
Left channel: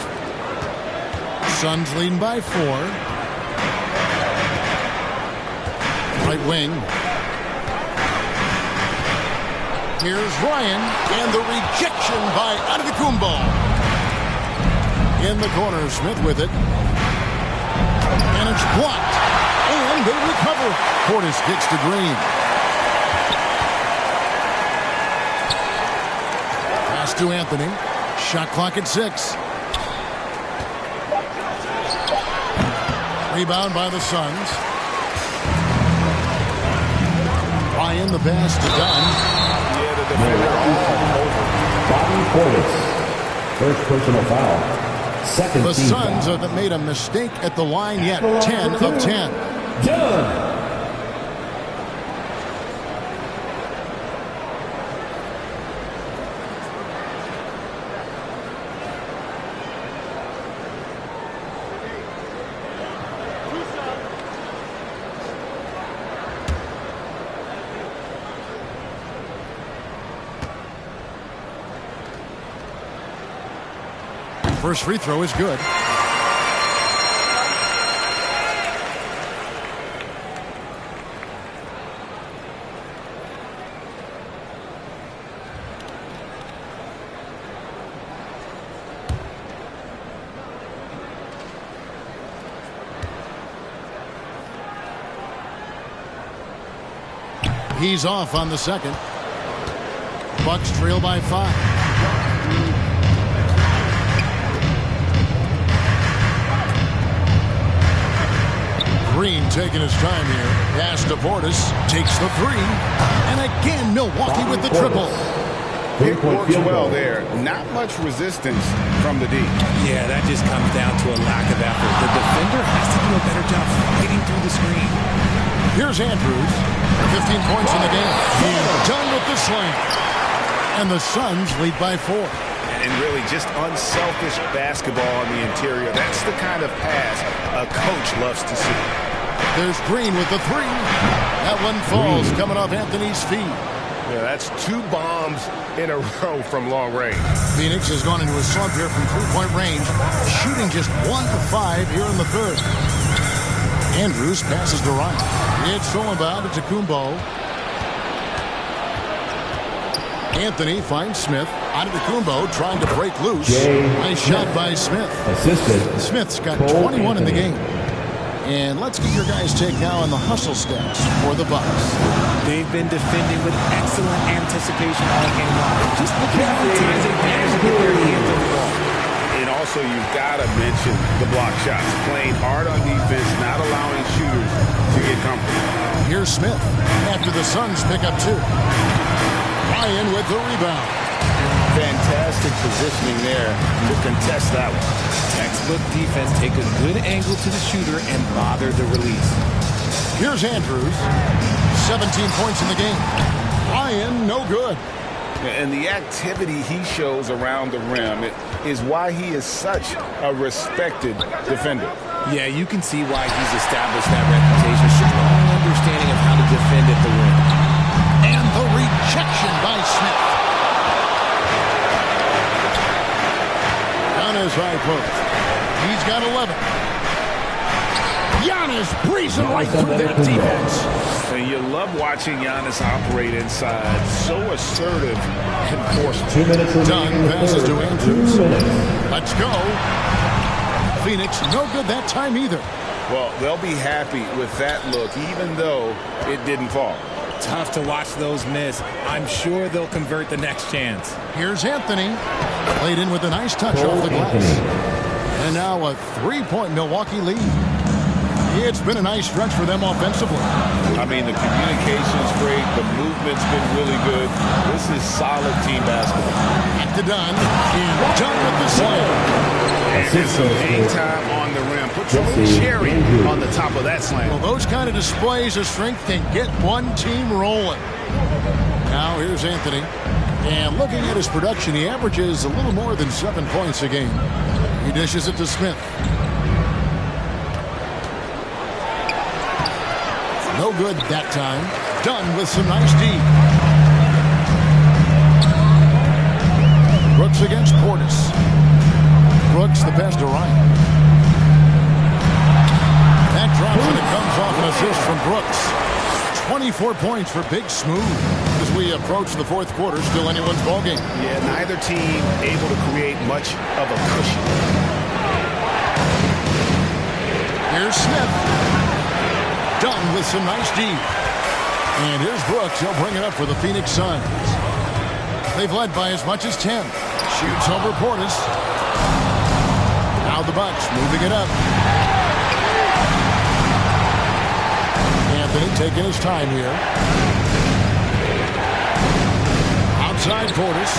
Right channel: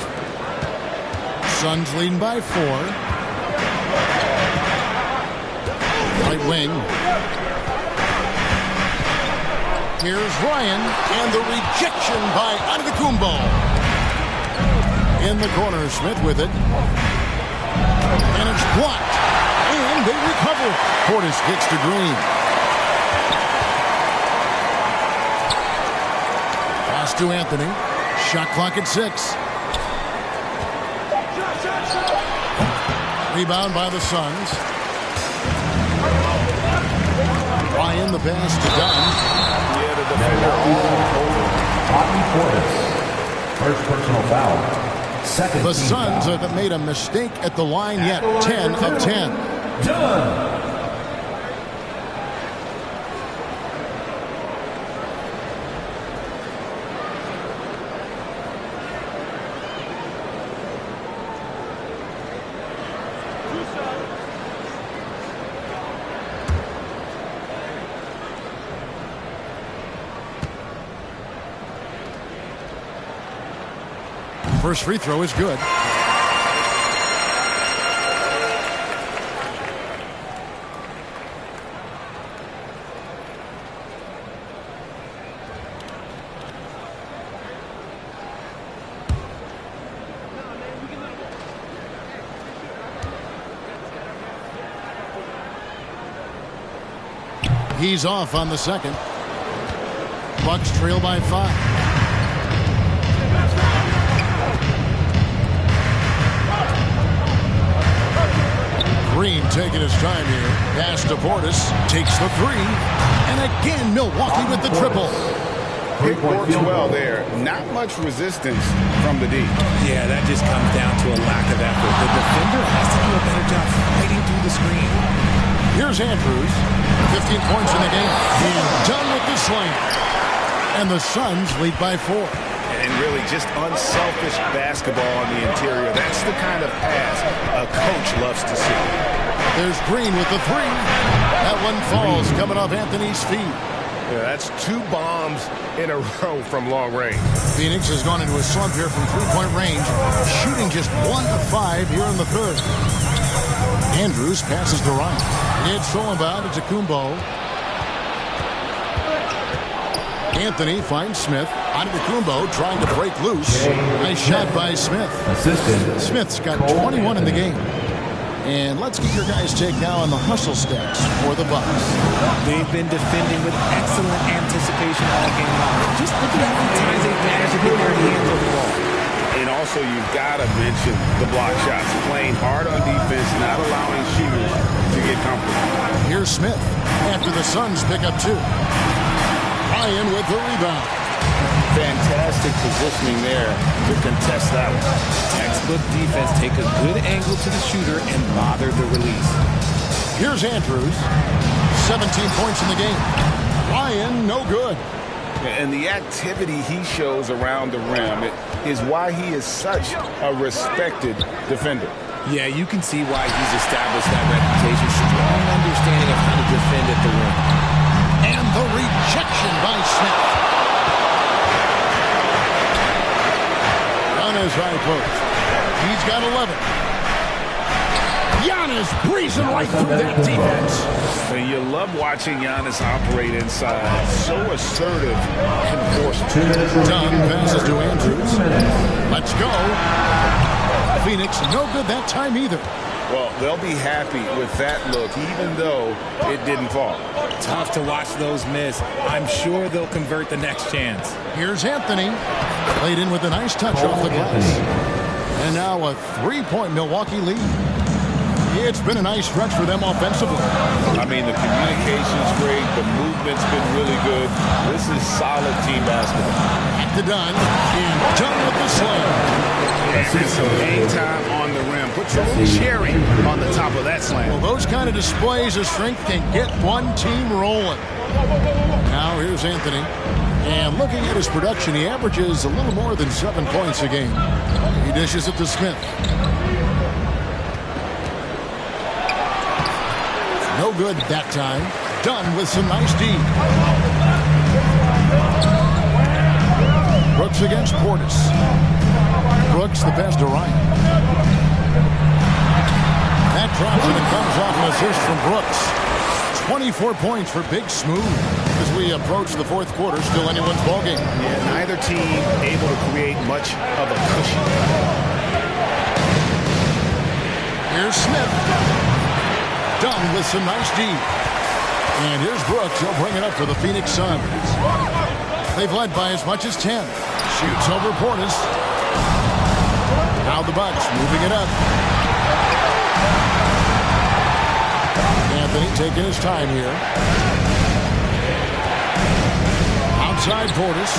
Suns leading by 4. Right wing. Here's Ryan, and the rejection by Antetokounmpo. In the corner, Smith with it. And it's blocked. And they recover it. Portis kicks to Green. Pass to Anthony. Shot clock at 6. Rebound by the Suns. Ryan, the pass to Dunn. Yeah, the defender all over. Bobby Portis. First personal foul. Second The team Suns foul. haven't made a mistake at the line yet. 10 of 10. Dunn. First free throw is good. He's off on the second. Bucks trail by 5. Green taking his time here. Pass to Portis. Takes the 3. And again, Milwaukee with the triple. Pick works well there. Not much resistance from the D. Yeah, that just comes down to a lack of effort. The defender has to do a better job fighting through the screen. Here's Andrews. 15 points in the game. And done with the slam. And the Suns lead by 4. And really just unselfish basketball on the interior. That's the kind of pass a coach loves to see. There's Green with the 3. That one falls coming off Anthony's feet. Yeah, that's 2 bombs in a row from long range. Phoenix has gone into a slump here from 3-point range, shooting just 1 of 5 here in the third. Andrews passes to Ryan. It's stolen by Antetokounmpo. Anthony finds Smith. Antetokounmpo trying to break loose. Nice shot by Smith. Assisted. Smith's got 21 in the game. And let's get your guys' take now on the hustle stats for the Bucks. They've been defending with excellent anticipation all game long. Just look at how many times they've managed to get their hands on the ball. And also, you've got to mention the block shots. Playing hard on defense, not allowing shooters to get comfortable. Here's Smith after the Suns pick up 2. Ryan with the rebound. Fantastic positioning there to contest that one. Textbook defense. Take a good angle to the shooter and bother the release. Here's Andrews. 17 points in the game. Ryan, no good. And the activity he shows around the rim is why he is such a respected defender. Yeah, you can see why he's established that reputation. Strong understanding of how to defend at the rim. And the rejection by Smith. On his high post. He's got 11. Giannis breezing right through that defense. And you love watching Giannis operate inside. So assertive and forceful. 2 minutes remaining. Dunn passes to Andrews. 2 minutes. Let's go. Phoenix, no good that time either. Well, they'll be happy with that look, even though it didn't fall. Tough to watch those miss. I'm sure they'll convert the next chance. Here's Anthony. Played in with a nice touch off the glass. And now a 3-point Milwaukee lead. It's been a nice stretch for them offensively. I mean, the communication's great. The movement's been really good. This is solid team basketball. Back to Dunn. And Dunn with the slam. And some hang time on the rim. Put your little cherry on the top of that slam. Well, those kind of displays of strength can get one team rolling. Now here's Anthony. And looking at his production, he averages a little more than 7 points a game. He dishes it to Smith. No good that time. Dunn with some nice D. Brooks against Portis. Brooks, the pass to Ryan. That drops and it comes off an assist from Brooks. 24 points for Big Smooth. As we approach the fourth quarter, still anyone's ballgame. Yeah, neither team able to create much of a cushion. Here's Smith. Done with some nice D. And here's Brooks. He'll bring it up for the Phoenix Suns. They've led by as much as 10. Shoots over Portis. Now the Bucks moving it up. Anthony taking his time here. Outside Portis.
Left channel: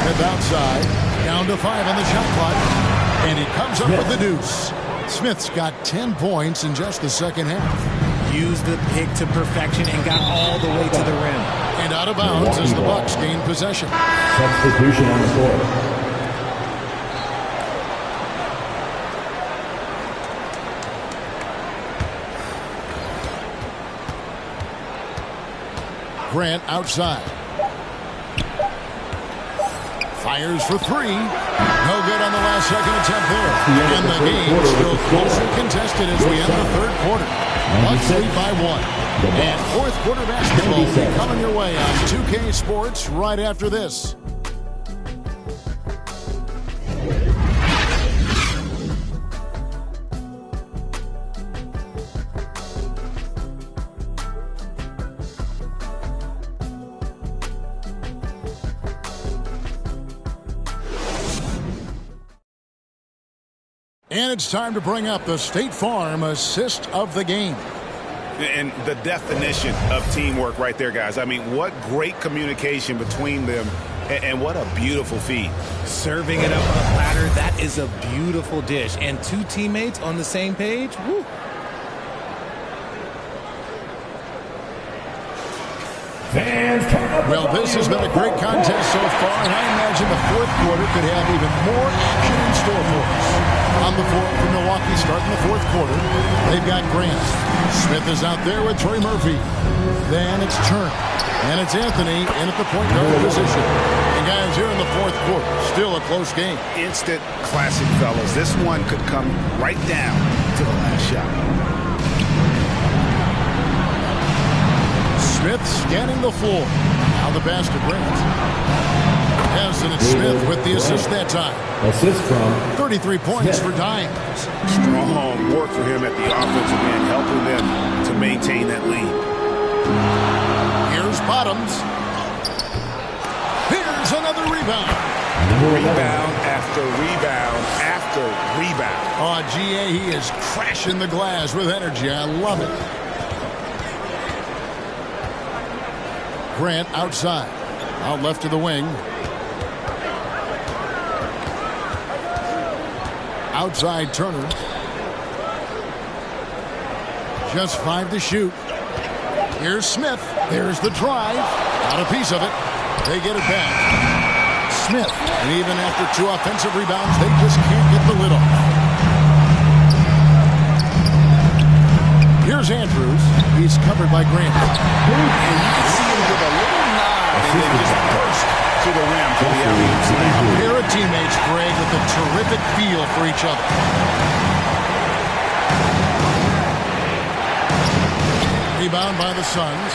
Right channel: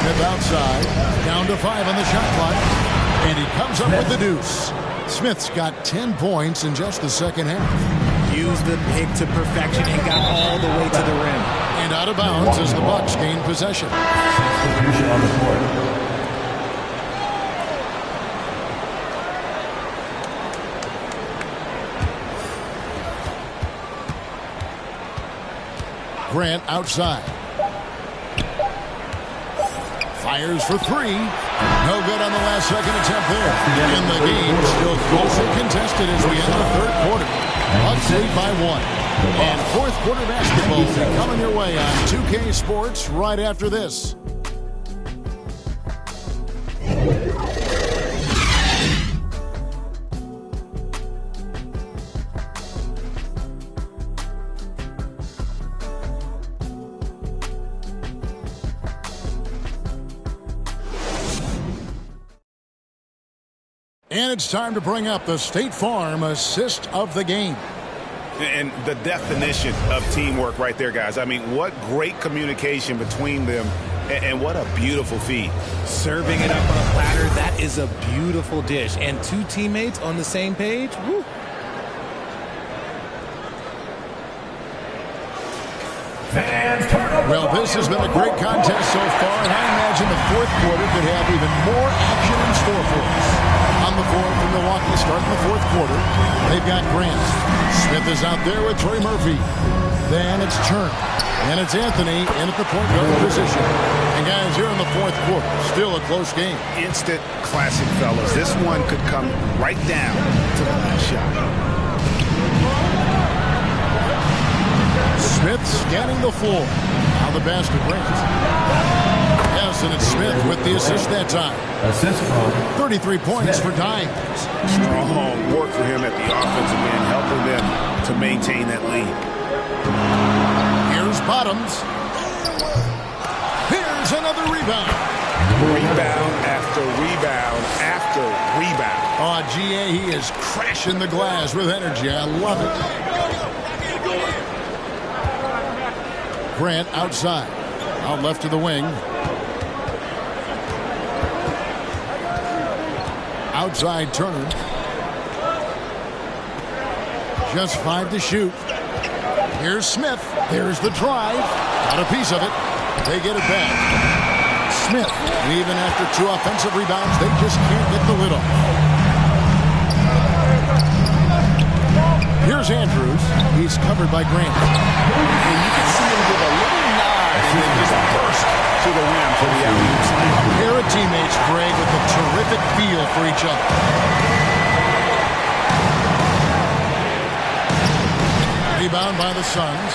Smith outside. Down to 5 on the shot clock. And he comes up with the deuce. Smith's got 10 points in just the second half. Used the pick to perfection and got all the way to the rim. And out of bounds as the Bucks gain possession. Substitution on the court. Grant outside. Fires for 3. No good on the last second attempt there. And the game still closely contested as we end the third quarter. Bucks lead by 1. And fourth quarter basketball will be coming your way on 2K Sports right after this. And it's time to bring up the State Farm assist of the game. And the definition of teamwork right there, guys. I mean, what great communication between them, and what a beautiful feed. Serving it up on a platter, that is a beautiful dish. And 2 teammates on the same page, woo. Well, this has been a great contest so far, and I imagine the fourth quarter could have even more action in store for us. On the floor for Milwaukee starting the fourth quarter, they've got Grant. Smith is out there with Trey Murphy. Then it's Turner. And it's Anthony in at the point guard position. And guys, here in the fourth quarter, still a close game. Instant classic, fellas. This one could come right down to the last shot. Smith scanning the floor. Now the pass to Grant. Yes, and it's Smith with the assist that time. Assist from 33 points for Dimes. Strong work for him at the offensive end, helping them to maintain that lead. Here's Bottoms. Here's another rebound. Rebound after rebound after rebound. Oh, GA, he is crashing the glass with energy. I love it. Grant outside. Out left to the wing. Outside Turner. Just 5 to shoot. Here's Smith. There's the drive. Got a piece of it. They get it back. Smith. And even after 2 offensive rebounds, they just can't get the lid off. Here's Andrews. He's covered by Grant. And you can see him give a little nod and then just burst to the rim for the alley-oop slam. A pair of teammates, Greg, with a terrific feel for each other. Rebound by the Suns.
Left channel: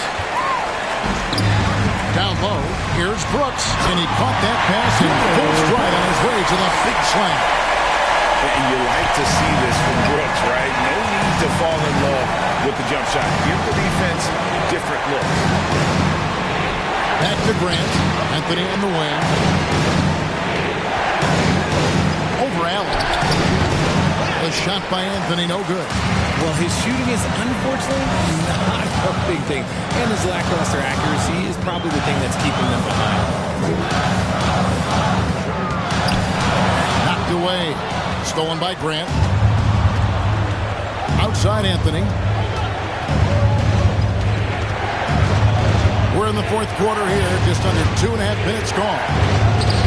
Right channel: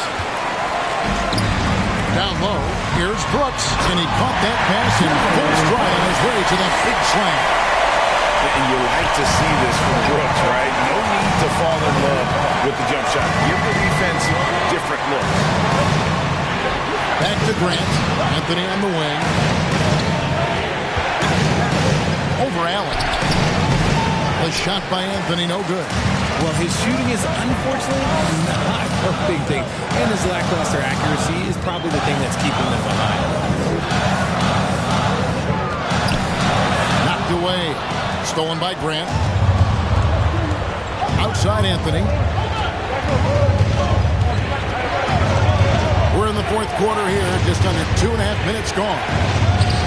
Down low, here's Brooks, and he caught that pass in full stride on his way to the big slam. And you like to see this from Brooks, right? No need to fall in love with the jump shot. Give the defense different looks. Back to Grant. Anthony on the wing. Over Allen. A shot by Anthony, no good. Well, his shooting is unfortunately not a big thing. And his lackluster accuracy is probably the thing that's keeping them behind. Knocked away. Stolen by Grant. Outside Anthony. We're in the fourth quarter here. Just under 2.5 minutes gone.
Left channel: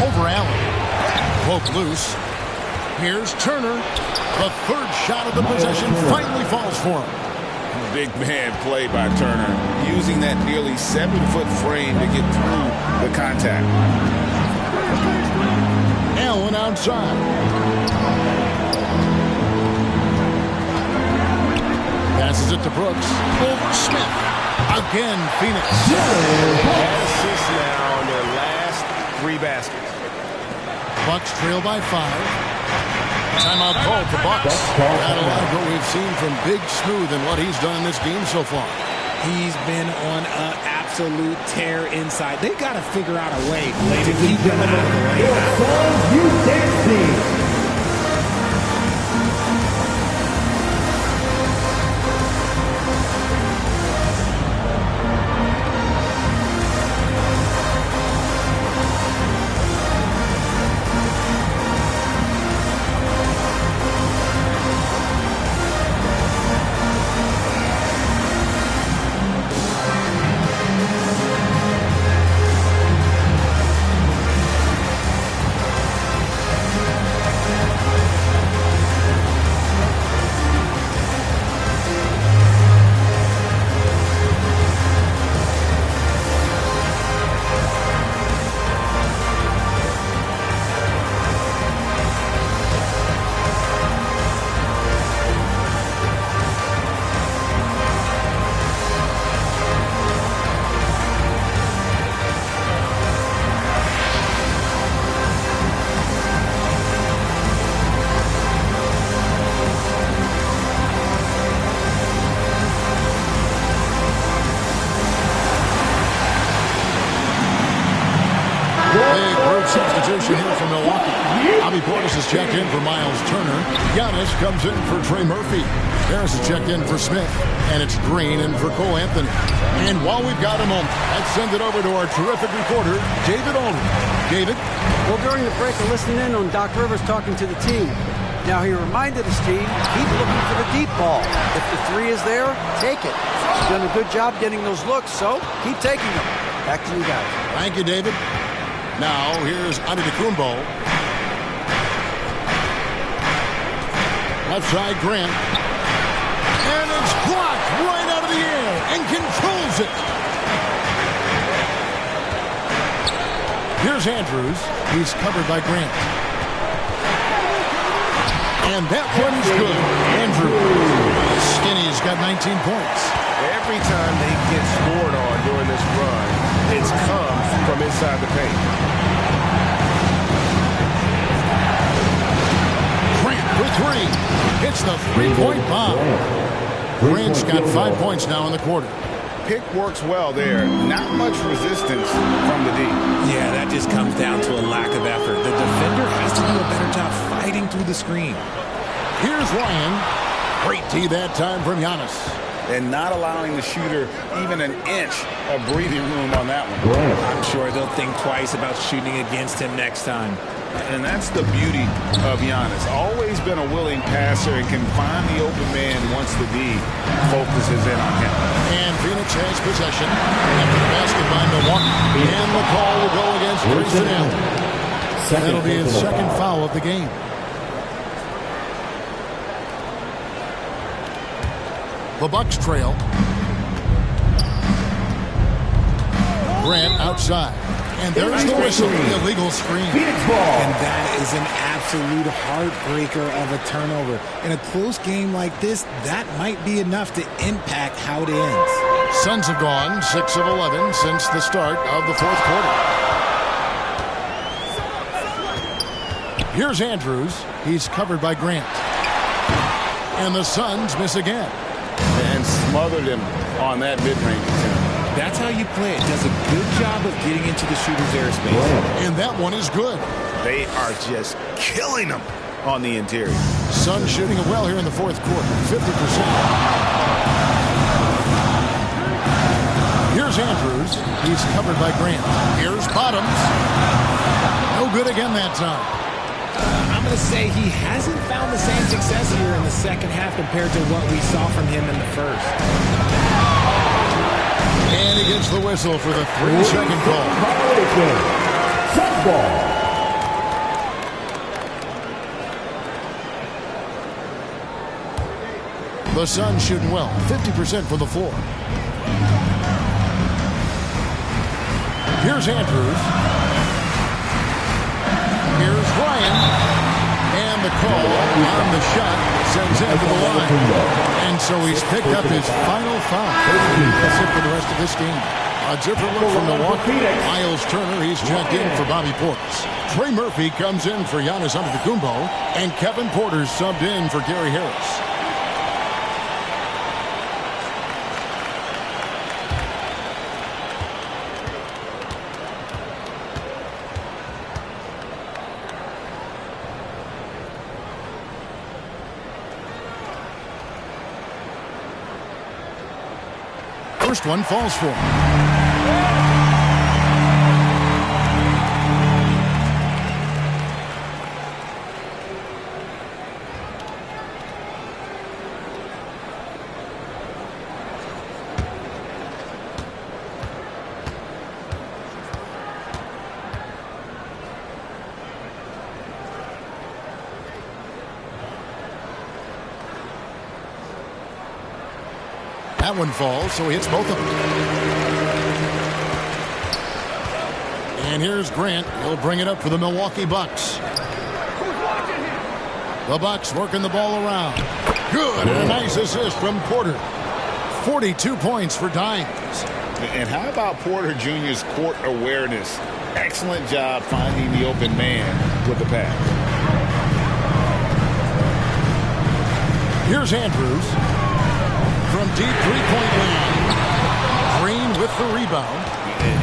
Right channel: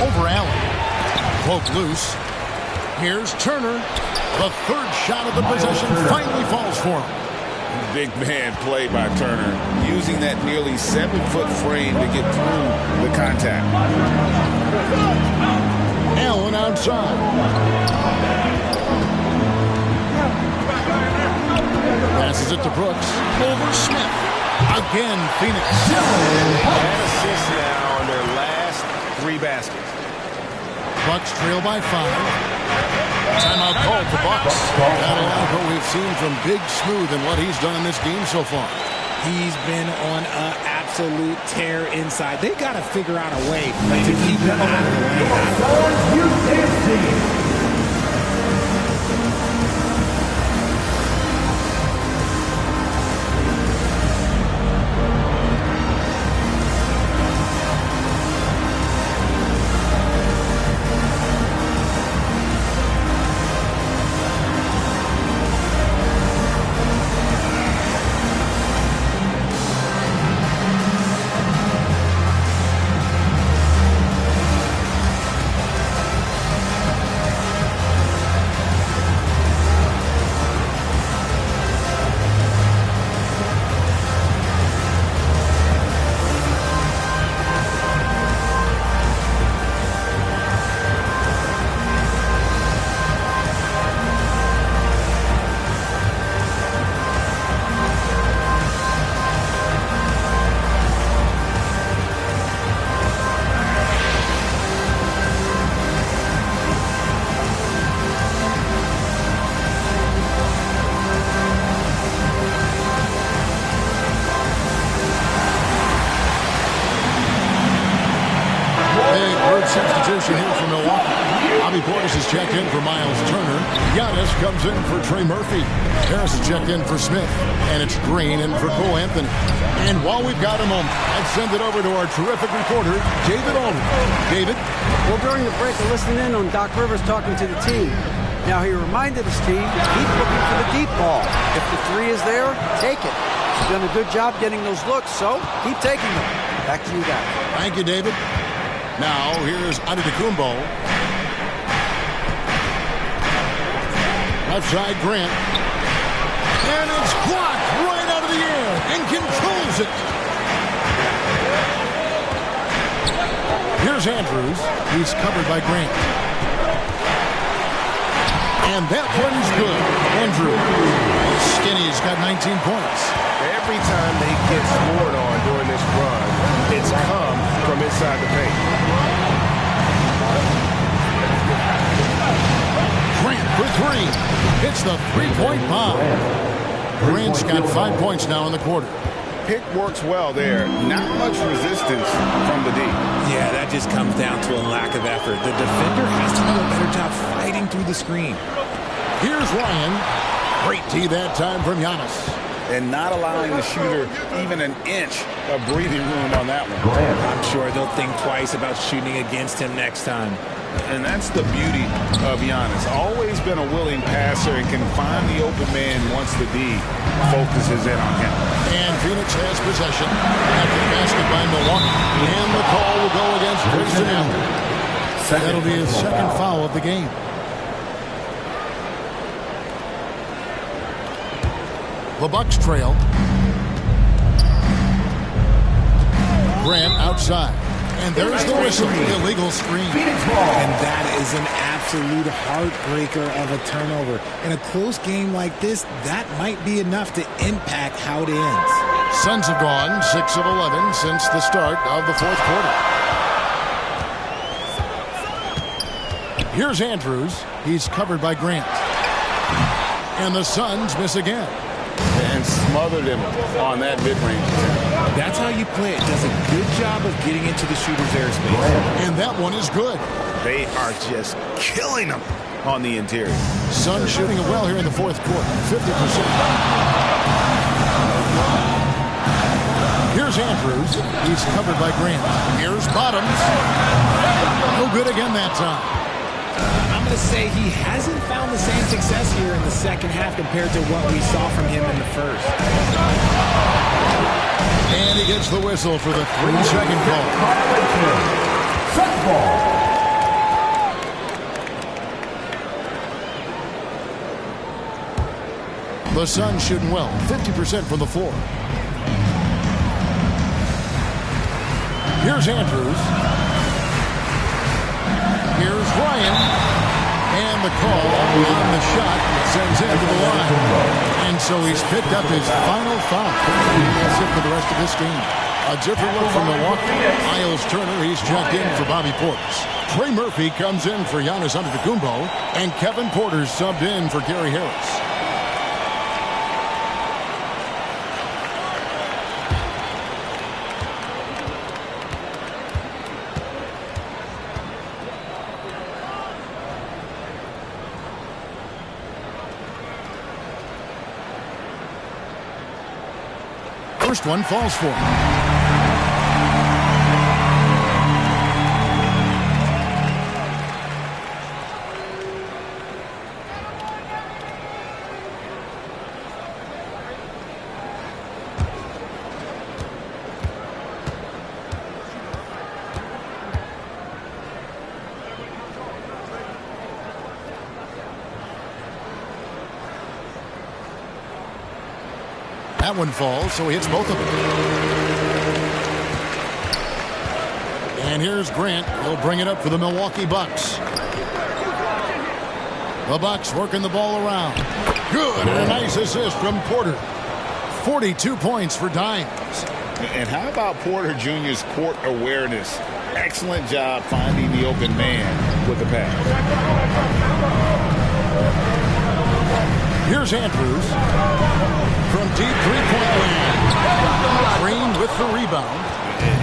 Over Allen. Cloak loose. Here's Turner. The third shot of the possession finally falls for him. Big man play by Turner, using that nearly 7-foot frame to get through the contact. Allen outside. Passes it to Brooks. Over Smith. Again, Phoenix. And they've had assists now on their last 3 baskets. Bucks trail by 5. Timeout called for Bucks. That'll like what we've seen from Big Smooth and what he's done in this game so far. He's been on an absolute tear inside. They got to figure out a way to keep him out of the lane. Substitution here for Milwaukee. Bobby Portis is checked in for Miles Turner. Giannis comes in for Trey Murphy. Harris is checked in for Smith. And it's Green in for Cole Anthony. And while we've got a moment, let's send it over to our terrific reporter, David Aldridge. David? Well, during the break, I listened in on Doc Rivers talking to the team. Now, he reminded his team, keep looking for the deep ball. If the 3 is there, take it. You've done a good job getting those looks, so keep taking them. Back to you guys. Thank you, David. Now, here's Antetokounmpo. Left side, Grant. And it's blocked right out of the air and controls it. Here's Andrews. He's covered by Grant. And that one's good. Andrews. Skinny's got 19 points. Every time they get scored on during this run, it's come from inside the paint. Grant for 3. Hits the 3-point bomb. Grant's got 5 points now in the quarter. Pick works well there. Not much resistance from the D. Yeah, that just comes down to a lack of effort. The defender has to do a better job fighting through the screen. Here's Ryan. Great D that time from Giannis. And not allowing the shooter even an inch of breathing room on that one. I'm sure they'll think twice about shooting against him next time. And that's the beauty of Giannis. Always been a willing passer and can find the open man once the D focuses in on him. And Phoenix has possession after the basket by Milwaukee. And the call will go against Grayson Allen. That'll be his second foul of the game. The Bucks trail. Grant outside. And there's the whistle. Illegal screen. And that is an absolute heartbreaker of a turnover. In a close game like this, that might be enough to impact how it ends. Suns have gone 6 of 11 since the start of the fourth quarter. Here's Andrews. He's covered by Grant. And the Suns miss again. And smothered him on that mid-range attempt. That's how you play it. Does a good job of getting into the shooter's airspace. And that one is good. They are just killing them on the interior. Suns shooting it well here in the fourth quarter. 50%. Here's Andrews. He's covered by Grant. Here's Bottoms. No good again that time. I'm going to say he hasn't found the same success here in the second half compared to what we saw from him in the first. And he gets the whistle for the 3-second call. Suns ball. The Suns shooting well, 50% from the floor. Here's Andrews. Here's Ryan. And the call on the shot sends him to the line. And so he's picked up his final foul. That's it for the rest of this game. A different look from Milwaukee. Miles Turner, he's checked in for Bobby Portis. Trey Murphy comes in for Giannis Antetokounmpo. And Kevin Porter subbed in for Gary Harris. First one falls for him. That one falls, so he hits both of them. And here's Grant. He'll bring it up for the Milwaukee Bucks. The Bucks working the ball around. Good, and a nice assist from Porter. 42 points for Dimes. And how about Porter Jr.'s court awareness? Excellent job finding the open man with the pass. Here's Andrews. From deep three-point land. Green with the rebound.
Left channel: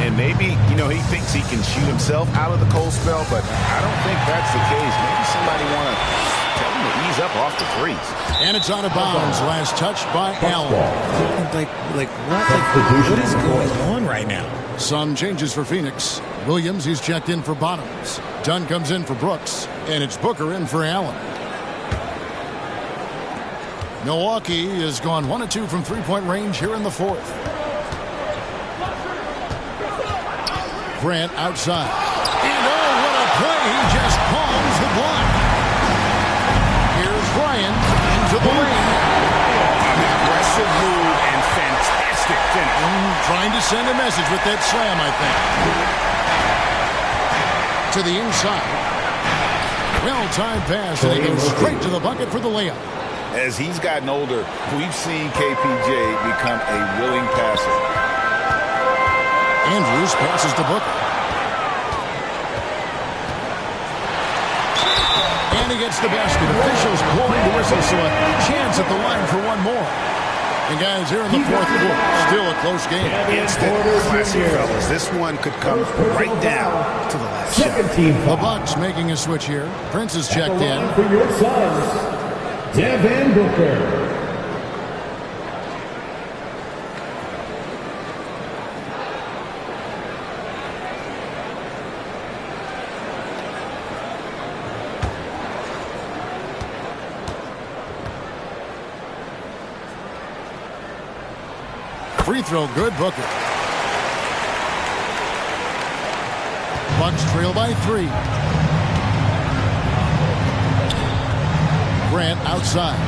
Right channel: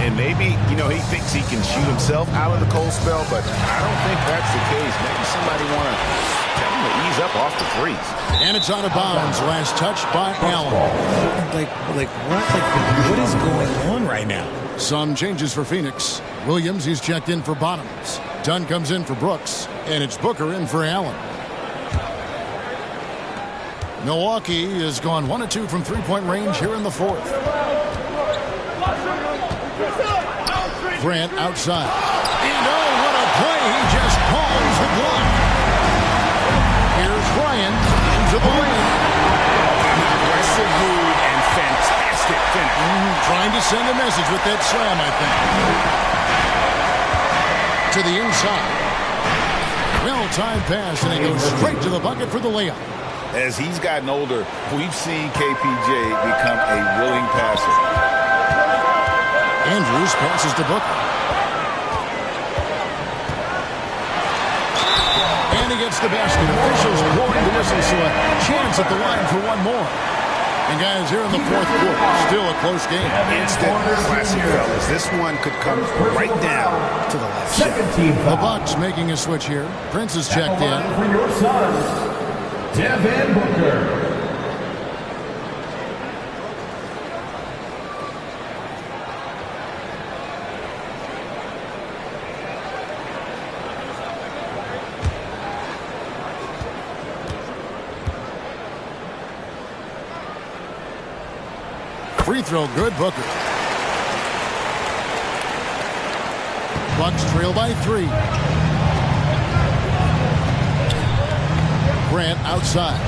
And maybe, you know, he thinks he can shoot himself out of the cold spell, but I don't think that's the case. Maybe somebody want to tell him to ease up off the threes. And it's out of bounds. Last touch by Allen. What is going on right now? Some changes for Phoenix. Williams, he's checked in for Bottoms. Dunn comes in for Brooks. And it's Booker in for Allen. Milwaukee has gone 1 of 2 from three-point range here in the fourth. Grant outside. And oh, what a play. He just palms the block. Here's Ryan into the lane. An aggressive move and fantastic finish. Trying to send a message with that slam, I think. To the inside. Well-timed pass, and he goes straight to the bucket for the layup. As he's gotten older, we've seen KPJ become a willing passer. Andrews passes to Booker. And he gets the basket. Officials blowing the whistle, so a chance at the line for one more. And guys, here in the fourth quarter, still a close game. Instant classic, fellas. This one could come right down to the last shot. The Bucks making a switch here. Prince is checked in. For your Suns, Devin Booker. Free throw good, Booker. Bucks trail by 3. Grant outside.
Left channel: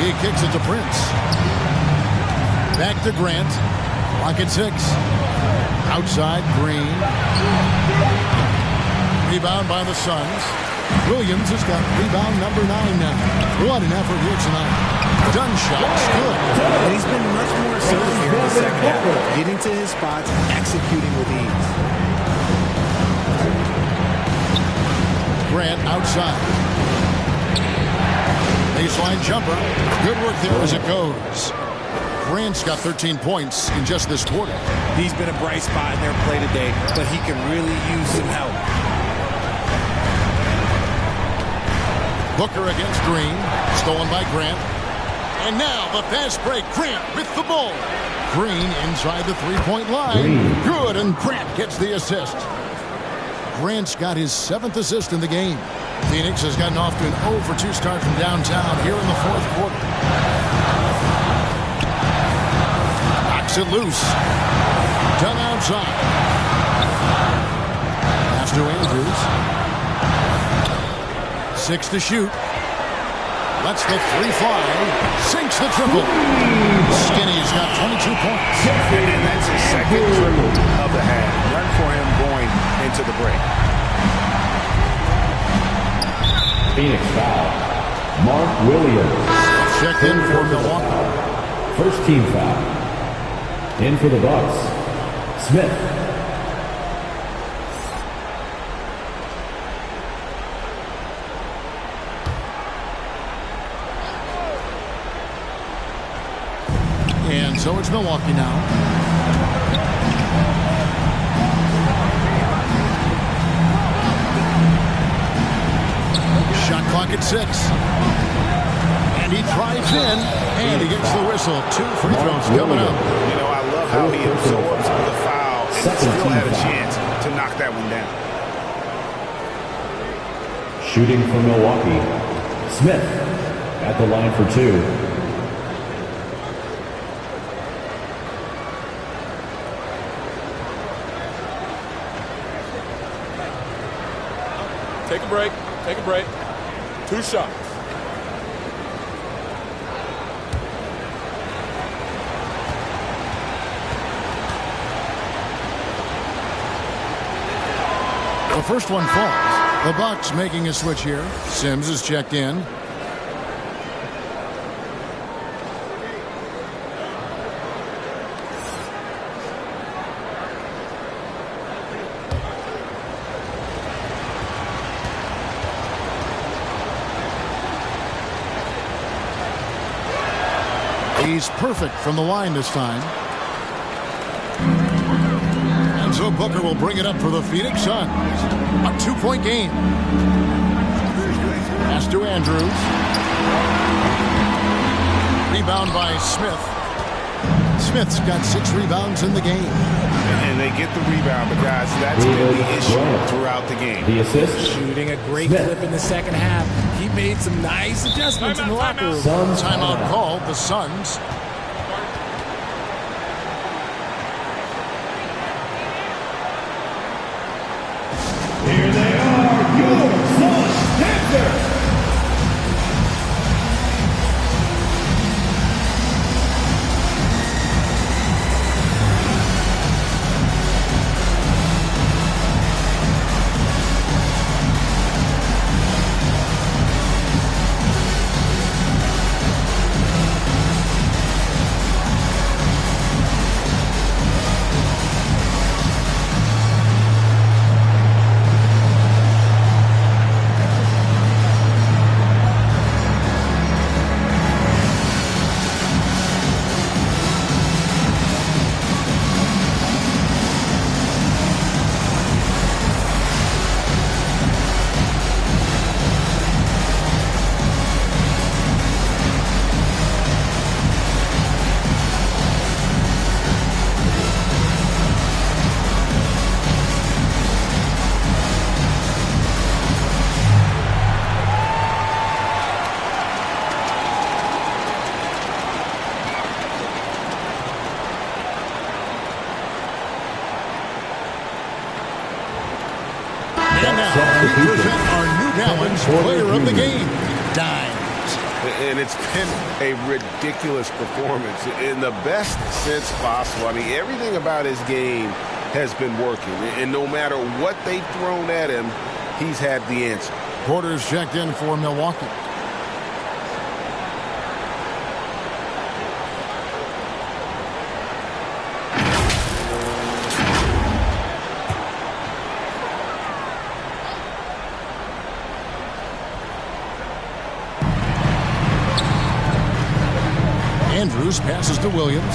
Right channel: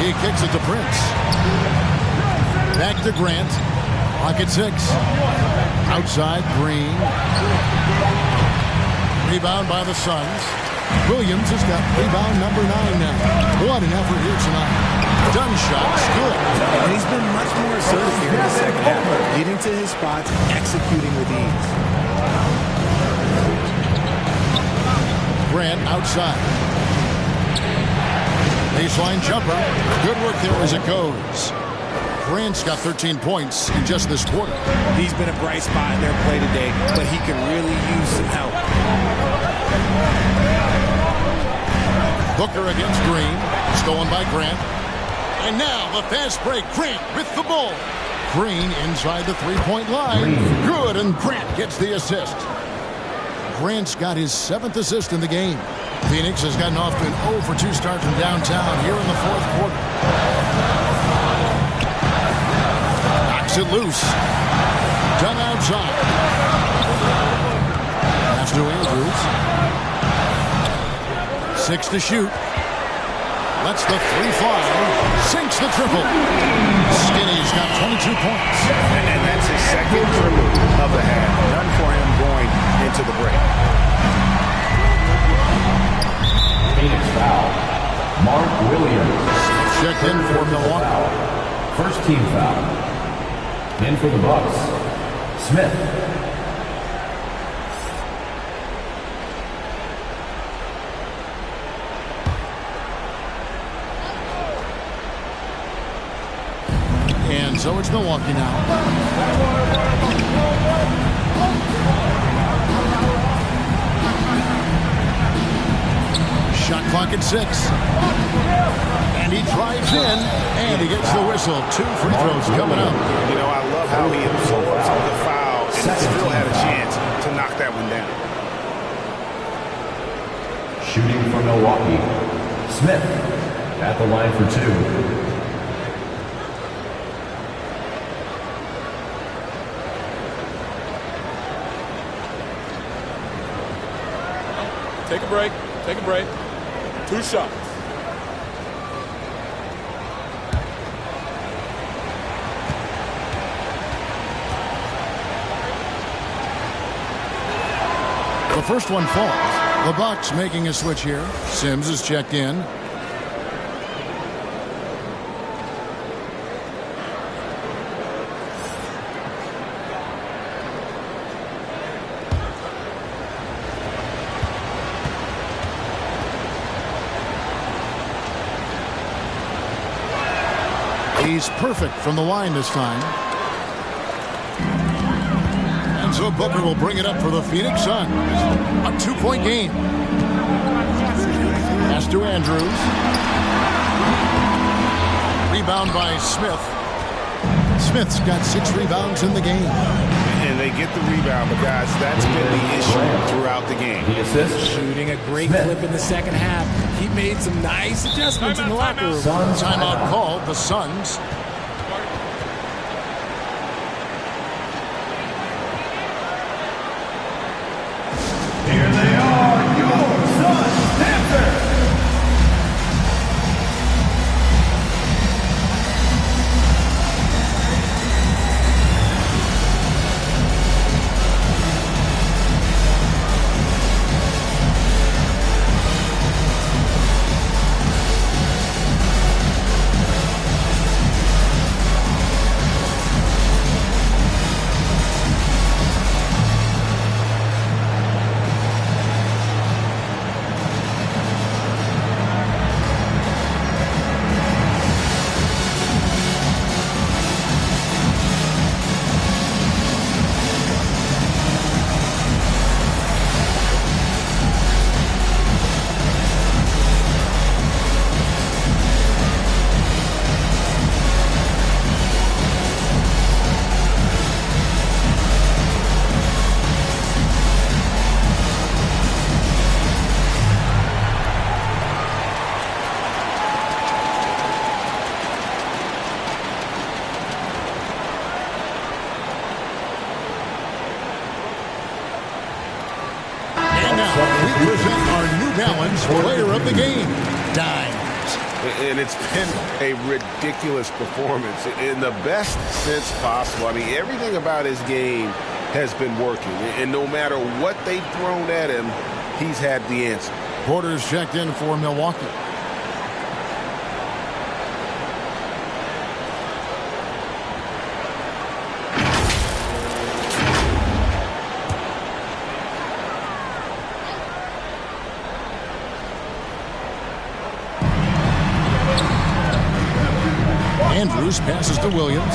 He kicks it to Prince. Back to Grant. Clock at 6. Outside, Green. Rebound by the Suns. Williams has got rebound number 9 now. What an effort here tonight. Dunn shot's good. And he's been much more assertive here in the second half. Getting to his spots, executing with ease. Grant outside. Baseline jumper. Good work there as it goes. Grant's got 13 points in just this quarter. He's been a bright spot in their play today, but he could really use some help. Booker against Green. Stolen by Grant. And now the fast break. Grant with the ball. Green inside the three-point line. Good, and Grant gets the assist. Grant's got his 7th assist in the game. Phoenix has gotten off to an 0 for 2 start from downtown here in the fourth quarter. Knocks it loose. Dunn outside. Pass to Andrews. 6 to shoot. Lets the 3 fly. Sinks the triple. Skinny's got 22 points. And that's his second triple of the half. None for him going into the break. Phoenix foul. Mark Williams. Checked in for Milwaukee. Foul. First team foul. In for the Bucks. Smith. And so it's Milwaukee now. Shot clock at 6. And he drives in, and he gets the whistle. 2 free throws coming up. You know, I love how he absorbs the foul and still had a chance to knock that one down. Shooting for Milwaukee. Smith at the line for 2. Take a break. Take a break. 2 shots. The first one falls. The Bucks making a switch here. Sims is checked in. He's perfect from the line this time. And so Booker will bring it up for the Phoenix Suns. A 2-point game. Pass to Andrews. Rebound by Smith. Smith's got 6 rebounds in the game. And they get the rebound, but guys, that's been the issue throughout the game. The assist. Shooting a great clip in the second half. He made some nice adjustments in the locker room. Timeout called. The Suns. Here they are, your Suns Panthers. And now we present our New Balance Player of the Game, Dimes. And it's been a ridiculous performance in the best sense possible. I mean, everything about his game has been working. And no matter what they've thrown at him, he's had the answer. Porter's checked in for Milwaukee. Andrews passes to Williams.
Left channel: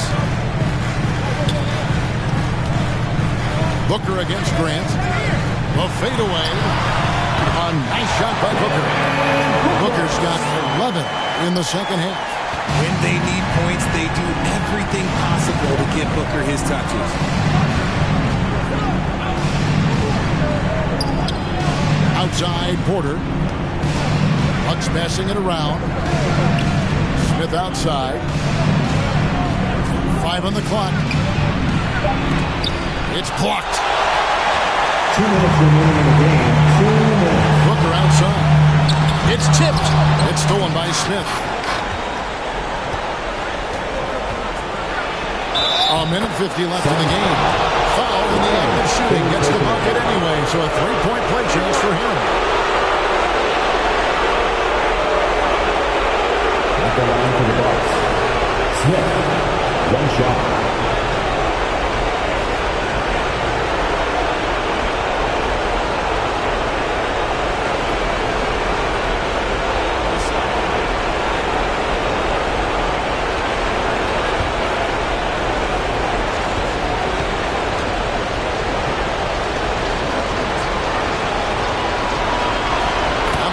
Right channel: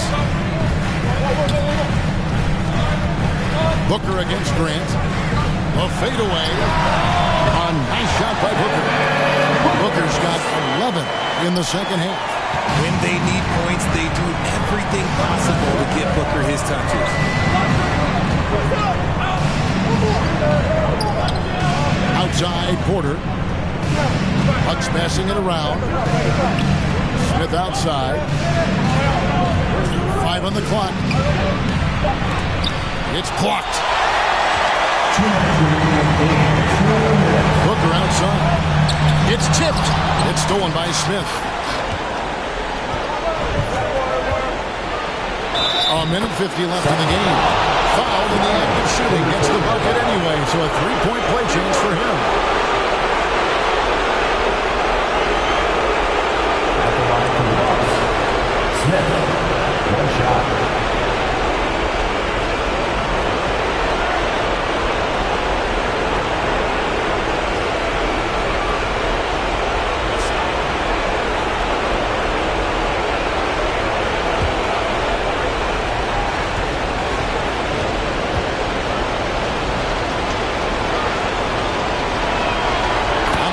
Booker against Grant. The fadeaway. A nice shot by Booker. Booker's got 11 in the second half. When they need points, they do everything possible to get Booker his touches. Outside, Porter. Bucks passing it around. Smith outside. 5 on the clock. It's blocked. 2 minutes remaining in the game. 2 minutes. Booker outside. It's tipped. It's stolen by Smith. A minute 50 left in the game. Fouled in the act of shooting. Gets the bucket anyway, so a three-point play chance for him. At the line for the Bucks, Smith, one shot.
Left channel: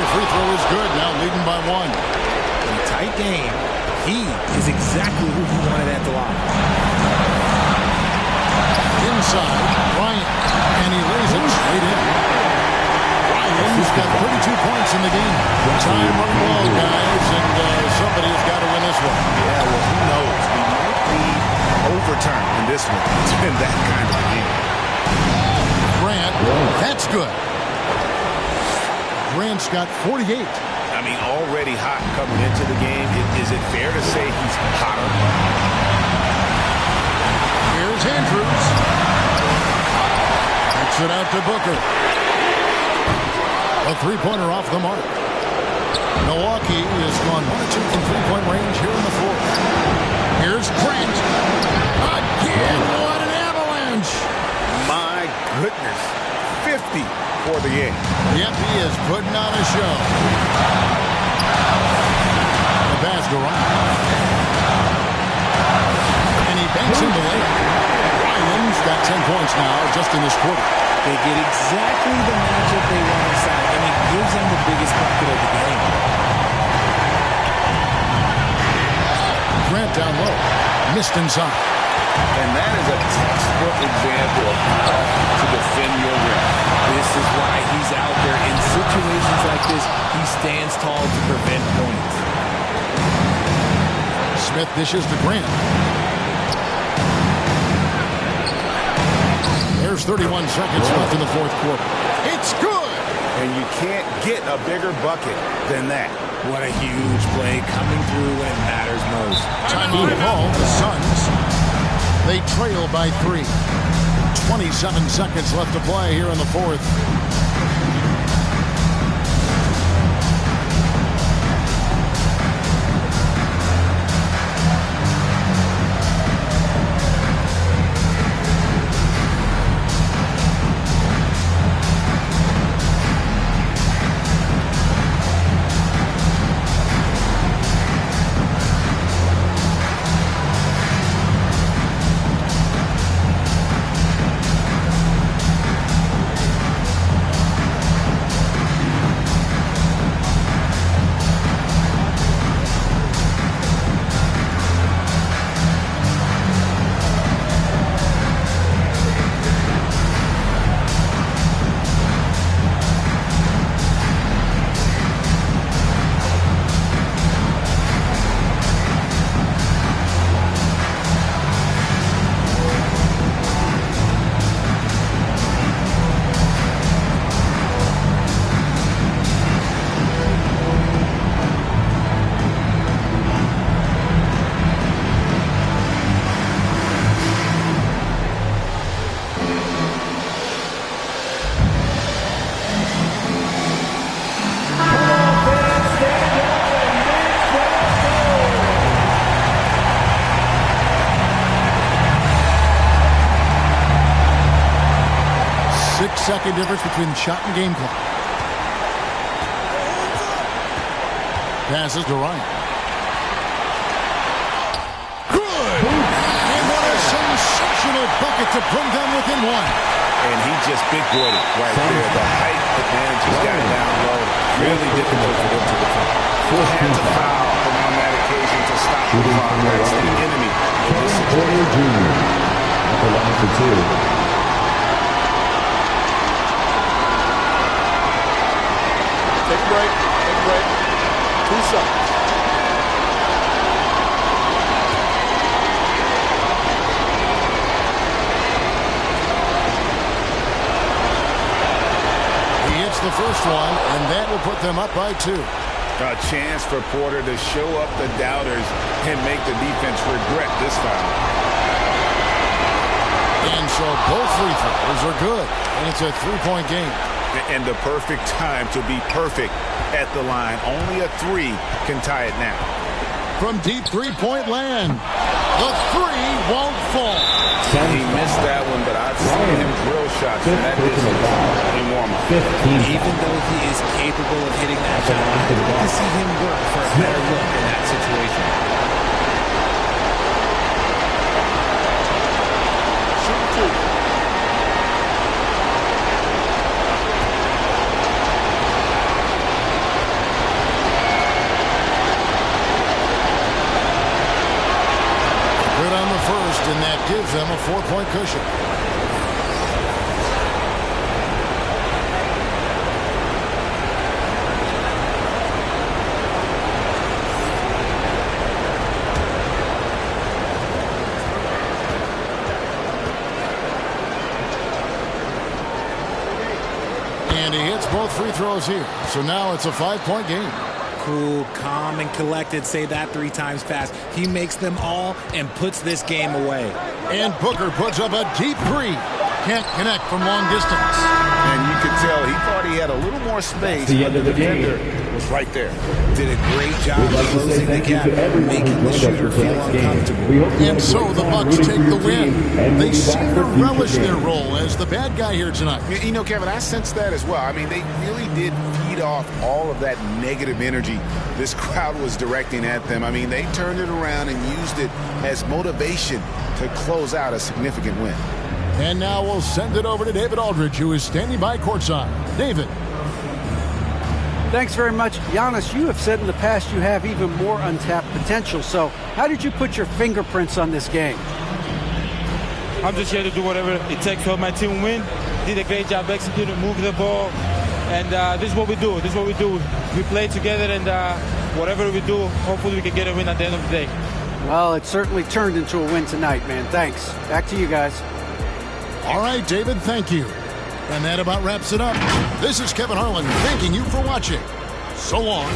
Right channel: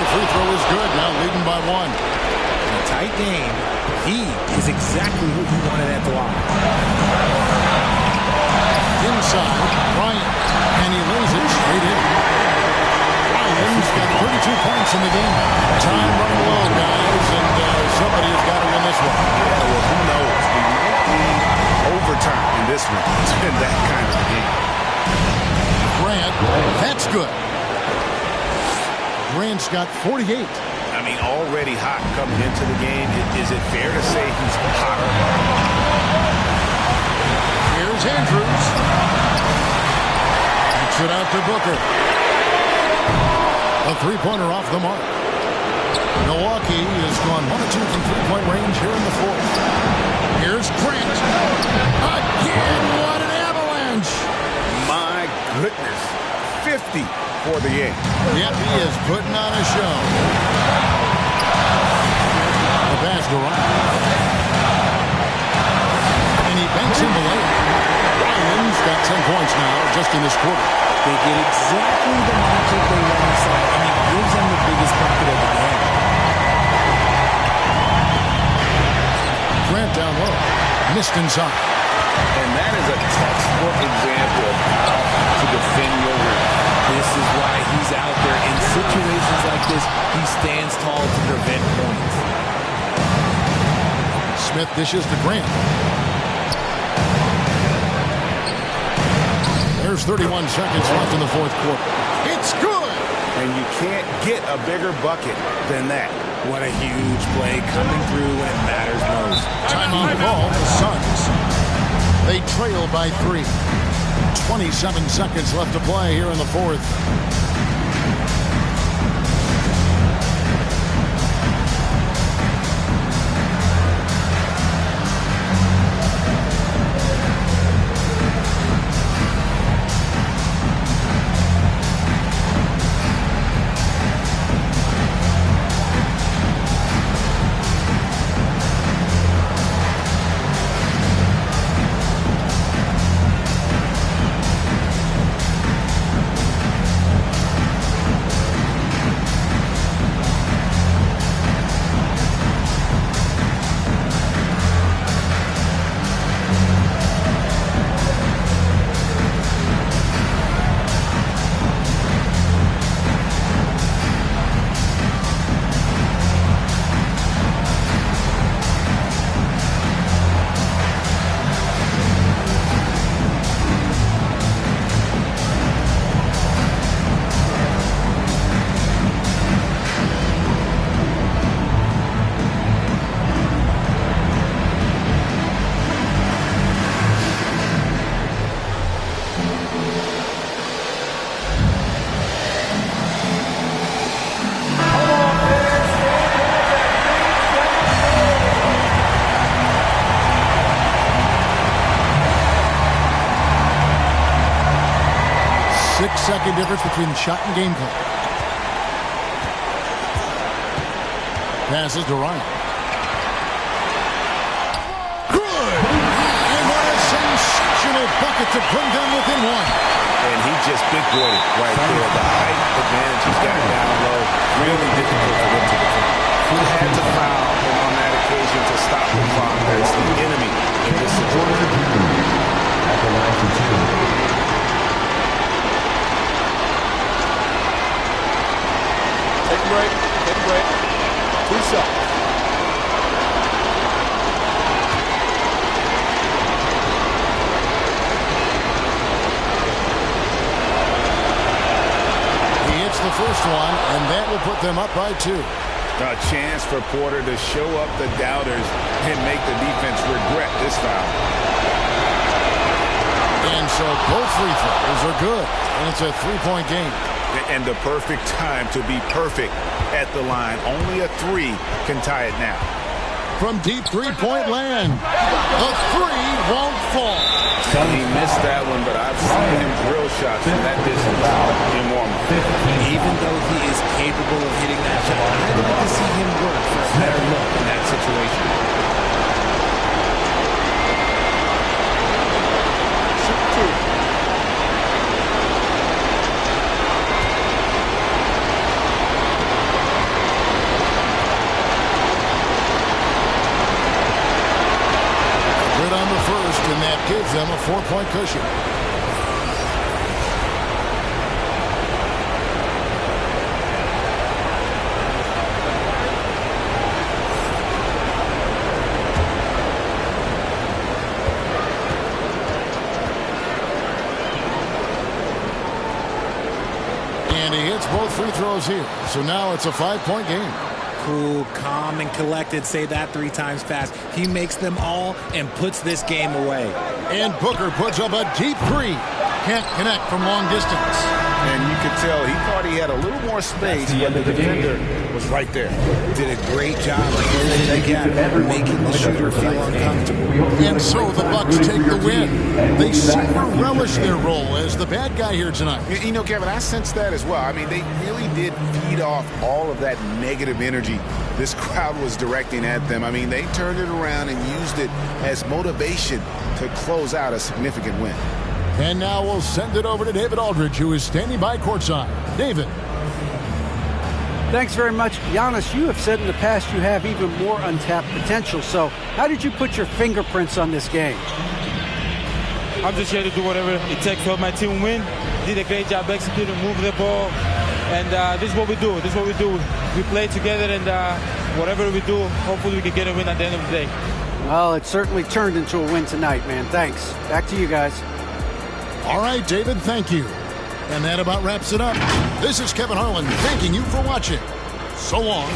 Free throw is good, now leading by one. In a tight game, he is exactly who he wanted at the line. Inside, Bryant, and he lays it straight in. Ryan's got 32 points in the game. Time running low, guys, and somebody has got to win this one. Yeah, well, who knows? We might need overtime in this one. It's been that kind of a game. Grant, that's good. Grant's got 48. I mean, already hot coming into the game. Is it fair to say he's hotter? Here's Andrews. Kicks it out to Booker. A three-pointer off the mark. Milwaukee has gone 1 of 2 from three-point range here in the fourth. Here's Grant. Again, what an avalanche. My goodness. 50 for the game. Yep, he is putting on a show. The pass to Ryan. And he banks in the layup. Ryan's got 10 points now just in this quarter. They get exactly the matchup they want inside, and it gives them the biggest bucket of the game. Grant down low. Missed inside. And that is a textbook example of how to defend your rim. This is why he's out there. In situations like this, he stands tall to prevent points. Smith dishes to Grant. There's 31 seconds left in the fourth quarter. It's good! And you can't get a bigger bucket than that. What a huge play coming through when it matters most. Timeout call. The Suns. They trail by 3. 27 seconds left to play here in the fourth. Second difference between the shot and game clock. Passes to Ryan. Good! And what a sensational bucket to bring them within one. And he just big-boyed it right there. The height advantage he's got down low. Really difficult for them to defend. Had to foul him on that occasion to stop the clock. That's the enemy in this situation. At the line for 2. Take a break. Take a break. 2 shots. He hits the first one, and that will put them up by 2. A chance for Porter to show up the doubters and make the defense regret this foul. And so both free throws are good, and it's a three-point game. And the perfect time to be perfect at the line. Only a three can tie it now. From deep three-point land, the three won't fall. He missed that one, but I've seen him drill shots from that distance in warm-up. Even though he is capable of hitting that shot, I'd like to see him work for a better look in that situation. Shoot two. Good on the first, and that gives them a 4-point cushion. And he hits both free throws here, so now it's a 5-point game. Cool, calm, and collected. Say that 3 times fast. He makes them all and puts this game away. And Booker puts up a deep three. Can't connect from long distance. And you could tell he thought he had a little more space, but the defender was right there. Did a great job of closing the gap, making the shooter feel uncomfortable. And so the Bucks take the win. They seem to relish their role as the bad guy here tonight. You know, Kevin, I sense that as well. I mean, they really did feed off all of that negative energy this crowd was directing at them. I mean, they turned it around and used it as motivation to close out a significant win. And now we'll send it over to David Aldridge, who is standing by courtside. David. Thanks very much. Giannis, you have said in the past you have even more untapped potential. So how did you put your fingerprints on this game? I'm just here to do whatever it takes to help my team win. Did a great job executing, moving the ball. And this is what we do. This is what we do. We play together, and whatever we do, hopefully we can get a win at the end of the day. Well, it certainly turned into a win tonight, man. Thanks. Back to you guys. All right, David, thank you. And that about wraps it up. This is Kevin Harlan thanking you for watching. So long.